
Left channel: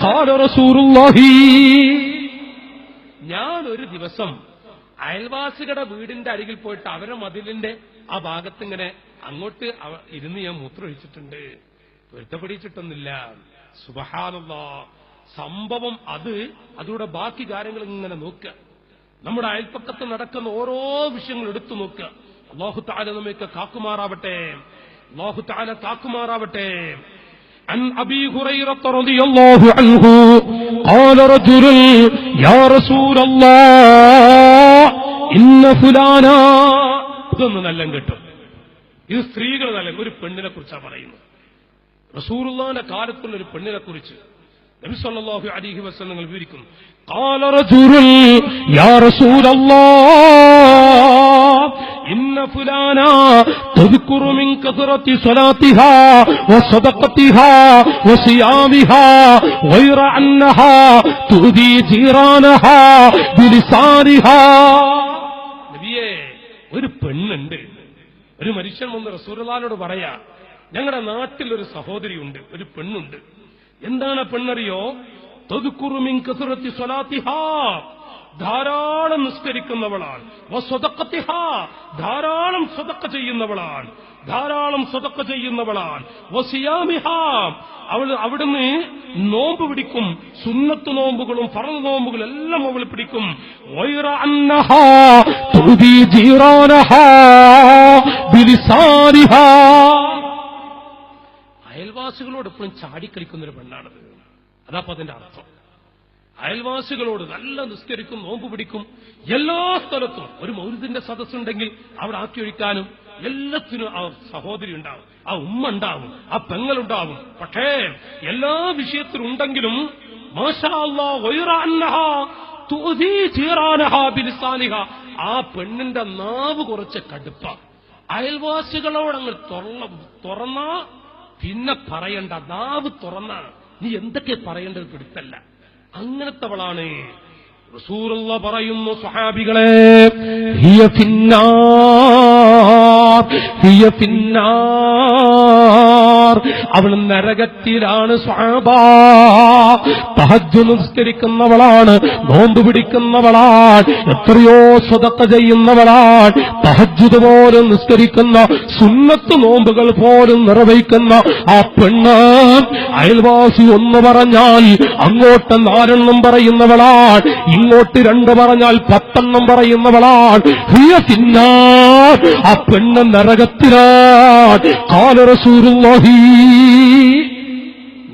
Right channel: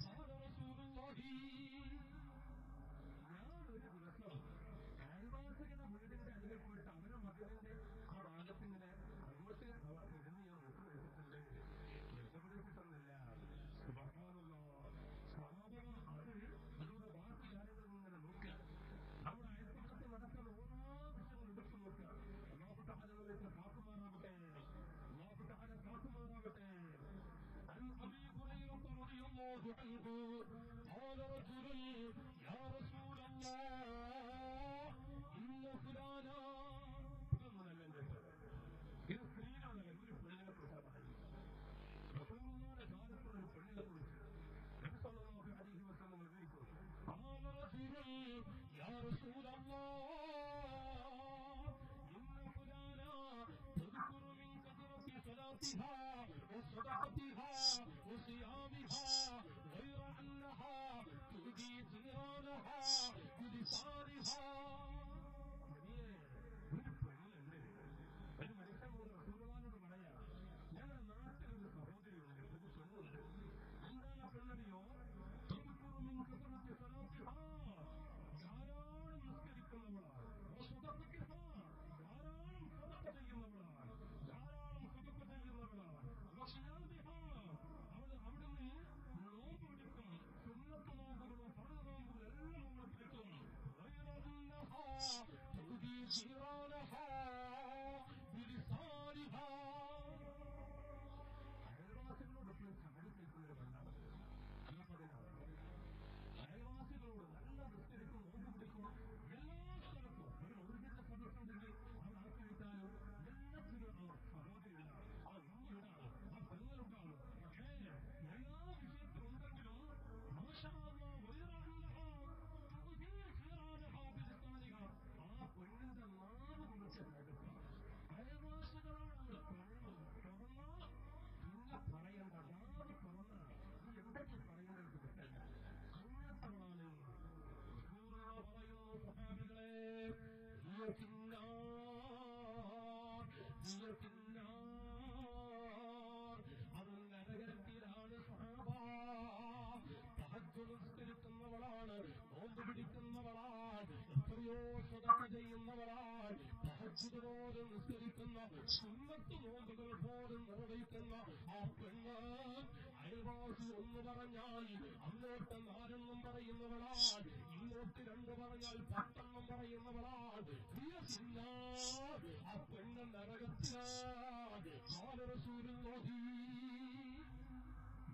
ഖാല റസൂലുള്ളാഹി, ഞാൻ ഒരു ദിവസം അയൽവാസികളുടെ വീടിന്റെ അരികിൽ പോയിട്ട് അവരെ മതിലിന്റെ ആ ഭാഗത്തിങ്ങനെ അങ്ങോട്ട് ഇരുന്ന് ഞാൻ മൂത്രമൊഴിച്ചിട്ടുണ്ട്, പൊരുത്തപ്പെടിച്ചിട്ടൊന്നുമില്ല. സുബ്ഹാനല്ലാഹ്. സംഭവം അതിലൂടെ ബാക്കി കാര്യങ്ങൾ ഇങ്ങനെ നോക്കുക. നമ്മുടെ അയൽപ്പക്കത്ത് നടക്കുന്ന ഓരോ വിഷയങ്ങൾ എടുത്തു നോക്കുക. അല്ലാഹു തആല നമ്മെ കാക്കുമാറാവട്ടെ, അല്ലാഹു തആല കാക്കുമാറാവട്ടെ. عن أبي هريرة رضي الله عنه قال رجل يا رسول الله إن فلانا. ഇതൊന്നും നല്ല കിട്ടും. ഇത് സ്ത്രീകൾ നല്ല ഒരു പെണ്ണിനെ കുറിച്ചാണ് പറയുന്നത്. റസൂലുള്ളാഹിന്റെ കാലത്തുള്ള ഒരു പെണ്ണിനെ കുറിച്ച് നബി സല്ലല്ലാഹു അലൈഹി വസല്ലം വിവരിക്കുന്നു. قال رجل يا رسول الله إن فلانا تذكر من كثرة صلاتها وصدقتها وصيامها غير أنها تؤذي جيرانها بلسانها. നബിയേ, ഒരു പെണ്ണുണ്ട്. ഒരു മനുഷ്യൻ വന്ന് റസൂലുള്ളാഹിനോട് പറയാ, ഞങ്ങളുടെ നാട്ടിൽ ഒരു സഹോദരിയുണ്ട്, ഒരു പെണ്ണുണ്ട്. എന്താണ് പെണ്ണറിയോ? തദ്കുറു മിൻ കസറത്തി സ്വലാത്തിഹാ, ധാരാളം നിസ്കരിക്കുന്നവളാണ്. വസദഖത്തിഹാ, ധാരാളം സദഖ ചെയ്യുന്നവളാണ്, ധാരാളം സദഖ ചെയ്യുന്നവളാണ്. വസിയാമിഹാ, അവൾ അവിടുന്ന് നോമ്പ് പിടിക്കും, സുന്നത്ത് നോമ്പുകളും ഫർദ് നോമ്പുകളും എല്ലാം അവൾ പിടിക്കും. വൈറ അന്നഹാ തുദി ജീറാനഹാ ബിലിസാനിഹാ, അയൽവാസികളോട് എപ്പോഴും ചാടിക്കളിക്കുന്നൊരു പെണ്ണാണത്. അതാപ്പോ അതിന്റെ അർത്ഥം. അയൽവാസികളോട് നല്ല നിസ്കരിക്കും, നോമ്പ് പിടിക്കും. എല്ലാ സ്ഥലത്തും ഒരു മൗലിദിന്റെ സദസ്സുണ്ടെങ്കിൽ അവിടെ ആക്കിയൊഴിക്കാനും എല്ലാത്തിനും ആ സഹോദരി ഉണ്ടാവും, ആ ഉമ്മ ഉണ്ടാവും, ആ പെങ്ങളുണ്ടാവും. പക്ഷേ എല്ലാ വിഷയത്തിലും ഉണ്ടെങ്കിലും മാഷാ അല്ലാഹ് ഗൈറ അന്നഹാ തുഅദി ജീറാനഹാ ബിലിസാനിഹാ, ആ പെണ്ണിന്റെ നാവ് കുറച്ച് കടുപ്പ. അയൽവാസികളോടങ്ങ് തുറന്നാ പിന്നെ പറയണ്ട, നാവ് തുറന്ന നീ എന്തൊക്കെ പറയേണ്ടത് പിടുത്തല്ല. അങ്ങനത്തവളാണ്. റസൂലുള്ള പറയുന്നു, സ്വഹാബികളെ, ഹിയ ഫിന്നാർ, ഹിയ ഫിന്നാർ, അവൾ നരകത്തിലാണ്. സ്വഹാബാ, തഹജ്ജുദ് നിസ്കരിക്കുന്നവളാണ്, നോമ്പ് പിടിക്കുന്നവളാണ്, എത്രയോ സ്വദഖ ചെയ്യുന്നവളാണ്, തഹജ്ജുദ് പോലും നിസ്കരിക്കുന്ന, സുന്നത്ത് നോമ്പുകൾ പോലും നിർവഹിക്കുന്ന ആ പെണ്ണ് അയൽവാസി ഒന്ന് പറഞ്ഞാൽ അങ്ങോട്ട് 4 എണ്ണം പറയുന്നവളാണ്, ഇങ്ങോട്ട് 2 പറഞ്ഞാൽ 10 എണ്ണം പറയുന്നവളാണ്. ഹിയ ഫിന്നാർ, ആ പെണ്ണ് നരകത്തിലാണ്. ഖാല റസൂലുള്ളാഹി,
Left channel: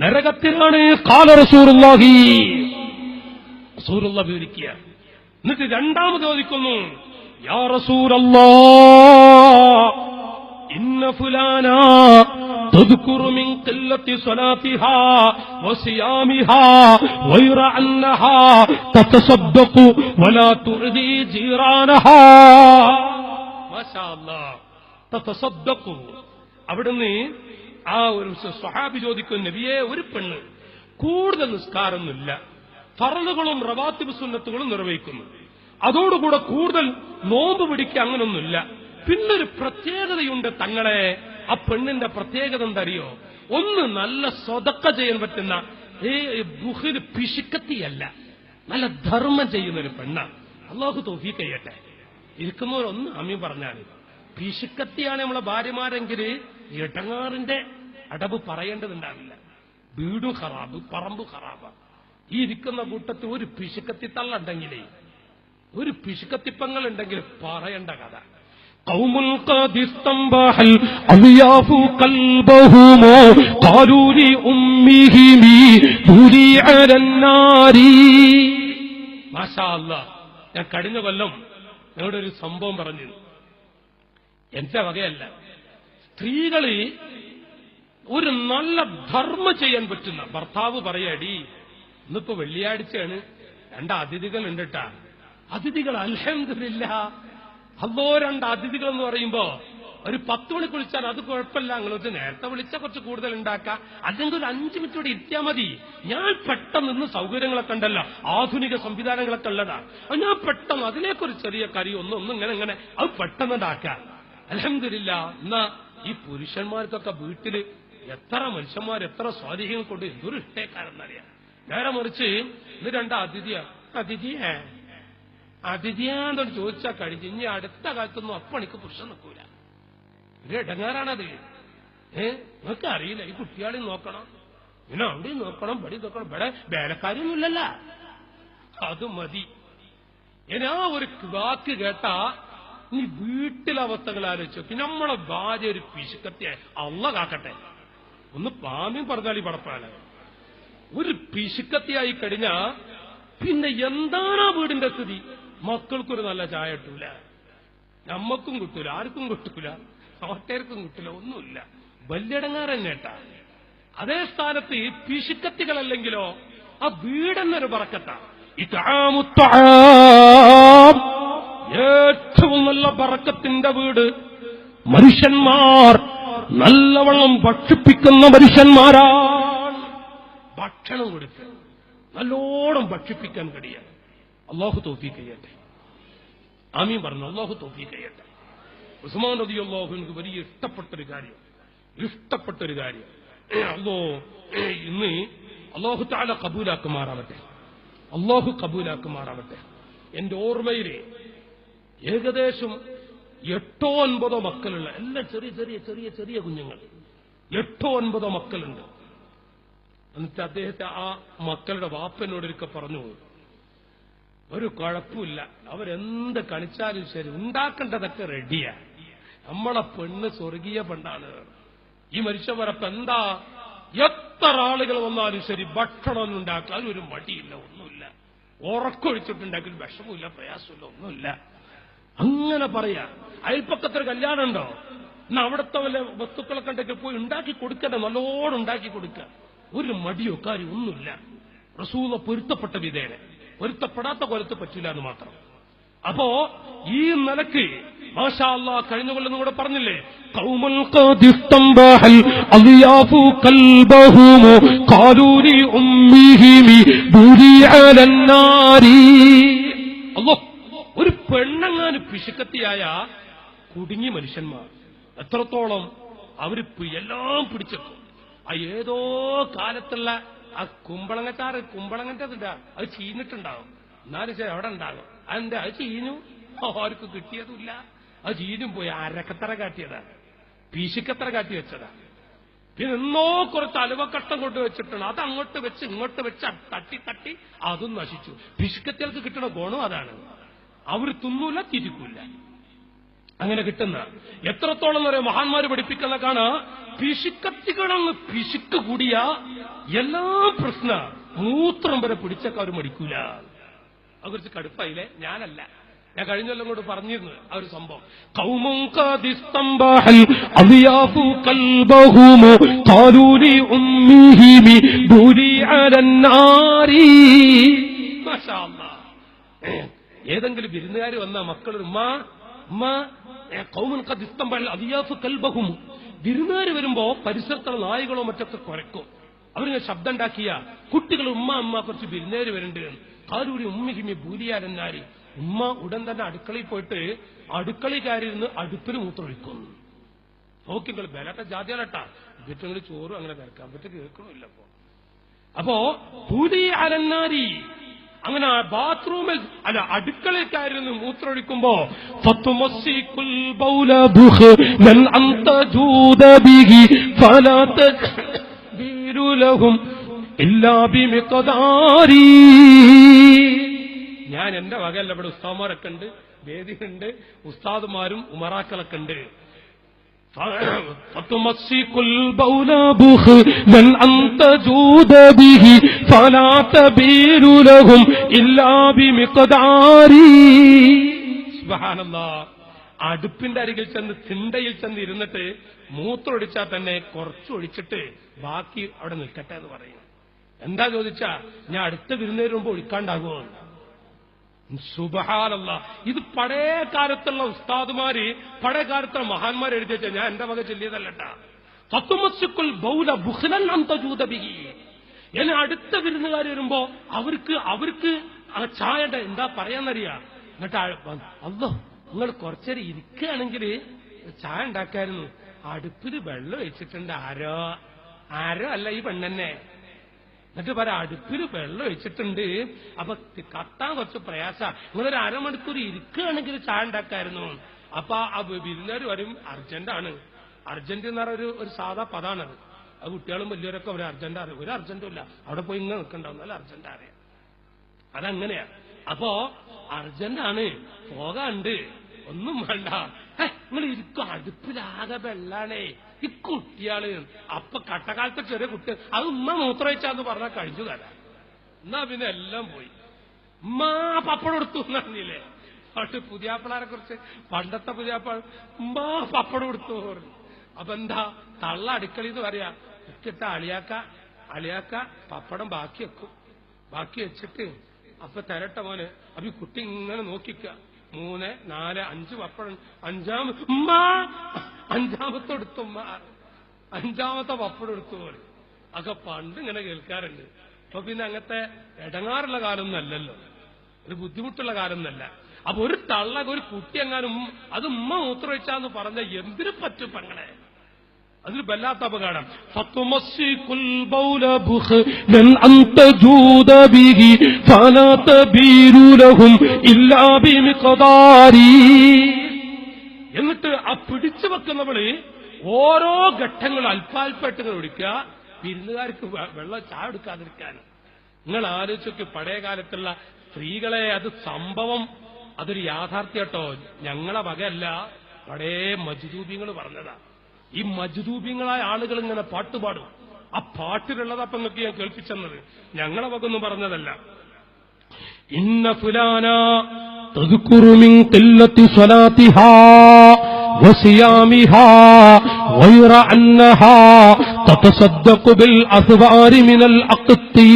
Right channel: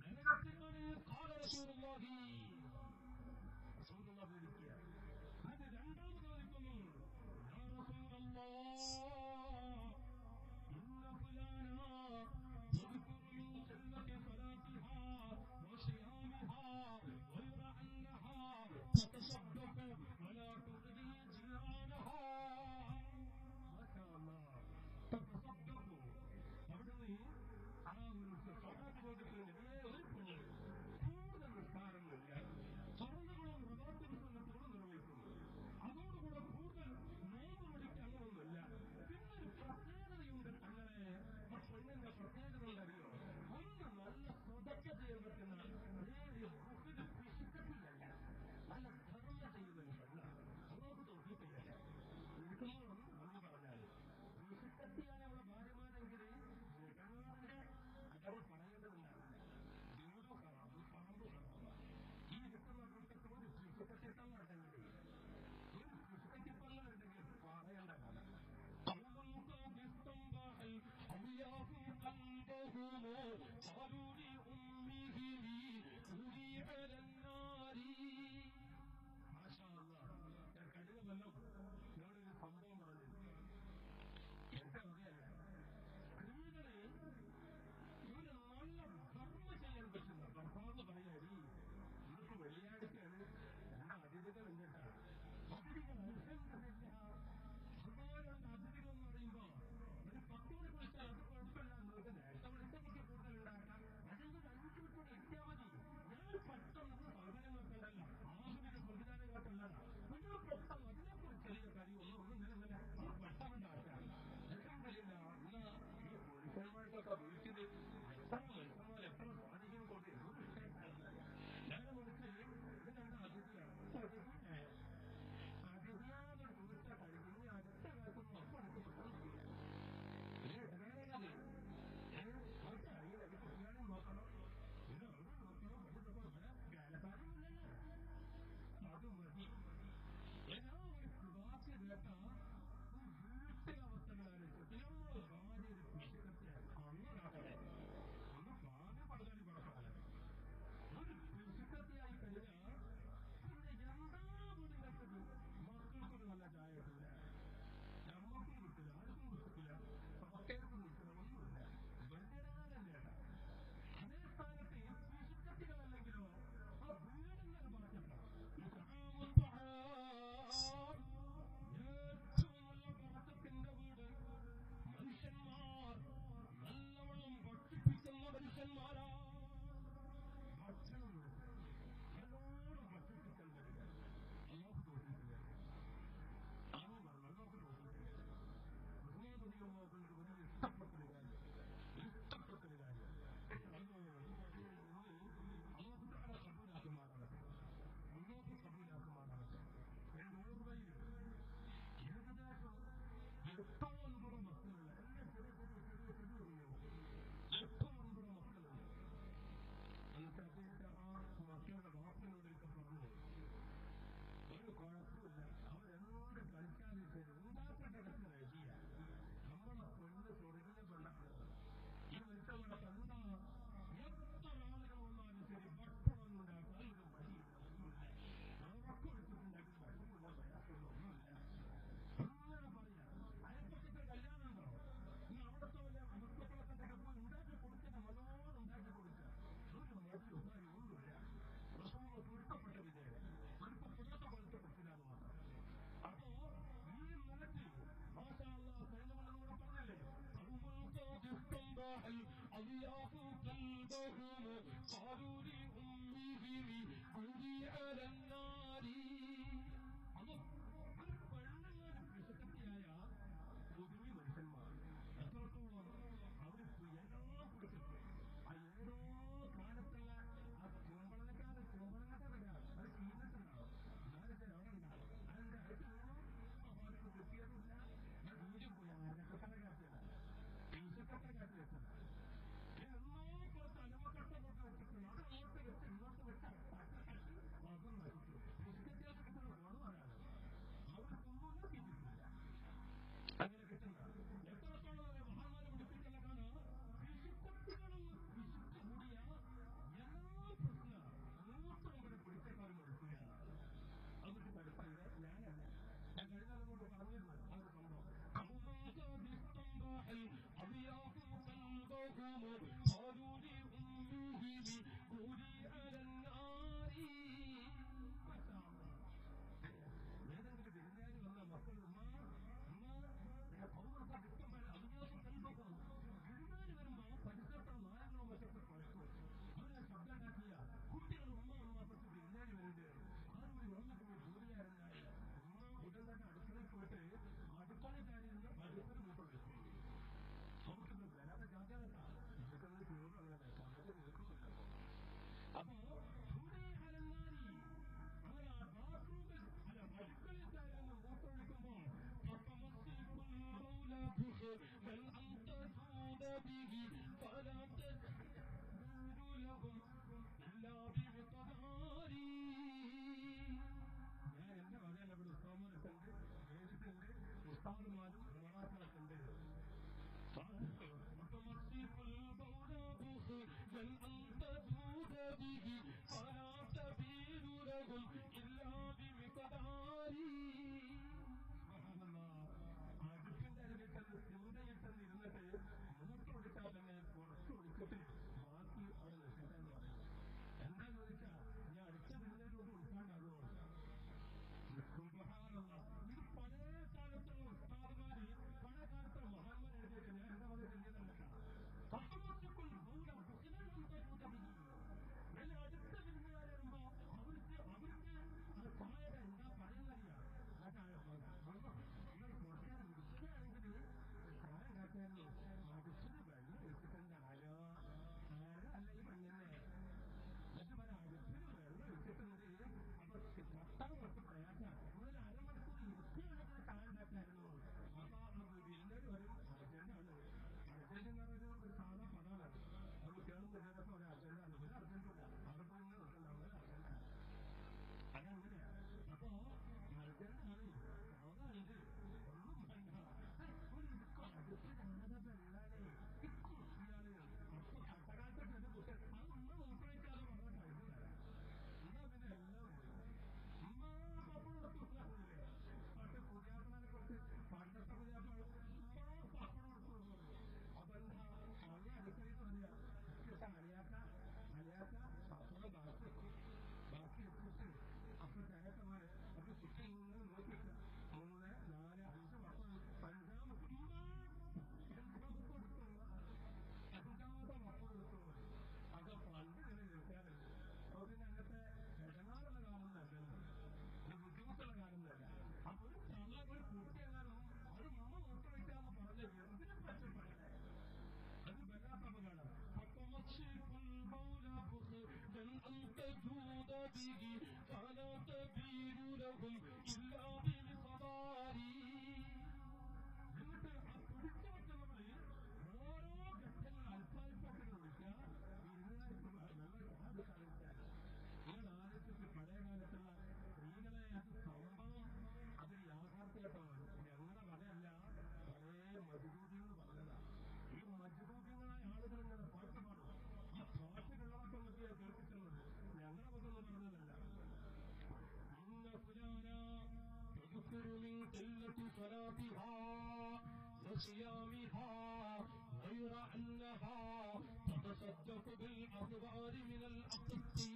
നരകത്തിലാണ്. ഖാല റസൂലുള്ളാഹി, റസൂലുള്ളാഹി വിവരിക്കുക. എന്നിട്ട് രണ്ടാമത് ചോദിക്കുന്നു, യാ റസൂലല്ലാഹ് ഇന്ന ഫുലാനാ തദ്കുറു മിൻ ഖില്ലത്തി സ്വലാത്തിഹാ വസിയാമിഹാ ഗൈറ അന്നഹാ തതസദ്ദഖു വലാ തുഅദി ജീറാനഹാ. മാഷാ അല്ലാഹ്, തതസദ്ദഖു. അവിടുന്ന് ആ ഒരു സ്വഹാബി ചോദിക്കും, നബിയെ, ഒരു പെണ്ണ് കൂടുതൽ നിസ്കാരമൊന്നുമില്ല, ഫർളുകളും റവാത്തിബ് സുന്നത്തുകളും നിർവഹിക്കുന്നു, അതോടുകൂടെ കൂടുതൽ നോമ്പ് പിടിക്കുക, അങ്ങനൊന്നുമില്ല. പിന്നൊരു പ്രത്യേകതയുണ്ട് തങ്ങളെ. ആ പെണ്ണിന്റെ പ്രത്യേകത എന്തറിയോ? ഒന്ന്, നല്ല സ്വതക്ക ചെയ്യാൻ പറ്റുന്ന ബുഖിൽ പിശുക്കത്തിയല്ല, നല്ല ധർമ്മം ചെയ്യുന്നൊരു പെണ്ണാണ്. അല്ലാഹു തൗഫീഖ് ചെയ്യട്ടെ. ഇരിക്കുന്നവരൊന്ന് ആമീൻ പറഞ്ഞാൽ. പിശുക്കത്തിയാണ് നമ്മളെ ഭാര്യമാരെങ്കിൽ ഇടങ്ങാറിന്റെ അടവ് പറയേണ്ടതുണ്ടാവില്ല. വീടും ഖറാബ്, പറമ്പ് ഖറാബ്. ഈ ഇരിക്കുന്ന കൂട്ടത്തിൽ ഒരു പിശുക്കത്തി തള്ളുണ്ടെങ്കിലേ, ഒരു പിശുക്കത്തിപ്പങ്ങൾ ഉണ്ടെങ്കിൽ പറയേണ്ട കഥ. قوم قد استنبح الأضياف قلبهم قالوا لأمهم دوري على النار. മാഷാ അല്ലാഹ്, ഞാൻ കഴിഞ്ഞ കൊല്ലം ഞങ്ങളുടെ ഒരു സംഭവം പറഞ്ഞു. എന്റെ വകയല്ല. സ്ത്രീകള് ഒരു നല്ല ധർമ്മം ചെയ്യാൻ പറ്റുന്ന ഭർത്താവ് പറയടി, ഇന്നിപ്പോ വെള്ളിയാഴ്ചയാണ്, 2 അതിഥികൾ ഉണ്ടിട്ടാ. അതിഥികൾ അൽഹംദുലില്ലാഹ്, അല്ലോ 2 അതിഥികൾ എന്ന് പറയുമ്പോ ഒരു 10 മണിക്ക് വിളിച്ചാൽ അത് കുഴപ്പമില്ല, നിങ്ങൾക്ക് നേരത്തെ വിളിച്ചാൽ കുറച്ച് കൂടുതൽ ഉണ്ടാക്കാം, അല്ലെങ്കിൽ ഒരു 5 മിനിറ്റ് കൂടി ഇരുത്തിയാൽ മതി. ഞാൻ പെട്ടെന്ന് ഇന്ന് സൗകര്യങ്ങളൊക്കെ ഉണ്ടല്ലോ, ആധുനിക സംവിധാനങ്ങളൊക്കെ ഉള്ളതാ, ഞാൻ പെട്ടെന്ന് അതിലേക്കൊരു ചെറിയ കറി ഒന്നും ഇങ്ങനെ അത് പെട്ടെന്ന് ഉണ്ടാക്കാം. അൽഹംദുലില്ലാ. എന്നാ ഈ പുരുഷന്മാർക്കൊക്കെ വീട്ടില് എത്ര മനുഷ്യന്മാർ എത്ര സ്വാധീനം കൊണ്ട് എന്തൊരു ഇഷ്ടേക്കാരെന്നറിയാം. നേരെ മറിച്ച് ഇത് 2 അതിഥിയാന്നോട് ചോദിച്ചാൽ കഴിഞ്ഞ് ഇനി അടുത്ത കാലത്തൊന്നും അപ്പണിക്ക് പുരുഷൻ നിൽക്കൂല. ഒരു ഇടങ്ങാറാണത്. നിങ്ങൾക്ക് അറിയില്ല, ഈ കുട്ടികളെയും നോക്കണം, പിന്നെ അവിടെയും നോക്കണം, ഇവിടെ നോക്കണം, ഇവിടെ വേലക്കാരൊന്നുമില്ലല്ല, അത് മതി. ഇനി ആ ഒരു വാക്ക് കേട്ടാ നീ വീട്ടിലെ അവസ്ഥകൾ ആലോചിച്ചു നോക്കി. നമ്മളെ ഭാര്യ ഒരു പിശുക്കത്തിയായി, അള്ള കാക്കട്ടെ, ഒന്ന് പാമ്യം പറഞ്ഞാൽ ഈ പടപ്പാണ്, ഒരു പിശുക്കത്തിയായി കഴിഞ്ഞാ പിന്നെ എന്താണ് ആ വീടിന്റെ സ്ഥിതി? മക്കൾക്കൊരു നല്ല ചായ കിട്ടൂല, നമ്മക്കും കിട്ടൂല, ആർക്കും കിട്ടൂല, നാട്ടുകാർക്കും കിട്ടൂല, ഒന്നുമില്ല. വല്യടങ്ങാറ് തന്നെ കേട്ടാ. അതേ സ്ഥാനത്ത് പിശുക്കത്തികളല്ലെങ്കിലോ ആ വീടെന്നൊരു ബറക്കത്താ. ഏറ്റവും നല്ല ബറക്കത്തിന്റെ വീട്. മനുഷ്യന്മാർ നല്ലവണ്ണം ഭക്ഷിപ്പിക്കുന്ന മനുഷ്യന്മാരാണ്. ഭക്ഷണം കൊടുക്കുക, നല്ലോണം ഭക്ഷിപ്പിക്കാൻ കഴിയാൻ അല്ലാഹു തൗഫീഖ് ചെയ്യട്ടെ. ആമീൻ പറഞ്ഞു. അല്ലാഹു തൗഫീഖ് ചെയ്യട്ടെ. ഉസ്മാൻ റളിയല്ലാഹു അൻഹു വലിയ ഇഷ്ടപ്പെട്ടൊരു കാര്യം അല്ലോ ഇന്ന് അല്ലാഹു തആല കബൂലാക്കുമാറാവട്ടെ. എന്റെ ഓർമ്മയിൽ ഏകദേശം 8-9 മക്കളുള്ള, എല്ലാം ചെറിയ കുഞ്ഞുങ്ങൾ, 8-9 മക്കളുണ്ട്. എന്നിട്ട് അദ്ദേഹത്തെ ആ മക്കളുടെ വാപ്പനോടൊക്കെ പറഞ്ഞു, ഒരു കുഴപ്പമില്ല, അവരെന്ത് കളിച്ചാലും ശരി, ഉണ്ടാക്കേണ്ടതൊക്കെ റെഡിയാ, നമ്മളെ പെണ്ണ് സ്വർഗീയ പെണ്ണാണ്. ഈ മനുഷ്യവരപ്പ് എന്താ, എത്ര ആളുകൾ വന്നാലും ശരി ഭക്ഷണം ഉണ്ടാക്കുക, അതിനൊരു മടിയില്ല, ഒന്നുമില്ല, ഉറക്കൊഴിച്ചിട്ടുണ്ടെങ്കിൽ വിഷമില്ല, പ്രയാസമില്ല, ഒന്നുമില്ല. അങ്ങനെ പറയാ. അയൽപ്പക്കത്തൊരു കല്യാണം ഉണ്ടോ, എന്നാ അവിടുത്തെ വല്ല വസ്തുക്കളൊക്കെ ഉണ്ടെങ്കിൽ പോയി ഉണ്ടാക്കി കൊടുക്കട്ടെ, നല്ലോണം ഉണ്ടാക്കി കൊടുക്കുക, ഒരു മടിയോ കാര്യം ഒന്നുമില്ല. റസൂല പൊരുത്തപ്പെട്ട വിധേന, പൊരുത്തപ്പെടാത്ത കൊലത്ത് പറ്റില്ല എന്ന് മാത്രം. അപ്പോ ഈ നിലക്ക് മാഷാ അല്ലാഹ് കഴിഞ്ഞ കൊല്ലം കൂടെ പറഞ്ഞില്ലേ, ഖൗമുൽ ഖദിസ്തംബഹൽ അളിയാഫു ഖൽബഹും ഖാലൂനി ഉമ്മിഹിമി ബുരി അലന്നാരി. അല്ലാഹ്, ഒരു പെണ്ണങ്ങാന് പിശുക്കത്തിയായ കുടുങ്ങി മനുഷ്യന്മാർ എത്രത്തോളം അവര് എല്ലാം പിടിച്ചെത്തും. ആ ഏതോ കാലത്തുള്ള ആ കുമ്പളങ്ങറ്റതുണ്ടാ, അത് ചീഞ്ഞിട്ടുണ്ടാവും, എന്നാലും ശരി അവിടെ ഉണ്ടാകും. അതെന്താ, അത് ചീഞ്ഞു, ആർക്കും കിട്ടിയതുമില്ല, അത് ചീഞ്ഞും പോയി. അരക്കത്തറ കാട്ടിയതാണ്, പീശിക്കത്തറ കാട്ടി വെച്ചതാ. പിന്നെ എന്നോ കുറച്ച് അലുവക്കട്ടം കൊണ്ട് വെച്ചിട്ടുണ്ട്, അത് അങ്ങോട്ട് വെച്ച് ഇങ്ങോട്ട് വെച്ച് തട്ടി അതും നശിച്ചു. പിശുക്കത്തികൾക്ക് കിട്ടുന്ന ഗുണം അതാണ്, അവർ തിന്നൂല തിരിക്കൂല, അങ്ങനെ കിട്ടുന്ന. എത്രത്തോളം എന്ന് പറയാം മഹാന്മാര് പഠിപ്പിക്കുന്ന കാണാ, പിശുക്കത്തികളൊന്ന് പിശുക്ക് കൂടിയ എല്ലാ പ്രശ്ന മൂത്രം വരെ പിടിച്ചക്കാർ മടിക്കൂല. അത് കുറിച്ച് കടുപ്പായില്ലേ? ഞാനല്ല, ഞാൻ കഴിഞ്ഞെല്ലാം കൊണ്ട് പറഞ്ഞിരുന്നു ആ ഒരു സംഭവം. ഏതെങ്കിലും വിരുന്നുകാർ വന്ന മക്കൾ വിരുന്നുകാർ വരുമ്പോ പരിസരത്തുള്ള നായികളോ മറ്റൊക്കെ കുരക്കും. അവരിങ്ങനെ ശബ്ദം ഉണ്ടാക്കിയ കുട്ടികൾ ഉമ്മ കുറച്ച് വിരുന്നുകാർ വരുന്നുണ്ട്, കാലൂരി ഉമ്മിഹിമി ഭൂരിയാലെന്നാരി. ഉമ്മ ഉടൻ തന്നെ അടുക്കളയിൽ പോയിട്ട് അടുക്കളയിൽ കയറിയിരുന്ന് അടുപ്പിന് മൂത്രമൊഴിക്കും. നോക്കിങ്ങൾ ബലട്ട ജാതിയാലട്ടാ, വീട്ടിൽ ചോറും അങ്ങനെ വരക്കാൻ പറ്റും, കേൾക്കണമില്ല. അപ്പോ ഭൂരി അലന്നാരി, അങ്ങനെ ബാത്റൂമിൽ അല്ല അടുക്കളയിൽ കയറിയിരുന്ന് മൂത്രമൊഴിക്കുമ്പോ ഞാൻ എന്റെ വകയല്ല, ഇവിടെ ഉസ്താദ്മാരൊക്കെ ഉണ്ട്, വേദിയുണ്ട്, ഉസ്താദുമാരും ഉമറാക്കളൊക്കെ ഉണ്ട്. അടുപ്പിന്റെ അരികിൽ ചെന്ന് തിണ്ടയിൽ ചെന്ന് ഇരുന്നിട്ട് മൂത്രമൊഴിച്ചാൽ തന്നെ കുറച്ചൊഴിച്ചിട്ട് ബാക്കി അവിടെ നിൽക്കട്ടെ എന്ന് പറയും. എന്താ ചോദിച്ചാ, ഞാൻ അടുത്ത വിരുന്നേര് മുമ്പ് ഒഴിക്കാണ്ടാകുമോ? സുബ്ഹാനല്ലാഹ്. ഇത് പഴയ കാലത്തുള്ള ഉസ്താദുമാര്, പഴയ കാലത്തുള്ള മഹാന്മാർ എഴുതി വെച്ചാൽ ഞാൻ എന്റെ വക ചൊല്ലിയതല്ലട്ടാ. ഫതുമസ്സിക്കുൽ ബൗല ബുഖ്ലൻ അൻ തജൂദ ബിഹി. എന്നെ അടുത്ത വിരുന്നുകാർ വരുമ്പോ അവർക്ക് ആ ചായയുടെ എന്താ പറയാന്നറിയാ. എന്നിട്ട് അല്ലോ നിങ്ങൾ കുറച്ചേരം ഇരിക്കുകയാണെങ്കിൽ ചായ ഉണ്ടാക്കായിരുന്നു. അടുപ്പിൽ വെള്ളം വെച്ചിട്ടുണ്ട്. ആരോ അല്ല ഈ പെണ്ണെന്നെ. എന്നിട്ട് പറയാം അടുപ്പിൽ വെള്ളം ഒഴിച്ചിട്ടുണ്ട്, അപ്പൊ കത്താൻ കുറച്ച് പ്രയാസ, നിങ്ങളൊരു അരമണിക്കൂർ ഇരിക്കുകയാണെങ്കിൽ ചായ ഉണ്ടാക്കായിരുന്നു. അപ്പൊ ആ വിരുന്നുകാർ വരും, അർജന്റാണ്. അർജന്റ് എന്ന് പറഞ്ഞ ഒരു സാധാ പദാണത്. അത് കുട്ടികളും വലിയവരൊക്കെ ഒരു അർജന്റ് അറിയാം. ഒരു അർജന്റും ഇല്ല, അവിടെ പോയി ഇങ്ങനെ നിൽക്കണ്ടാവും, നല്ല അർജന്റ് അറിയാം. അതങ്ങനെയാ. അപ്പോ അർജന്റാണ്, പോകാണ്ട്, ഒന്നും വേണ്ട, നിങ്ങൾ ഇരിക്കും, അടുപ്പിലാകെ വെള്ളാണേ, ഈ കുട്ടിയാള്. അപ്പൊ കട്ടക്കാലത്തെ ചെറിയ കുട്ടി അത് ഉമ്മ മൂത്രയിച്ചാന്ന് പറഞ്ഞാൽ കഴിഞ്ഞു കഥ. എന്നാ പിന്നെ എല്ലാം പോയി. ഉമ്മ പപ്പടം എടുത്തു എന്നറിഞ്ഞില്ലേ. പക്ഷെ പുതിയാപ്പിളാരെ കുറിച്ച് പണ്ടത്തെ പുതിയാപ്പിള ഉമ്മ പപ്പടം എടുത്തു പറഞ്ഞു. അപ്പൊ എന്താ തള്ള അടുക്കളയെന്ന് പറയാ, ഇട്ടിട്ട അളിയാക്ക പപ്പടം ബാക്കി വെക്കും. ബാക്കി വെച്ചിട്ട് അപ്പൊ തരട്ടെ മോനെ. അപ്പൊ ഈ കുട്ടി ഇങ്ങനെ നോക്കിക്ക, 3, 4, 5 പപ്പടം. അഞ്ചാമത്തെ എടുത്തു ഉമ്മ, 5ാമത്തെ പപ്പടം എടുത്തു പോലെ. അതൊക്കെ പണ്ട് ഇങ്ങനെ കേൾക്കാറുണ്ട്. അപ്പൊ പിന്നെ അങ്ങനത്തെ ഇടങ്ങാറുള്ള കാലമൊന്നും അല്ലല്ലോ, ഒരു ബുദ്ധിമുട്ടുള്ള കാലമൊന്നല്ല. അപ്പൊ ഒരു തള്ള ഒരു കുട്ടി എങ്ങാനും അത് ഉമ്മ മൂത്രമൊഴിച്ചാന്ന് പറഞ്ഞ എന്തിനു പറ്റും പെങ്ങളെ? അതിൽ വല്ലാത്ത അപകടം. ഫതുമസ്സികുൽ ബൗല ബുഖ്ലൻ അൻ തജൂദ ബിഹി ഫലാ തബീരു ലഹും ഇല്ലാ ബിമിഖ്ദാരി. എന്നിട്ട് ആ പിടിച്ചു വെക്കുന്നവള് ഓരോ ഘട്ടങ്ങൾ അല്പാൽപ്പായിട്ടുകൾ ഒഴിക്കുക, വിരുന്നുകാർക്ക് വെള്ളം ചായ എടുക്കാതിരിക്കാൻ. നിങ്ങൾ ആലോചിച്ചൊക്കെ പഴയ കാലത്തുള്ള സ്ത്രീകളെ, അത് സംഭവം, അതൊരു യാഥാർത്ഥ്യട്ടോ, ഞങ്ങളെ വകയല്ല, പഴയ മജ്ദൂബിങ്ങൾ പറഞ്ഞതാ. ഈ മജ്ദൂബിങ്ങളായ ആളുകൾ ഇങ്ങനെ പാട്ടുപാടും. ആ പാട്ടിലുള്ളത് അപ്പൊ നിങ്ങൾക്ക് ഞാൻ കേൾപ്പിച്ചെന്നത്, ഞങ്ങളെ വകൊന്നും പറഞ്ഞതല്ല. ഇന്ന ഫുലാന തദ്കുറു മിൻ ഖില്ലത്തി സ്വലാത്തിഹാ വസിയാമിഹാ ഗൈറ അന്നഹാ തതസദ്ദഖു ബിൽ അസ്വാരി മിനൽ അഖ്തി.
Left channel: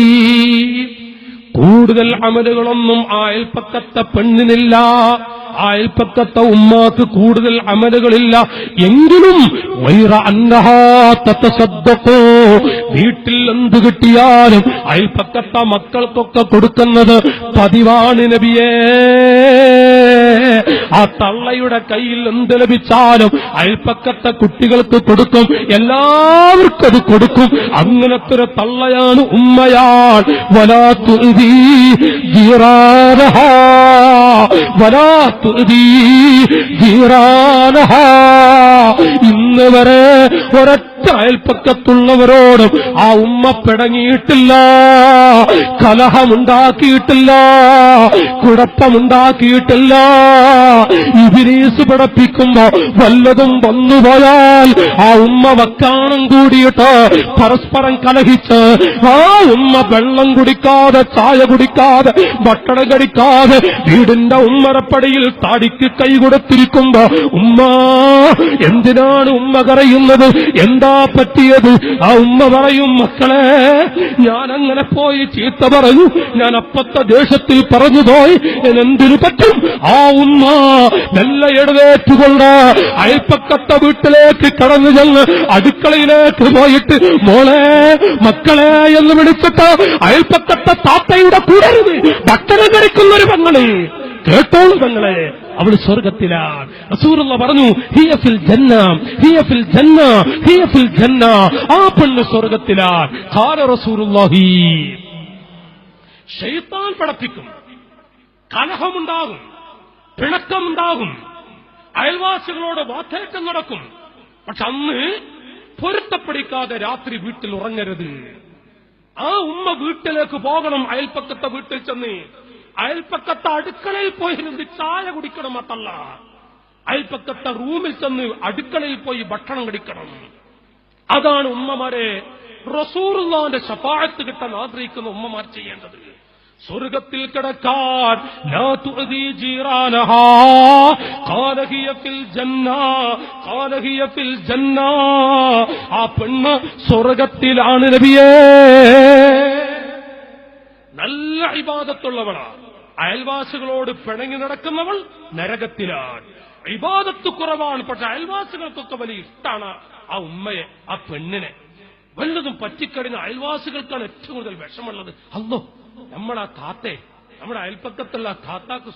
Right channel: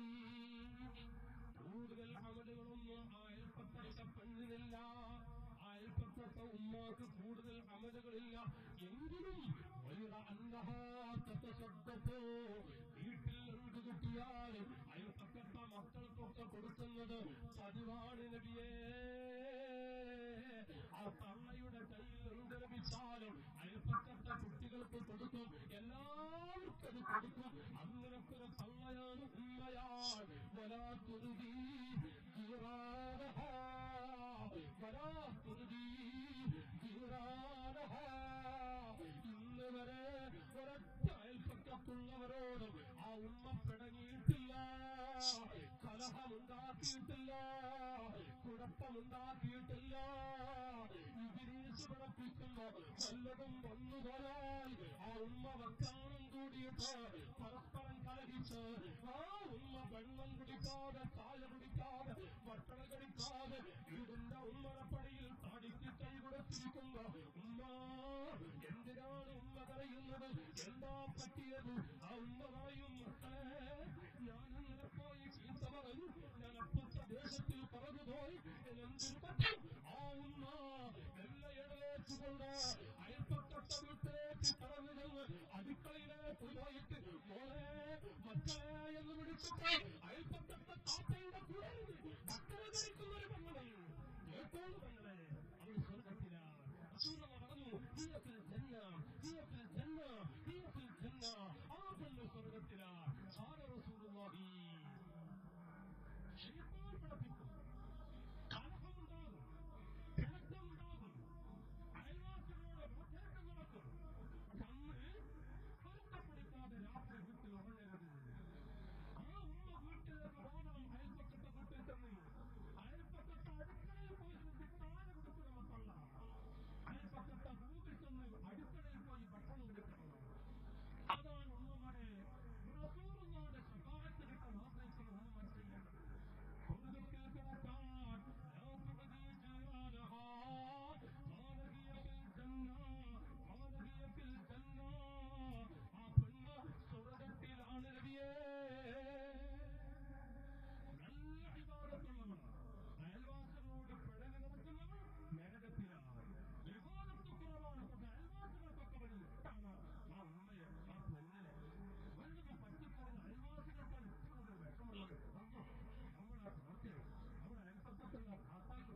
കൂടുതൽ അമലുകളൊന്നും ആ അയൽപ്പക്കത്തെ പെണ്ണിനില്ല, ആ അയൽപ്പക്കത്തെ ഉമ്മാക്ക് കൂടുതൽ അമലുകളില്ല. എങ്കിലും ഗൈറ അന്നഹാ തതസദ്ദഖു, വീട്ടിൽ എന്ത് കിട്ടിയാലും അയൽപ്പക്കത്തെ മക്കൾക്കൊക്കെ കൊടുക്കുന്നത് പതിവാണ് നബിയേ. ആ തള്ളയുടെ കയ്യിൽ എന്ത് ലഭിച്ചാലും അയൽപ്പക്കത്തെ കുട്ടികൾക്ക് കൊടുക്കും, എല്ലാവർക്കും അത് കൊടുക്കും. അങ്ങനത്തെ ഒരു തള്ളയാണ്, ഉമ്മയാൻ. വലാ തുഅ്ദീ ജീറാനഹാ വലാ തുഅ്ദീ ജീറാനഹാ. ഇന്ന് വരെ ഒരൊറ്റ അയൽപ്പക്കത്തുള്ളവരോടും ആ ഉമ്മ പിടങ്ങിയിട്ടില്ല, കലഹമുണ്ടാക്കിയിട്ടില്ല, കുഴപ്പമുണ്ടാക്കിയിട്ടില്ല. ഇബ്ലീസ് പഠിപ്പിക്കുമ്പോ വല്ലതും വന്നുപോയാൽ ആ ഉമ്മ വക്കാണം കൂടിയിട്ട് പരസ്പരം കലഹിച്ച് ആ ഉമ്മ വെള്ളം കുടിക്കാതെ, ചായ കുടിക്കാതെ, ഭക്ഷണം കഴിക്കാതെ വീടിന്റെ ഉമ്മറപ്പടിയിൽ താടിക്ക് കൈ കൊടുത്തിരിക്കുമ്പോ ഉമ്മ എന്തിനാണ് ഉമ്മ കരയുന്നത്, എന്താ പറ്റിയത്? ആ ഉമ്മ പറയും, മക്കളെ ഞാൻ അങ്ങനെ പോയി ചീത്ത പറഞ്ഞു, ഞാൻ അപ്പത്തെ ദേഷ്യത്തിൽ പറഞ്ഞു പോയി, എന്തിനു പറ്റും? ആ ഉമ്മ മെല്ലെ എഴുന്നേറ്റുകൊണ്ട് അയൽപ്പക്കത്തെ വീട്ടിലേക്ക് കടന്നു ചെന്ന് അടുക്കളയിലേക്ക് പോയിട്ട് മോളെ മക്കളെ എന്ന് വിളിച്ചിട്ട് അയൽപ്പക്കത്തെ താത്തയുടെ കൂടരുത് ഭക്ഷണം കഴിക്കുന്നൊരു പെങ്ങളെ കേട്ടോളൂ പെങ്ങളെ, അവൾ സ്വർഗത്തിലാണ്. റസൂലുള്ള പറഞ്ഞു, ഹിയ ഫിൽ ജന്ന, ഹിയ ഫിൽ ജന്ന, ഹിയ ഫിൽ ജന്ന. ആ പെണ്ണ് സ്വർഗത്തിലാണ്. ഖാല റസൂലുള്ളാഹി. ശൈത്താൻ പഠിപ്പിക്കും, കലഹമുണ്ടാകും, പിണക്കമുണ്ടാകും, അയൽവാസികളോട് വാക്കേറ്റം നടക്കും. പക്ഷെ അന്ന് പൊരുത്തപ്പെടിക്കാതെ രാത്രി വീട്ടിൽ ഉറങ്ങരുത്. ആ ഉമ്മ വീട്ടിലേക്ക് പോകണം, അയൽപ്പക്കത്തെ വീട്ടിൽ ചെന്ന് അയൽപ്പക്കത്തെ അടുക്കളയിൽ പോയിരുന്ന് ചായ കുടിക്കണം. അതല്ല, അയൽപ്പക്കത്തെ റൂമിൽ ചെന്ന് അടുക്കളയിൽ പോയി ഭക്ഷണം കഴിക്കണം. അതാണ് ഉമ്മമാരെ റസൂലുള്ളാഹിന്റെ ശഫാഅത്ത് കിട്ടാൻ ആഗ്രഹിക്കുന്ന ഉമ്മമാർ ചെയ്യേണ്ടത്. സ്വർഗത്തിൽ കിടക്കാൻ ലാ തുഅദീ ജീറാനഹാ ഖാല ഹിയ ഫിൽ ജന്ന, ഖാല ഹിയ ഫിൽ ജന്ന. ആ പെണ്ണ് സ്വർഗത്തിലാണ് നബിയേ. നല്ല ഇബാദത്തുള്ളവളാ, അയൽവാസികളോട് പിണങ്ങി നടക്കുന്നവൾ നരകത്തിലാണ്. ഇബാദത്ത് കുറവാണ്, പക്ഷെ അയൽവാസികൾക്കൊക്കെ വലിയ ഇഷ്ടമാണ് ആ ഉമ്മയെ, ആ പെണ്ണിനെ. വല്ലതും പറ്റിക്കഴിഞ്ഞ അയൽവാസികൾക്കാണ് ഏറ്റവും കൂടുതൽ വിഷമുള്ളത്. അല്ലോ നമ്മുടെ ആ താത്തേ, നമ്മുടെ അയൽപ്പക്കത്തുള്ള താത്താക്ക്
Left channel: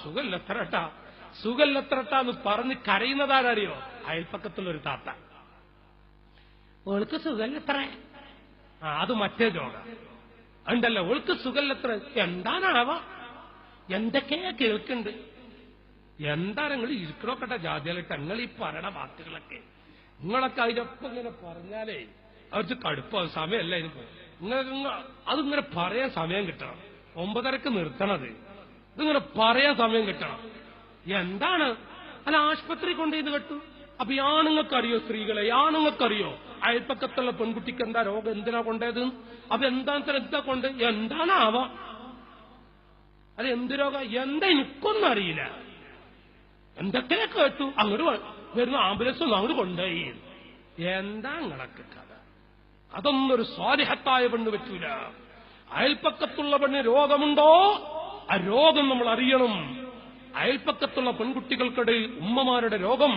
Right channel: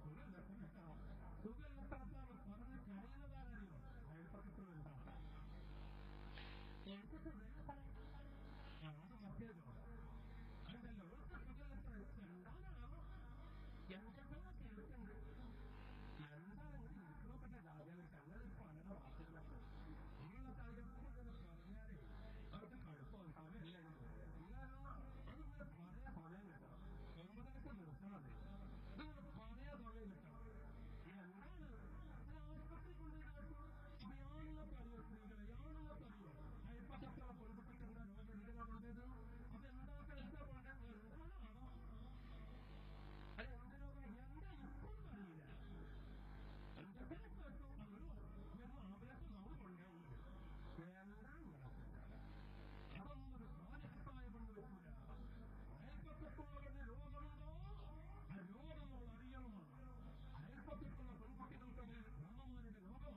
സുഖല്ലത്രട്ടാ എന്ന് പറഞ്ഞ് കരയുന്നതാരറിയോ? അയൽപ്പക്കത്തുള്ള ഒരു താത്ത. ഓൾക്ക് സുഖല്ലത്ര, അത് മറ്റേ ജോഡ ഉണ്ടല്ലോ. ഓൾക്ക് സുഖല്ലത്ര എന്താണാവാ, എന്തൊക്കെയാ കേൾക്കുന്നുണ്ട്. എന്താ നിങ്ങൾ ഇരിക്കണോക്കട്ടെ ജാതിയാലിട്ട് നിങ്ങൾ ഈ പറയണ വാക്കുകളൊക്കെ നിങ്ങളൊക്കെ അതിനൊപ്പം ഇങ്ങനെ പറഞ്ഞാലേ അവർക്ക് കടുപ്പം. സമയമല്ല ഇതിന്. അതിങ്ങനെ പറയാൻ സമയം കിട്ടണം. 9:30 നിർത്തണത്. ഇതിങ്ങനെ പറയാൻ സമയം കിട്ടണം. എന്താണ് അല്ല ആശുപത്രി കൊണ്ടുപോയി കേട്ടു. അപ്പൊ ഈ ആണുങ്ങൾക്കറിയോ? സ്ത്രീകളെ ആണുങ്ങൾക്കറിയോ അയൽപ്പക്കത്തുള്ള പെൺകുട്ടിക്ക് എന്താ രോഗം, എന്തിനാ കൊണ്ടത്? അപ്പൊ എന്താ കൊണ്ട് എന്താണാവാ? അത് എന്ത് രോഗം എന്താ എനിക്കൊന്നും അറിയില്ല. എന്തൊക്കെ കേട്ടു. അങ്ങോട്ട് വരുന്ന ആംബുലൻസ് ഒന്നും അങ്ങോട്ട് കൊണ്ടുപോയി. എന്താ നിങ്ങളൊക്കെ കഥ? അതൊന്നും ഒരു സ്വാലിഹത്തായ പെണ്ണ് പറ്റൂല. അയൽപ്പക്കത്തുള്ള പെണ്ണ് രോഗമുണ്ടോ ആ രോഗം നമ്മൾ അറിയണം. അയൽപ്പക്കത്തുള്ള പെൺകുട്ടികൾക്കിടയിൽ ഉമ്മമാരുടെ രോഗം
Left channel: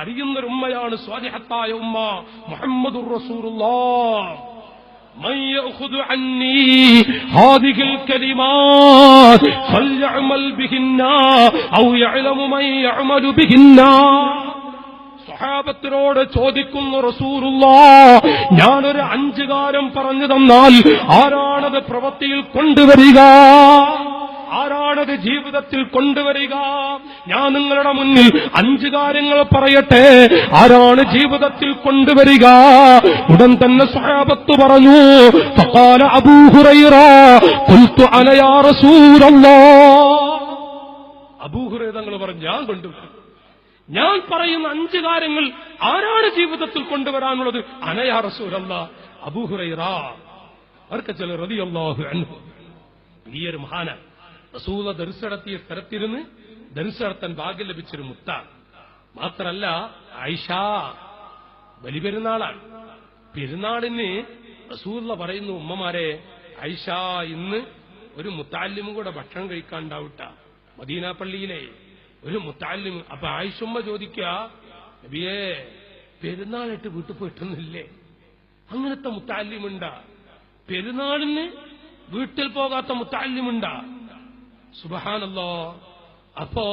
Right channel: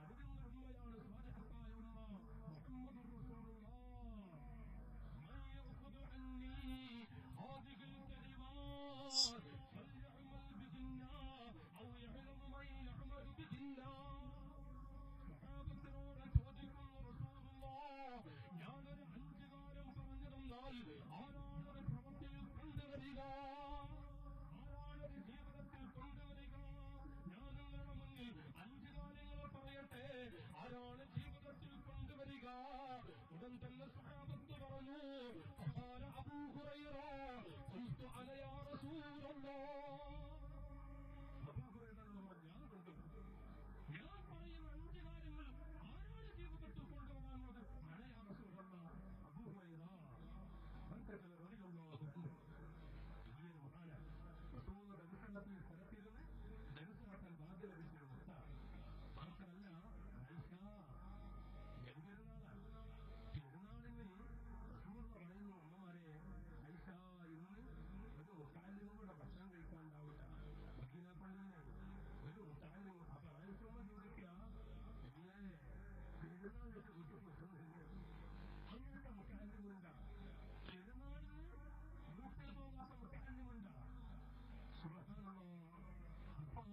അറിയുന്നൊരു ഉമ്മയാണ് സ്വാലിഹത്തായ ഉമ്മ. മുഹമ്മദുർ റസൂലുള്ളാഹ്. من يأخذ عني هذه الكلمات فليعمل بهن أو يعلم من يعمل بهن. സ്വഹാബത്തിനോട് ചോദിക്കുന്നു റസൂലുള്ളാഹ്, ഞാനൊരു 5 കാര്യം പറഞ്ഞു തന്നാൽ ആരാണത് പ്രവൃത്തിയിൽ കൊണ്ടുവരിക? ആരാണത് ജീവിതത്തിൽ കൊണ്ടുവരിക? ഞാൻ നിങ്ങളുടെ മുന്നിൽ 5 കാര്യങ്ങൾ പറയട്ടെ, ആരാണ് ജീവിതത്തിൽ കൊണ്ടുവരിക? ഉടൻ തന്നെ സ്വഹാബത്ത് പറഞ്ഞു, ഫഖാല അബൂ ഹുറൈറ ഖുൽതു അന യാ റസൂലല്ലാഹ്. അബൂ ഹുറൈറ തങ്ങൾ പറഞ്ഞു, ഞാൻ കൊണ്ടുവരും. ഞാൻ പറയുന്ന 5 കാര്യങ്ങൾ ആരാണ് ജീവിതത്തിൽ കൊണ്ടുവരാനുള്ളത്? അന യാ റസൂലല്ലാഹ്. അബൂ ഹുറൈറ ബർക്കത്തുൽ റളിയല്ലാഹു അൻഹു വലിയൊരു മഹാന. റസൂല ദർസ് നടത്തിയ സ്ഥലത്തിരുന്ന് ദർസ് നടത്താൻ ഭാഗ്യം ലഭിച്ചൊരു മുത്ത. മാത്രല്ല ആയിഷ ബലിപെരുന്നാളാണ്. പെരുന്നാളിന് റസൂല പറയുന്നു, ഉമ്മമാരെ ആയിഷ ഇന്ന് ഒരു മുത്തഅല്ലിമും കൂടെ ഭക്ഷണം കഴിക്കാണ്ടാവട്ട. മദീന പള്ളിയിലെ ഒരു മുത്തഅല്ലിം. അപ്പൊ ആയിഷുമ്മ ചോദിക്കുക, നബിയേ പെരുന്നാളിട്ട് വീട്ടിൽ പോയിട്ടൊന്നുമില്ലേ? അങ്ങനത്തെ മുത്തഅല്ലിമുണ്ടാ? പെരുന്നാളിന് വീട്ടിൽ പോകാത്ത മുത്തഅല്ലിമുണ്ടാ? സുബ്ഹാനല്ലാഹ്. അപ്പോ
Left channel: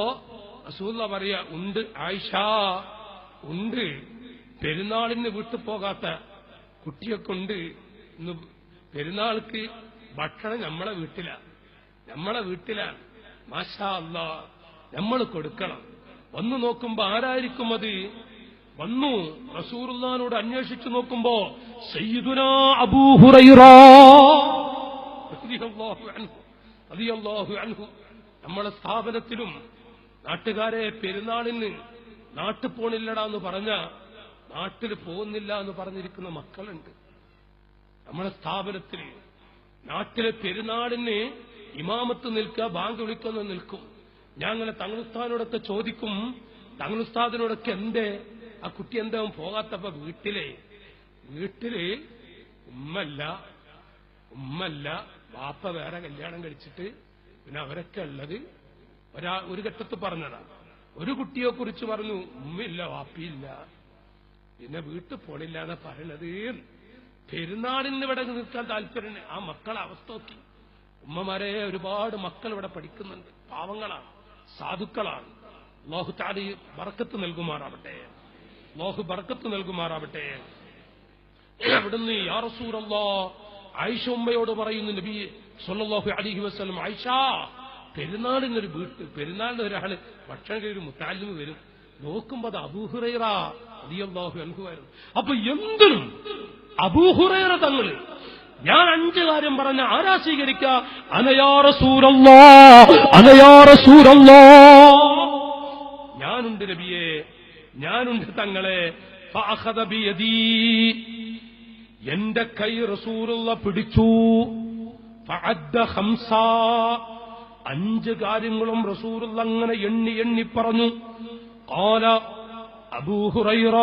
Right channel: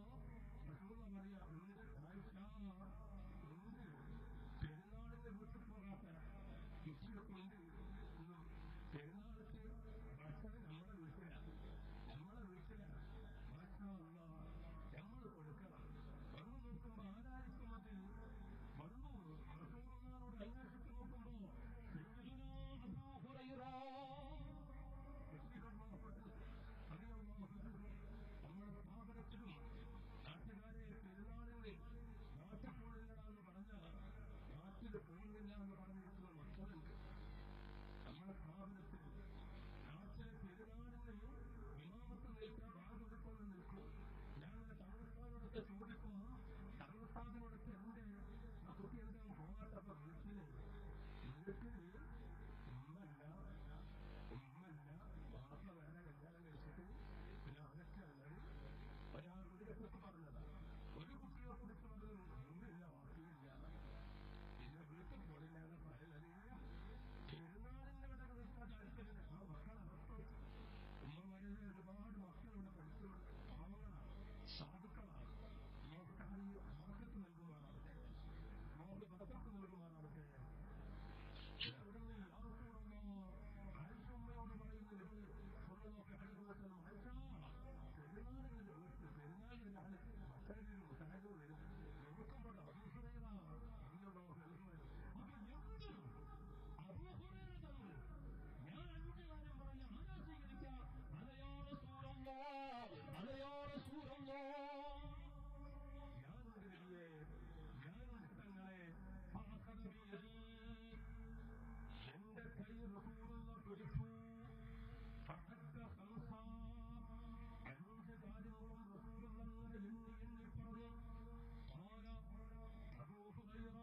റസൂലുള്ളാഹി പറയാ, ഉണ്ട് ആയിഷ, ഉണ്ട്. പെരുന്നാളിന് വീട്ടിൽ പോകാത്ത കുട്ടിയൊക്കെ ഉണ്ട്. ഇന്ന് പെരുന്നാൾക്ക് ഭക്ഷണം നമ്മളെ വീട്ടിലാണ്. മാഷാ അല്ലാഹ്, നമ്മൾ കൊടുക്കണം. വന്നു നോക്കുമ്പോ ആരായിരിക്കും അത്? വന്നു റസൂലുള്ളാഹിനോട് അന്വേഷിച്ചു നോക്കുമ്പോ സയ്യിദുനാ അബൂ ഹുറൈറ റളിയല്ലാഹു അൻഹു. നമ്മളെ സ്ഥാപനത്തിലും നാട്ടുകാരെ പെരുന്നാളിന് നാട്ടിൽ പോണില്ലടാ എന്ന് പറഞ്ഞ നാട്ടിൽ പോകുന്നില്ല എന്ന് പറഞ്ഞിരിക്കുന്ന മക്കളുണ്ട്. നമ്മളെ സ്ഥാപനത്തിൽ നാട്ടിലെ പെരുന്നാളിന് ഇമാമത്ത് നിൽക്കുക, ബാങ്ക് വിളിക്കുന്ന നിൽക്കും. ഞാൻ അങ്ങനെ തങ്ങളുസ്താദിനോടൊക്കെ ചോദിക്കും, തങ്ങളുസ്താദിനോടൊക്കെ എന്തേ ആ കുട്ടി എന്താ പോകാത്തപ്പോ വീട്ടില് ഉമ്മല്ല വാപ്പ വേറെ കല്യാണം കഴിച്ചിട്ട് പിന്നെ അവരൊക്കെ ഉള്ളത് ഒരു ഘട്ടത്ത് പറഞ്ഞതാ. ഒരു കുട്ടിയെ കുറിച്ച് പറഞ്ഞു, ഉമ്മയില്ല വാപ്പിയില്ല, പിന്നെ വീട്ടിൽ പോണില്ല എന്നാ പറയണത്. പെരുന്നാളിന് ഇവിടെ നിൽക്കാൻ താല്പര്യം. ആ മക്കളെ അവസ്ഥ നോക്കി. ഉമ്മമാരെ ഒരുപാട് മക്കൾ ഇവിടെ പഠിക്കുന്നുണ്ട്, പാവങ്ങളാണ്, സാധുക്കളാണ്. അല്ലാഹു തആല ബർക്കത്ത് നൽകുമാറാവട്ടെ. അവിടുന്ന് യാ റസൂലല്ലാഹ് ആയിഷ ഉമ്മയോട് പറയുന്നു, നബി സല്ലല്ലാഹു അലൈഹി വസല്ലം, ആയിഷ പെരുന്നാളിനൊരു പെരുന്നാളിന് ഒരാള് ഭക്ഷണം കഴിയൊരു മുത്തഅല്ലിം വരും. നോക്കുമ്പോ അത് അബൂ ഹുറൈറ റളിയല്ലാഹു അൻഹു ആയിരുന്നു. അപ്പൊ എന്തിനും അബൂ ഹുറൈറ തങ്ങള് ഞാൻ 5 കാര്യം പറഞ്ഞ ആരാ സ്വീകരിക്ക? അന യാ റസൂലല്ലാഹ്, അന യാ റസൂലല്ലാഹ്, ഞാനുണ്ട് നബിയേ, ഞാനുണ്ട് തങ്ങളെ. ഫഅഖദ ബിയദീ, എന്റെ കൈ റസൂലുള്ളാഹ് പിടിച്ചു. ഫഅദ്ദ ഖംസാ, 5 കാര്യങ്ങളും റസൂലുള്ളാഹ് അങ്ങനെ എണ്ണി പറഞ്ഞു. ഖാല അബൂ ഹുറൈറ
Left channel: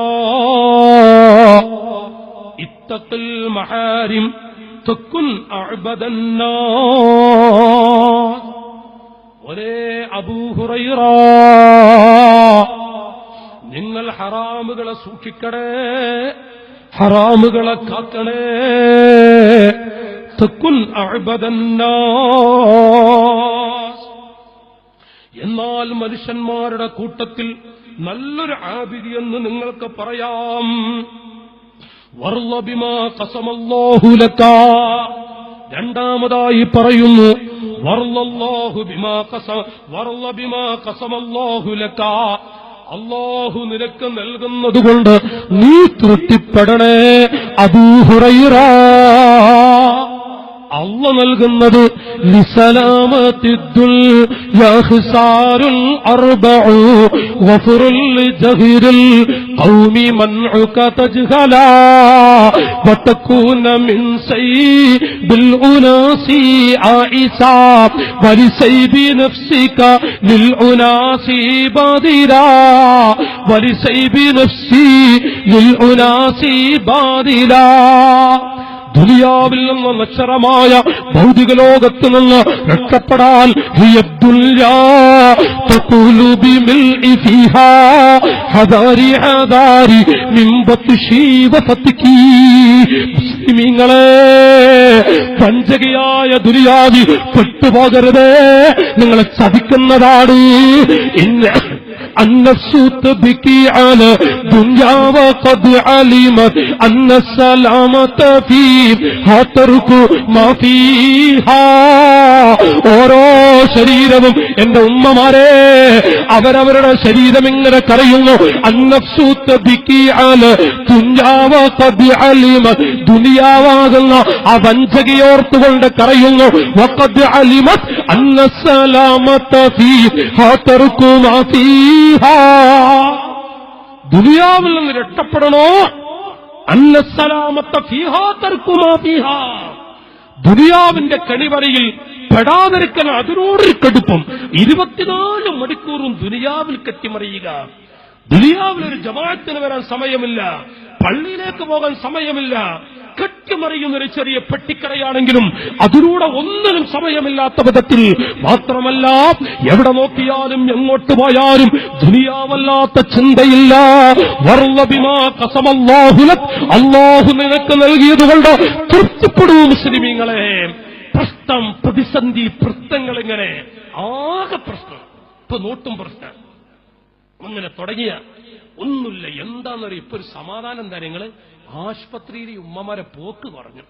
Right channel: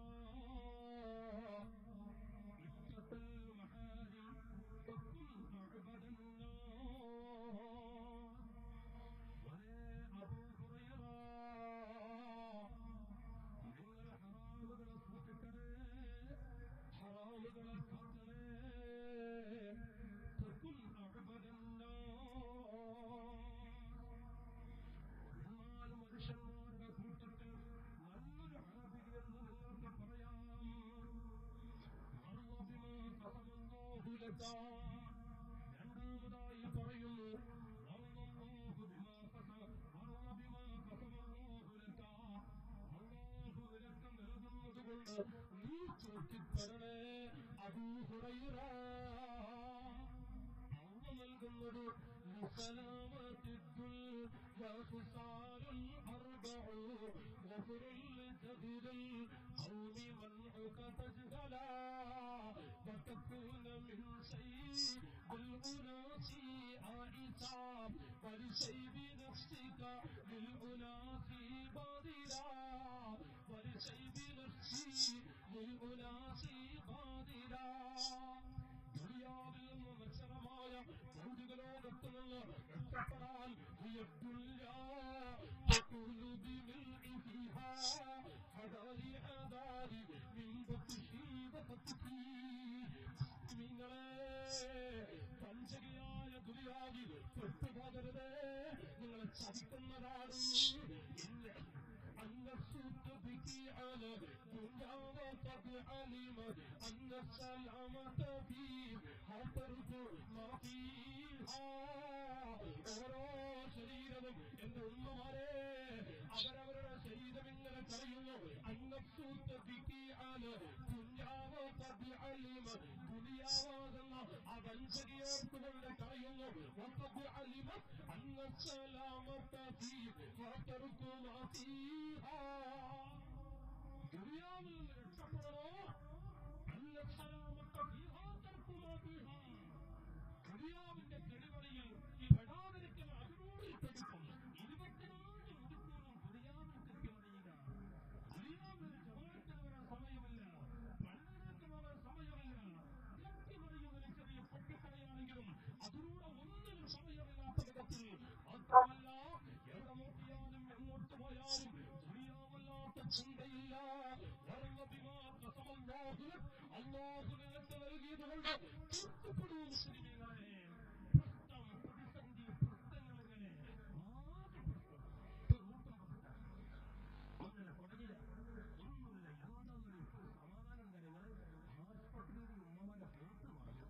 ഇത്തഖിൽ മഹാരിം തകുൻ അഅബദന്നാസ്. ഒരേ അബൂ ഹുറൈറ, നിങ്ങൾ ഹറാമുകളെ സൂക്ഷിക്കണേ, ഹറാമുകളെ കാക്കണേ. തകുൻ അഅ്ബദന്നാസ്, എന്നാൽ മനുഷ്യന്മാരുടെ കൂട്ടത്തിൽ നല്ലൊരു ആബിദി എന്ന് നിങ്ങൾക്ക് പറയാം. വർള ബിമാ ഖസമല്ലാഹു ലക, രണ്ടാമതായി പറയുന്നു വർളല്ലാഹു ബിമാ ഖസമല്ലാഹു ലക, അല്ലാഹു നിനക്ക് നൽകുന്നതുകൊണ്ട് നീ തൃപ്തിപ്പെടണേ അബൂ ഹുറൈറ. അള്ള നൽകുന്നത് ലിസലാമത്തിദ്ദുൽ യഹ്സാറുൽ അർബഉ വഫറുൽ ജഹിറുൽ ഖൗമി മൻഉക തജ്ഹലാ വതകൂന മിൻ സൈബിൽ ഉനാസി ആയിസാ വലിസൈബി നഫ്സിക ലിൽ ഉനാസി ബാദിരാ വലിസൈബി നഫ്സി ലിൽ ഉനാസി ബാദിരാ. ദുനിയാവിൽ നിന്ന് നശ്വരമായ ഭൗതിക ലോകത്ത് നിന്ന് രക്ഷപ്പെടാൻ മുസ്ലിമീങ്ങളെ, പഞ്ചകയായ ദുനിയാവി പെട്ടുപോകരുതേ, നിങ്ങളെ ചതിക്കുന്നതാണ്. النفس تبكي على دنيا وقد علمت أن السلامة فيها ترك ما فيها. ഓരോ ശരീരവും എന്റെ ഉമ്മമാരെ, അവരവരുടെ ശരീരം ഇങ്ങനെ കരയുന്നു. അന്നഫ്സു തബ്കി അല ദുനിയാ വഖദ് അലിമത്, ദുനിയാവാകുന്ന ആ വഞ്ചകയോർത്തുകൊണ്ട് കരയുന്നു. വഖദ് അലിമത് അന്ന സലാമത ഫീഹാ തർകു മാ ഫീഹാ, ദുനിയാവിൽ നിന്ന് രക്ഷപ്പെടണോ? അന്ന സലാമത ഫീഹാ തർകു മാ ഫീഹാ, ദുനിയാവിന്റെ കണിവരയിൽ പെടാതിരിക്കാൻ അതിനോടൊരു കടുപ്പം. 24 മണിക്കൂറും ദുനിയാവിൽ കെട്ടിമറിയുക. ദുനിയാവിലൊരു ജമാഅത്തിന് വരാൻ സമയമില്ല, പള്ളിയിലേക്ക് പോകാൻ സമയമില്ല. കെട്ടിമറിയുന്നൊരു ചെറിയ പെട്ടിക്കടയാണെങ്കിലും അതിലൂടെ ഒന്നിനും സമയമില്ലാത്ത വിധത്തിൽ. മാത്രമല്ല, എവിടെ നോക്കിയാലും എങ്ങോട്ട് പോയാലും ദുനിയാവല്ലാത്ത ചിന്തയില്ല. വർള ബിമാ ഖസമല്ലാഹു ലക്, അല്ലാഹു നിനക്ക് നൽകിയതുകൊണ്ട് തൃപ്തിപ്പെടൂ മുസ്ലിമീങ്ങളെ. പ്രശ്നം, പ്രതിസന്ധി, പ്രശ്നങ്ങൾ, ഇങ്ങനെ ആകെ പ്രശ്നം. ഇപ്പൊ നോട്ടും പ്രശ്നം അങ്ങനെ തുടങ്ങിയ ഒന്നുമില്ല. എന്താണെന്നറിയ, ഇപ്പൊ ഒരു സമാധാനം എന്താ, നിങ്ങള് ആശുപത്രിയിൽ ഉമ്മമാരെ പോക്ക് കുറഞ്ഞു,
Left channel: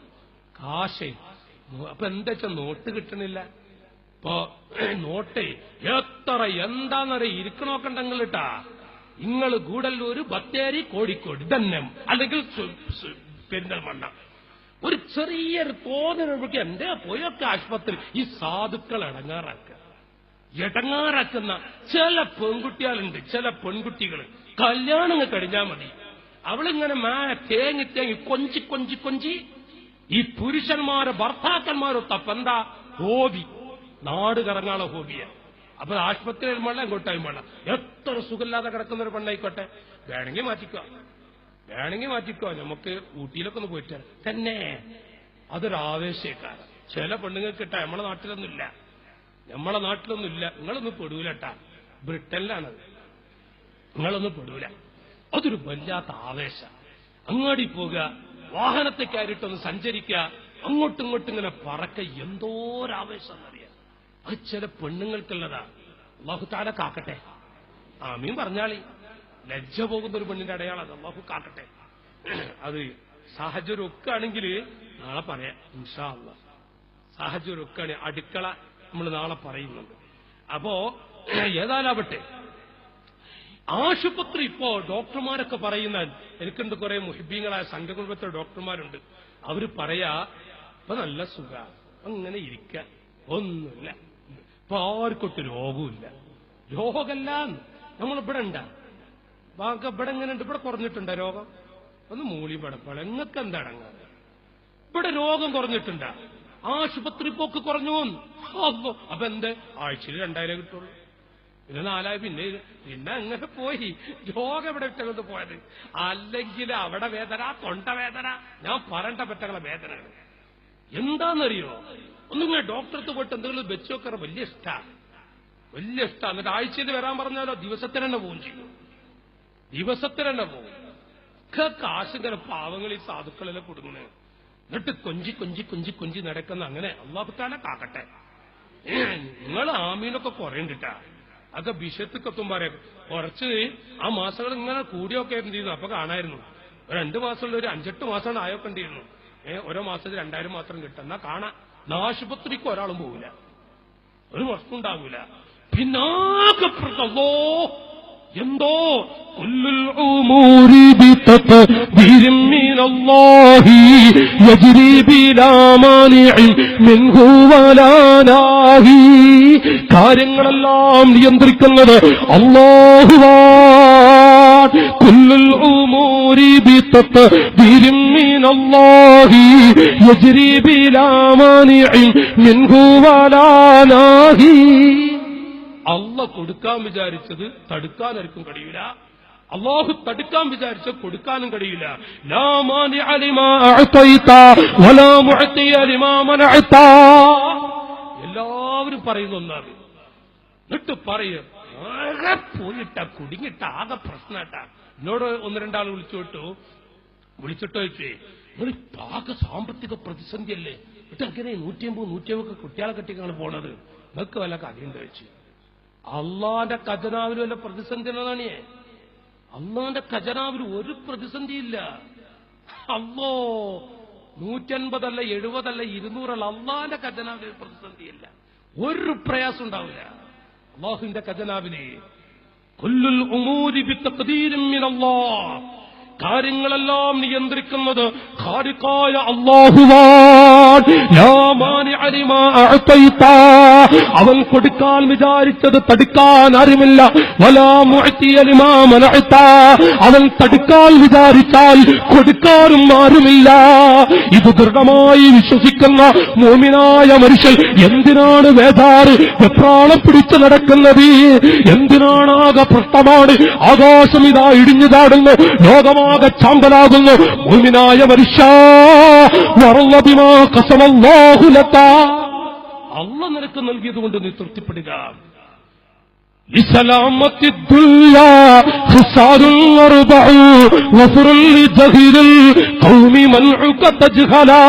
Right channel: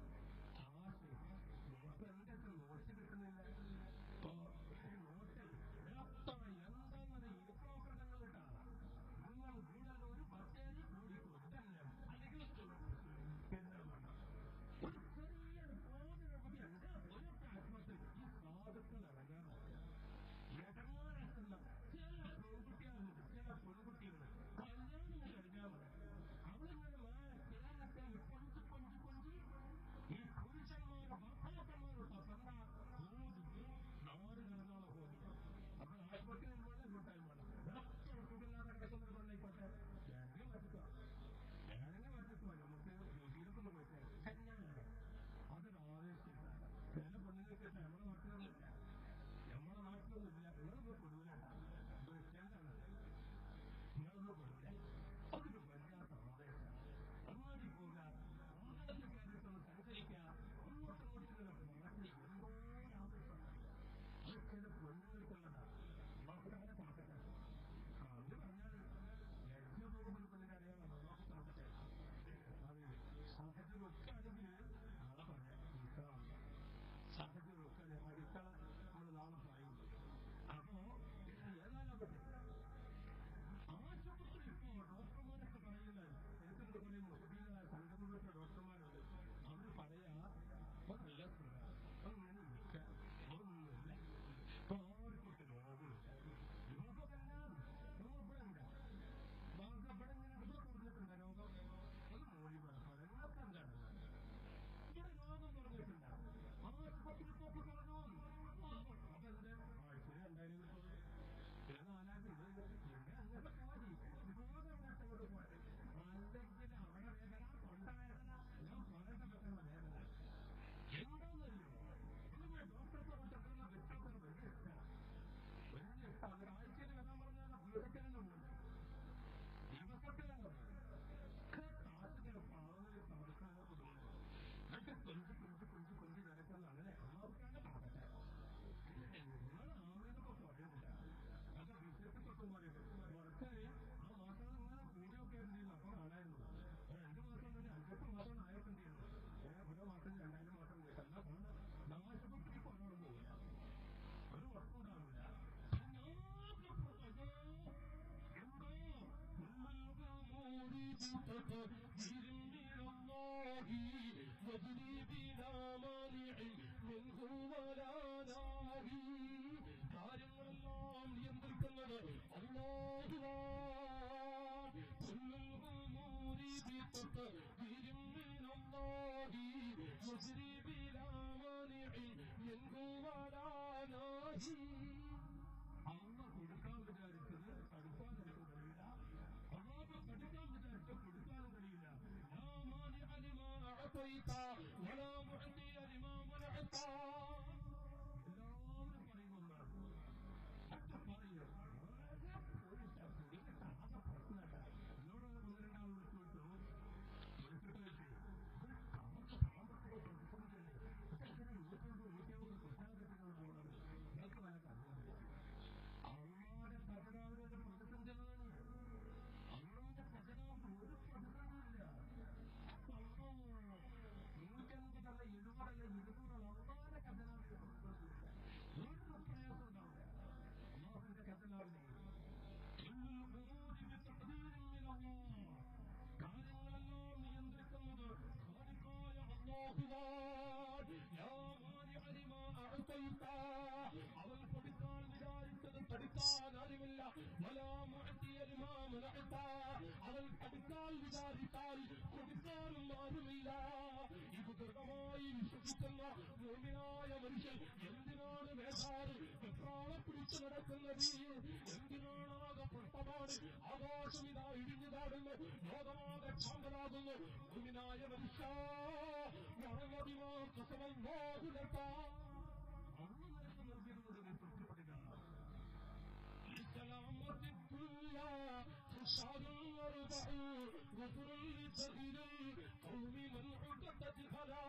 കാശേ. അപ്പൊ എന്താ വെച്ചാൽ നോട്ട് കിട്ടണില്ല. ഇപ്പൊ നോട്ടേ എത്ര എന്താന്നറിയ ഇരിക്കണോക്കണ്ടെങ്കിൽ ഇട്ടാ, ഇങ്ങള് ഗൂഡല്ലൂര്, ബത്തേരി, കോഴിക്കോട് തന്നെ, അല്ലെങ്കിൽ പെരിന്തൽമണ്ണ, ഒരു ചെറിയൊരു തോന്നലുകൾക്ക് എന്റെ പോയൊക്കെ ആശുപത്രി. ഈ സാധുക്കൾ ഇടങ്ങാറാക്കുന്ന ചില പെൺകുട്ടികളുണ്ട്, ചില പെൺകുട്ടികൾ കല്യാണങ്ങൾ കഴിഞ്ഞാൽ മതി, അവളിങ്ങനെ തേങ്ങി തേങ്ങി കൊഞ്ചി കൊഞ്ചി കൊഞ്ചി ഈ പുരുഷന്മാരെ ഭർത്താക്കന്മാരൊത്തപ്പ എന്താ ഹോബി, നാട് കറങ്ങാനുള്ള ഹോബിയ. അപ്പൊ ആശുപത്രിയിൽ വേണ്ട, എങ്ങോട്ടായും വേണ്ട. എത്ര സുഖമില്ലാതെ കിടക്കുന്ന ഒരു പെണ്ണായിക്കോട്ടെ, വേണമെങ്കിൽ മാറ്റിക്കോ, നമുക്ക് ഊട്ടിയിലൊക്കെ ഒന്ന് പോയിട്ട് തന്നെ. അതൊരു ആവേശക്കാരൻ. ചില പെണ്ണുങ്ങൾക്ക് കിട്ടാ നമ്മളെ നാട്ടിലൊന്നുമില്ല. നിങ്ങളൊന്നും പെടൂലട്ടാ, ബ്രിട്ടനിലാണത്, നിങ്ങളൊന്നും പെടൂല. അതൊരു വല്ലാത്ത ആവേശം. അങ്ങാടി പോകുക, വാഹനത്തെ കയറിയിട്ടൊന്ന് സഞ്ചരിക്കുക, അങ്ങോട്ടും ഇങ്ങോട്ടും ഇങ്ങനെ പറക്ക, എന്തോരാവേശം എന്നറിയാം. അത് ചില പെണ്ണുങ്ങൾക്കുള്ളതാ. അല്ലാഹു തആല കാക്കട്ടെ, ആമീൻ പറഞ്ഞാളി. ലജ്ജ പോകുന്ന ഒരു പെണ്ണിന്റെ അടയാളം അത്, അല്ലാഹു കാക്കട്ടെ. അത് സാഹചര്യം ഒക്കെ ആണെങ്കിൽ നാളെ പറയാം ഇൻഷാ അല്ലാഹ്. സാഹചര്യം ഒക്കെ ആണ്, അടുക്കള നമ്മൾ നാളെ പറയുന്നുണ്ട്. അപ്പോ ഏതായാലാവട്ടെ, ആശുപത്രി ഇപ്പോ ഡോക്ടർമാരൊക്കെ പറയുന്ന, എനിക്കുണ്ട് കുറെ മുഹിബീങ്ങളായ സംഘകുടുംബത്തിലെ ഡോക്ടർമാരുണ്ട്, അവര് പറയാ ഇപ്പൊ നല്ല സുഖ, അങ്ങനെ ഇരിക്ക, ഒന്നുമില്ല, ഇപ്പൊ ആർക്കൊട്ട് രോഗമില്ല. രോഗമല്ല നമ്മളിവിടെ ഉണ്ടാ ഇവിടെ എങ്ങനെ ഉണ്ട്, ഇവിടെ കുറഞ്ഞിട്ടുണ്ടോ രോഗം? ഒന്ന് മൂളി പടപ്പള, എങ്ങൾക്ക് എന്താ അടങ്ങാൻ? ഇവിടെ രോഗം കുറഞ്ഞിട്ടുണ്ടാ, ആശുപത്രി പോക്ക് കുറഞ്ഞു. അപ്പൊ എന്ത്, ആഴ്ചയിൽ 2000 കിട്ടുള്ളൂ, പിന്നെ 4000, പിന്നെ അങ്ങനെ പോയി. രോഗം എവിടെ ഇട്ടത് പോയത്? അല്ലെങ്കിൽ അവിടെ വേദന, തൊണ്ടവേദന, ഞാൻ പറയേണ്ട പറ്റങ്ങളെ വേദനകൾ എന്താണെന്നറിയോ? ഒന്നിങ്ങനെ ഡോക്ടർക്ക് പോയിട്ട് എന്തെങ്കിലും വെച്ച് നോക്കാറ് വലിയ ഇഷ്ടമാണ്. വലിയ ഇഷ്ടമാണ്. എന്നിട്ട് ആഴ്ചയിൽ വരാൻ പറഞ്ഞാലോ ദിവസത്തിന് തന്നെ പോവും ചെയ്യും, ദിവസത്തിന് തന്നെ പോവും. കാശിങ്ങനെ പാവങ്ങൾ ഈ സാധുക്കളെല്ലാം കൊടുക്കണേ. എന്നിട്ട് കൊഞ്ചി കൊഞ്ചി കൊഞ്ചി കൊഞ്ചി നടക്കുന്ന അങ്ങനെ അല്ലാഹു തആല കാക്കട്ടെ. നിങ്ങൾ ആമീനൊക്കെ കുറയുണ്ടിട്ടാ, അതൊക്കെ ബിഷത്തുക്കെത്തുമ്പോരെ കുറച്ച് ആ മാസങ്ങൾ ഇങ്ങനെ കൂടിയൊക്കെ എന്ത് അപ്പൊ കാണായിരുന്നു. ഒരു 2 മാസമുള്ള ഒരു 5-8 മാസമാണ് ആയൊക്കെ ഉണ്ടായിരുന്നു. ഓരോ മാസത്തിൽ 2000 മാത്രം കിട്ടും. എന്നാ കാണാം. ആശുപത്രിക്ക് ഒരാളും പോവില്ല, ഒരു പ്രശ്നം ഉണ്ടാവില്ല. പിന്നാകെപ്പെട്ടതോ എന്തോ കുല്ലുൽ ഉമൂരി ബിതഖ്ദീരിൻ മിനല്ലാഹി യജ്രി ബിലാ മാനിഇൻ മിൻഹു വലാ നാഹി. കാര്യങ്ങളെല്ലാം നിയന്ത്രിക്കുന്നത് അല്ലാഹുവാണ്. കുല്ലുൽ ഉമൂരി ബിതഖ്ദീരിൻ മിനല്ലാഹി യജ്രി ബിലാ മാനിഇൻ മിൻഹു വലാ നാഹി. അള്ളാഹ് കൊടുക്കാൻ വിചാരിച്ചത് തടുക്കാനായിരിക്കും കഴിയില്ല, അള്ളാഹു തടുക്കാൻ വിചാരിച്ചത് കൊടുക്കാനും കഴിയില്ല. ലാ മാനിഅ ലിമാ അഅതൈത വലാ മുഅതിയ ലിമാ മനഅത. എല്ലാവരും പറയുന്ന ഒന്നാണ്. എന്നിട്ട് പറയും ആകെ പോയിട്ട കുടുങ്ങിട്ട ആകെ പ്രശ്നട്ട. എന്നോട് 1-2 ആൾ വിളിച്ചിട്ട് ചോദിച്ചേ, നിങ്ങൾ ആകെ സാമ്പത്തിക പ്രതിസന്ധി അല്ലേ, എന്നിട്ട് അങ്ങനെ 150 കുട്ടികളെ കെട്ടിക്കാണ് പോണത്, നിങ്ങൾക്ക് വല്ല കഥയും കഴിച്ചു. അള്ളാന്റെ ഖജനാവിന് വല്ല പ്രതിസന്ധി ഉള്ളതാണ്. അള്ളാന്റെ ഖജനാവിന് ഒരു പ്രതിസന്ധിയില്ല. അല്ലോ 150 അല്ല 70 അല്ല 200 അല്ല, അള്ളാന്റെ ഖജനാവിന് പ്രതിസന്ധിയില്ല, ഒരു പ്രയാസം ഉണ്ടാവില്ല അള്ളാഹുവിന്റെ ഖജനാവിന്. കുല്ലുൽ ഉമൂരി ബിതഖ്ദീരിൻ മിനല്ലാഹ്. കാര്യങ്ങളെല്ലാം നിയന്ത്രിക്കുന്നത് ഖാലിഖായ അല്ലാഹുവാണ്. ലാ മാനിഅ ലിമാ അഅതൈത. അവൻ കൊടുക്കാൻ വിചാരിച്ചത് തടുക്കാൻ ആരുമില്ല. വലാ മുഅതിയ ലിമാ മനഅത. അവൻ തടുക്കാൻ വിചാരിച്ചാൽ കൊടുക്കാനും ആരുമില്ല. ഇത് ദൃഢമായി വിശ്വസിക്കുന്ന മുഅ്മിനായ മനുഷ്യൻ എന്തിനാണ് വേദാറ് വെപ്രാളം പിടിച്ചു നടക്കുന്നത്? എന്തിനാണ് ആകെ പ്രശ്നമാണ്, ആകാശം ഇതാ ഇടിഞ്ഞു ചാടുന്നു, ലോകമാകെ ചാമ്പലാകുന്നു. മുഅ്മിനായ മനുഷ്യ വറള ബിമാ ഖസമല്ലാഹു ലക. അല്ലാഹ് നിനക്ക് നൽകിയതുകൊണ്ട് നീ തൃപ്തിപ്പെടുക. لسلامة الدنيا خسار أربع وفر لجهل القوم منعك تجهلا.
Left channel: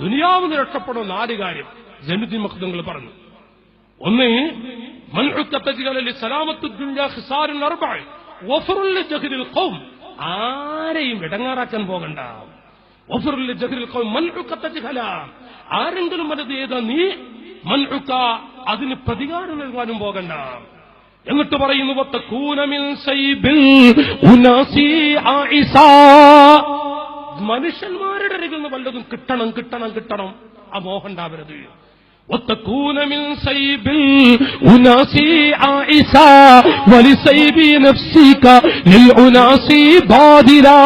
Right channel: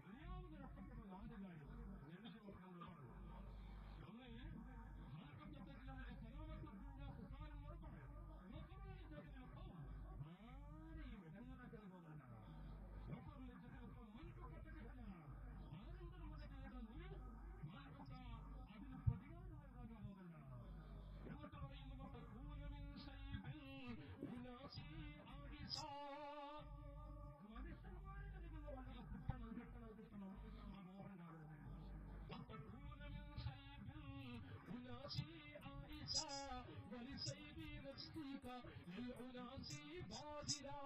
ദുനിയാവിന് രക്ഷപ്പെടുന്ന 4 കാര്യം ജനുദ്ദീൻ മഖ്ദൂങ്ങൾ പറഞ്ഞു. ഒന്ന്, منعك تجهلا لسلامة الدنيا خسار أربع وفر لجهل القوم. ആരെയും ഇടങ്ങാറാക്കാൻ പോകണ്ട. وفر لجهل القوم منعك تجهلا. ആരെങ്കിലും അത് ചെയ്താ നീ മൻഉക അതിന് പ്രതികാരം നൽകാനും പോകണ്ട. എന്നിട്ട് പറയുന്നു വതകൂന മിൻ സൈബിൽ ഉനാസി ആയിസാ. മനുഷ്യന്മാരുടെ അരികിൽ നിന്ന് വല്ലതും കിട്ടണം കിട്ടണം കിട്ടണം ആ മോഹം ഉണ്ടാവരുത്. വതകൂന മിൻ സൈബിൽ ഉനാസി ആയിസാ വലിസൈബി നഫ്സിക ലിൽ ഉനാസി ബാദിലാ.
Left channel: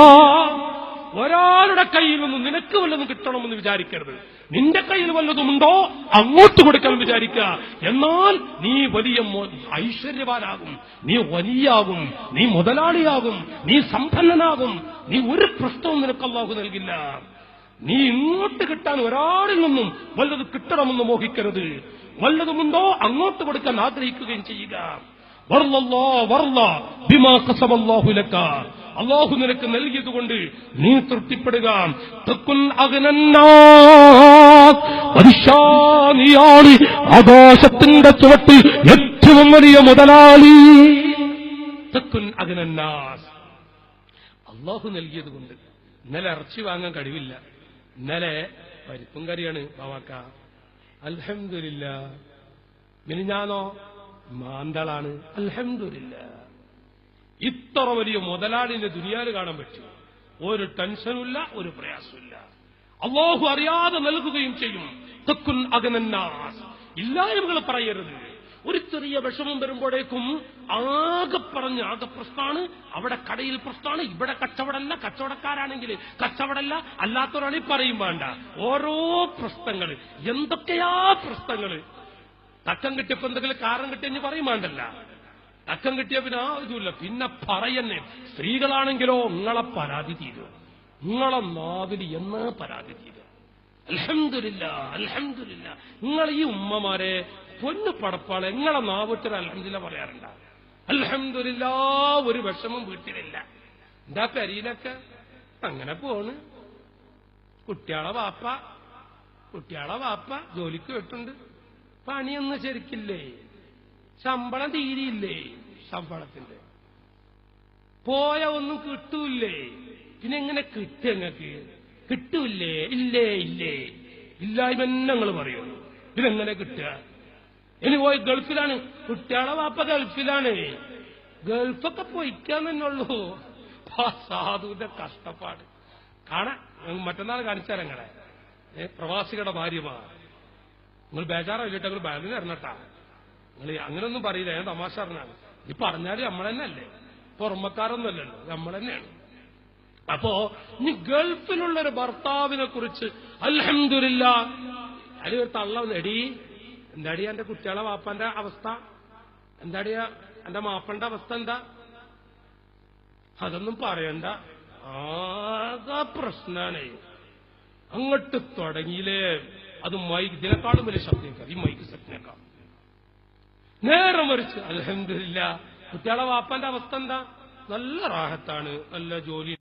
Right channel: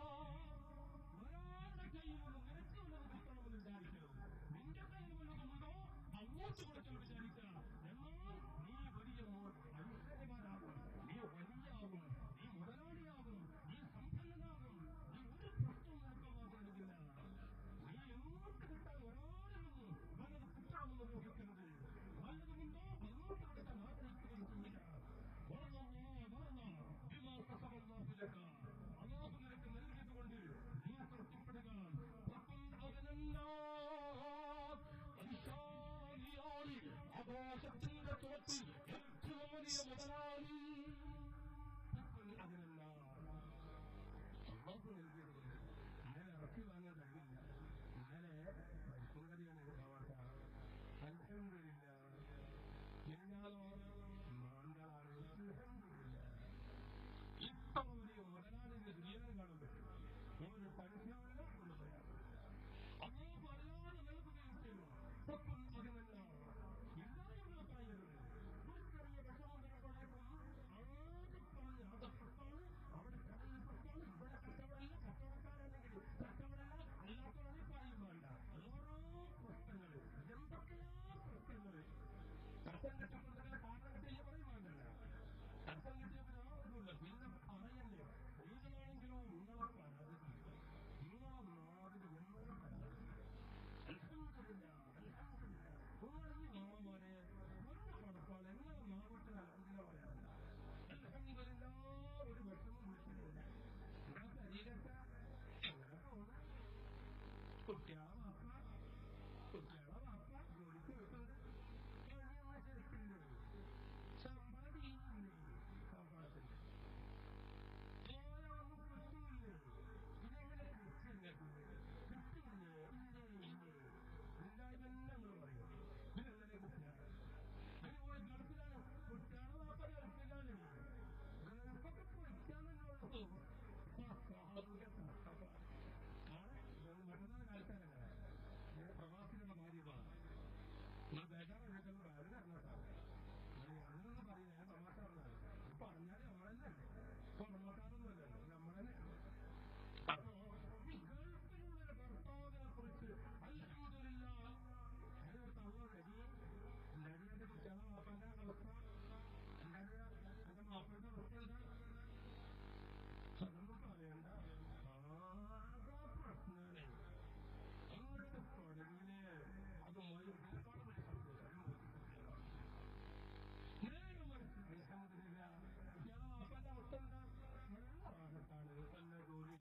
ഒരാളുടെ കയ്യിൽ നിന്ന് നിനക്ക് വല്ലതും കിട്ടണമെന്ന് വിചാരിക്കരുത്. നിന്റെ കയ്യിൽ വല്ലതുമുണ്ടോ അങ്ങോട്ട് കൊടുക്കാൻ വിചാരിക്കുക. എന്നാൽ നീ വലിയ ഐശ്വര്യവാനാകും, നീ വലിയാകും, നീ മുതലാളിയാകും, നീ സമ്പന്നനാകും. നീ ഒരു പ്രശ്നവും നിനക്ക് അല്ലാഹു നൽകില്ല. നീ ഇങ്ങോട്ട് കിട്ടാൻ ഒരാളിൽ നിന്നും വല്ലത് കിട്ടണമെന്ന് മോഹിക്കരുത്. വല്ലതുമുണ്ടോ അങ്ങോട്ട് കൊടുക്കാൻ ആഗ്രഹിക്കുകയും ചെയ്യുക. ബിമാ ഖസമല്ലാഹു ലക. അല്ലാഹു നിനക്ക് നൽകിയതുകൊണ്ട് നീ തൃപ്തിപ്പെടുക. തക്കുൻ അഗ്നന്നാസ്. പരിശാനിയാണ് ആകാശത്തിന്റെ ചുവട്ടിൽ ഏറ്റവും വലിയ മുതലാളി. തക്കുൻ അഗ്നന്നാസ്. അല്ലാഹു നൽകിയതുകൊണ്ട്. ഇന്നലെ ഇറച്ചി വാങ്ങാൻ കഴിവില്ല, ഇന്നലെ പരിപ്പും കറിയാണ് ബാവാക്ക, അൽഹംദുലില്ലാ. മിനിഞ്ഞാന്നോ മാന്തളാണ്, അൽഹംദുലില്ലാ. ഇത്ര വലിയ മുതലാളിന്റെ ദുനിയാവ് കാണാൻ പറ്റും. ഒരു ടെൻഷനുമില്ല, ഒരു പ്രയാസമില്ല. അല്ലാഹു അറിയാതെ നൽകുകയും ചെയ്യും. തക്കുൻ അഗ്നന്നാസ്. ഇല്ലായ്മകൾ പറയരുത്. ഒരു ചെറിയ വിഷമം വരുമ്പോഴേക്കും ആകെ പറഞ്ഞ് ആകെ പ്രശ്നമാണ്. അവിടെ കടയിൽ പ്രശ്നമാണ്, ഇവിടെ കച്ചവടമല്ല, കച്ചവടക്കാരാണെങ്കിൽ കച്ചവടമല്ല, അല്ലാത്തവരാണെങ്കിൽ പറയും വേണ്ട. ഓരോ പ്രശ്നങ്ങൾ, എന്തൊക്കെയാ പ്രശ്നങ്ങൾ. തക്കം കിട്ടിയപ്പോ എന്തെങ്കിലും കാരണം കിട്ടിയെന്ന് പറയും വേണ്ടല്ല. തക്കം കിട്ടിയ പിന്നെ ആ ഇതുമില്ല, പിന്നെ പറയുന്നേ. സ്ത്രീകളാണെങ്കിലോ നിങ്ങളെ പരാതി തീരും, നിങ്ങളെ നാവിൽ എന്നാ പരാതി തീരും. അൽഹംദുലില്ലാ അൽഹംദുലില്ലാ. നിങ്ങൾ ഈ ഉമ്മമാരെ പൊന്നു പടപ്പാളെ നിങ്ങളെ നാവൂറ്റർ അൽഹംദുലില്ലാ പറയാറുണ്ട? അൽഹംദുലില്ലാ ഒരു വിഷമം വീട്ടിലില്ല. എന്താ പെരീലൊക്കെ അങ്ങനെ പോണ്. കുട്ടിയാളെ വാപ്പ ജോലിക്ക് വിട്ടുണ്ട്. പണിയൊന്നും ശരിക്കില്ലേ, ശമ്പളം തീരിയില്ലേ, ശമ്പളത്തിന്റെ പോയ ഒന്നും കിട്ടൂല്ലേ. പിന്നെ എങ്ങനെ കിട്ടുക? നിങ്ങൾക്ക് കിട്ടൂല്ലേ? ഇല്ലേ ഇല്ലായ്മ ഞങ്ങൾ പറയുള്ളൂ. ഇതെങ്ങനെ കിട്ടുക? ഇനി പോയി ഗൾഫിലാണ്, കുട്ടിയാളെ വാപ്പ ഗൾഫിലാണ്. ഗൾഫൊക്കെ പൊയ്ക്കാന്ന് തന്നെ ഉള്ളൂ. സാധുവിന്റെ കഷ്ടപ്പാട് കാണാൻ മറ്റന്നാൾ കാണിച്ചാൽ നിങ്ങളെ പ്രവാസികളുടെ ഭാര്യമാർ. നിങ്ങൾ ബേജാറായില്ലിട്ട് നിങ്ങൾ ബാങ്കിന് ഇറങ്ങട്ടാ. നിങ്ങൾ അങ്ങനെയൊന്നും പറയില്ല, ഞാൻ തമാശ അറിഞ്ഞാണ്. ഈ പറഞ്ഞാല് നമ്മൾ തന്നെ അല്ലേ, പുറമക്കാരൊന്നുമല്ലല്ലോ, നമ്മൾ തന്നെയാണ്. അപ്പോ ഇനി ഗൾഫിലുള്ളൊരു ഭർത്താവിനെ കുറിച്ച് അൽഹംദുലില്ലാ അതിലൊരു തള്ള എന്താടിയാ എന്റെ കുട്ടികളെ വാപ്പന്റെ അവസ്ഥ, എന്താടിയാ എന്റെ മാപ്പന്റെ അവസ്ഥ എന്താ? അതൊന്നും പറയണ്ട, ആകെ പ്രശ്നാണ്. അങ്ങോട്ട് തുടങ്ങിയില്ലേ അത് ഇതിനേക്കാളും വലിയ ശബ്ദം, ഈ മൈക്ക് സെറ്റിനേക്കാൾ നേരെ മറിച്ച് അൽഹംദുലില്ലാ കുട്ടികളെ വാപ്പന്റെ അവസ്ഥ എന്താ? നല്ല റാഹത്താണ്, നല്ല ജോലി.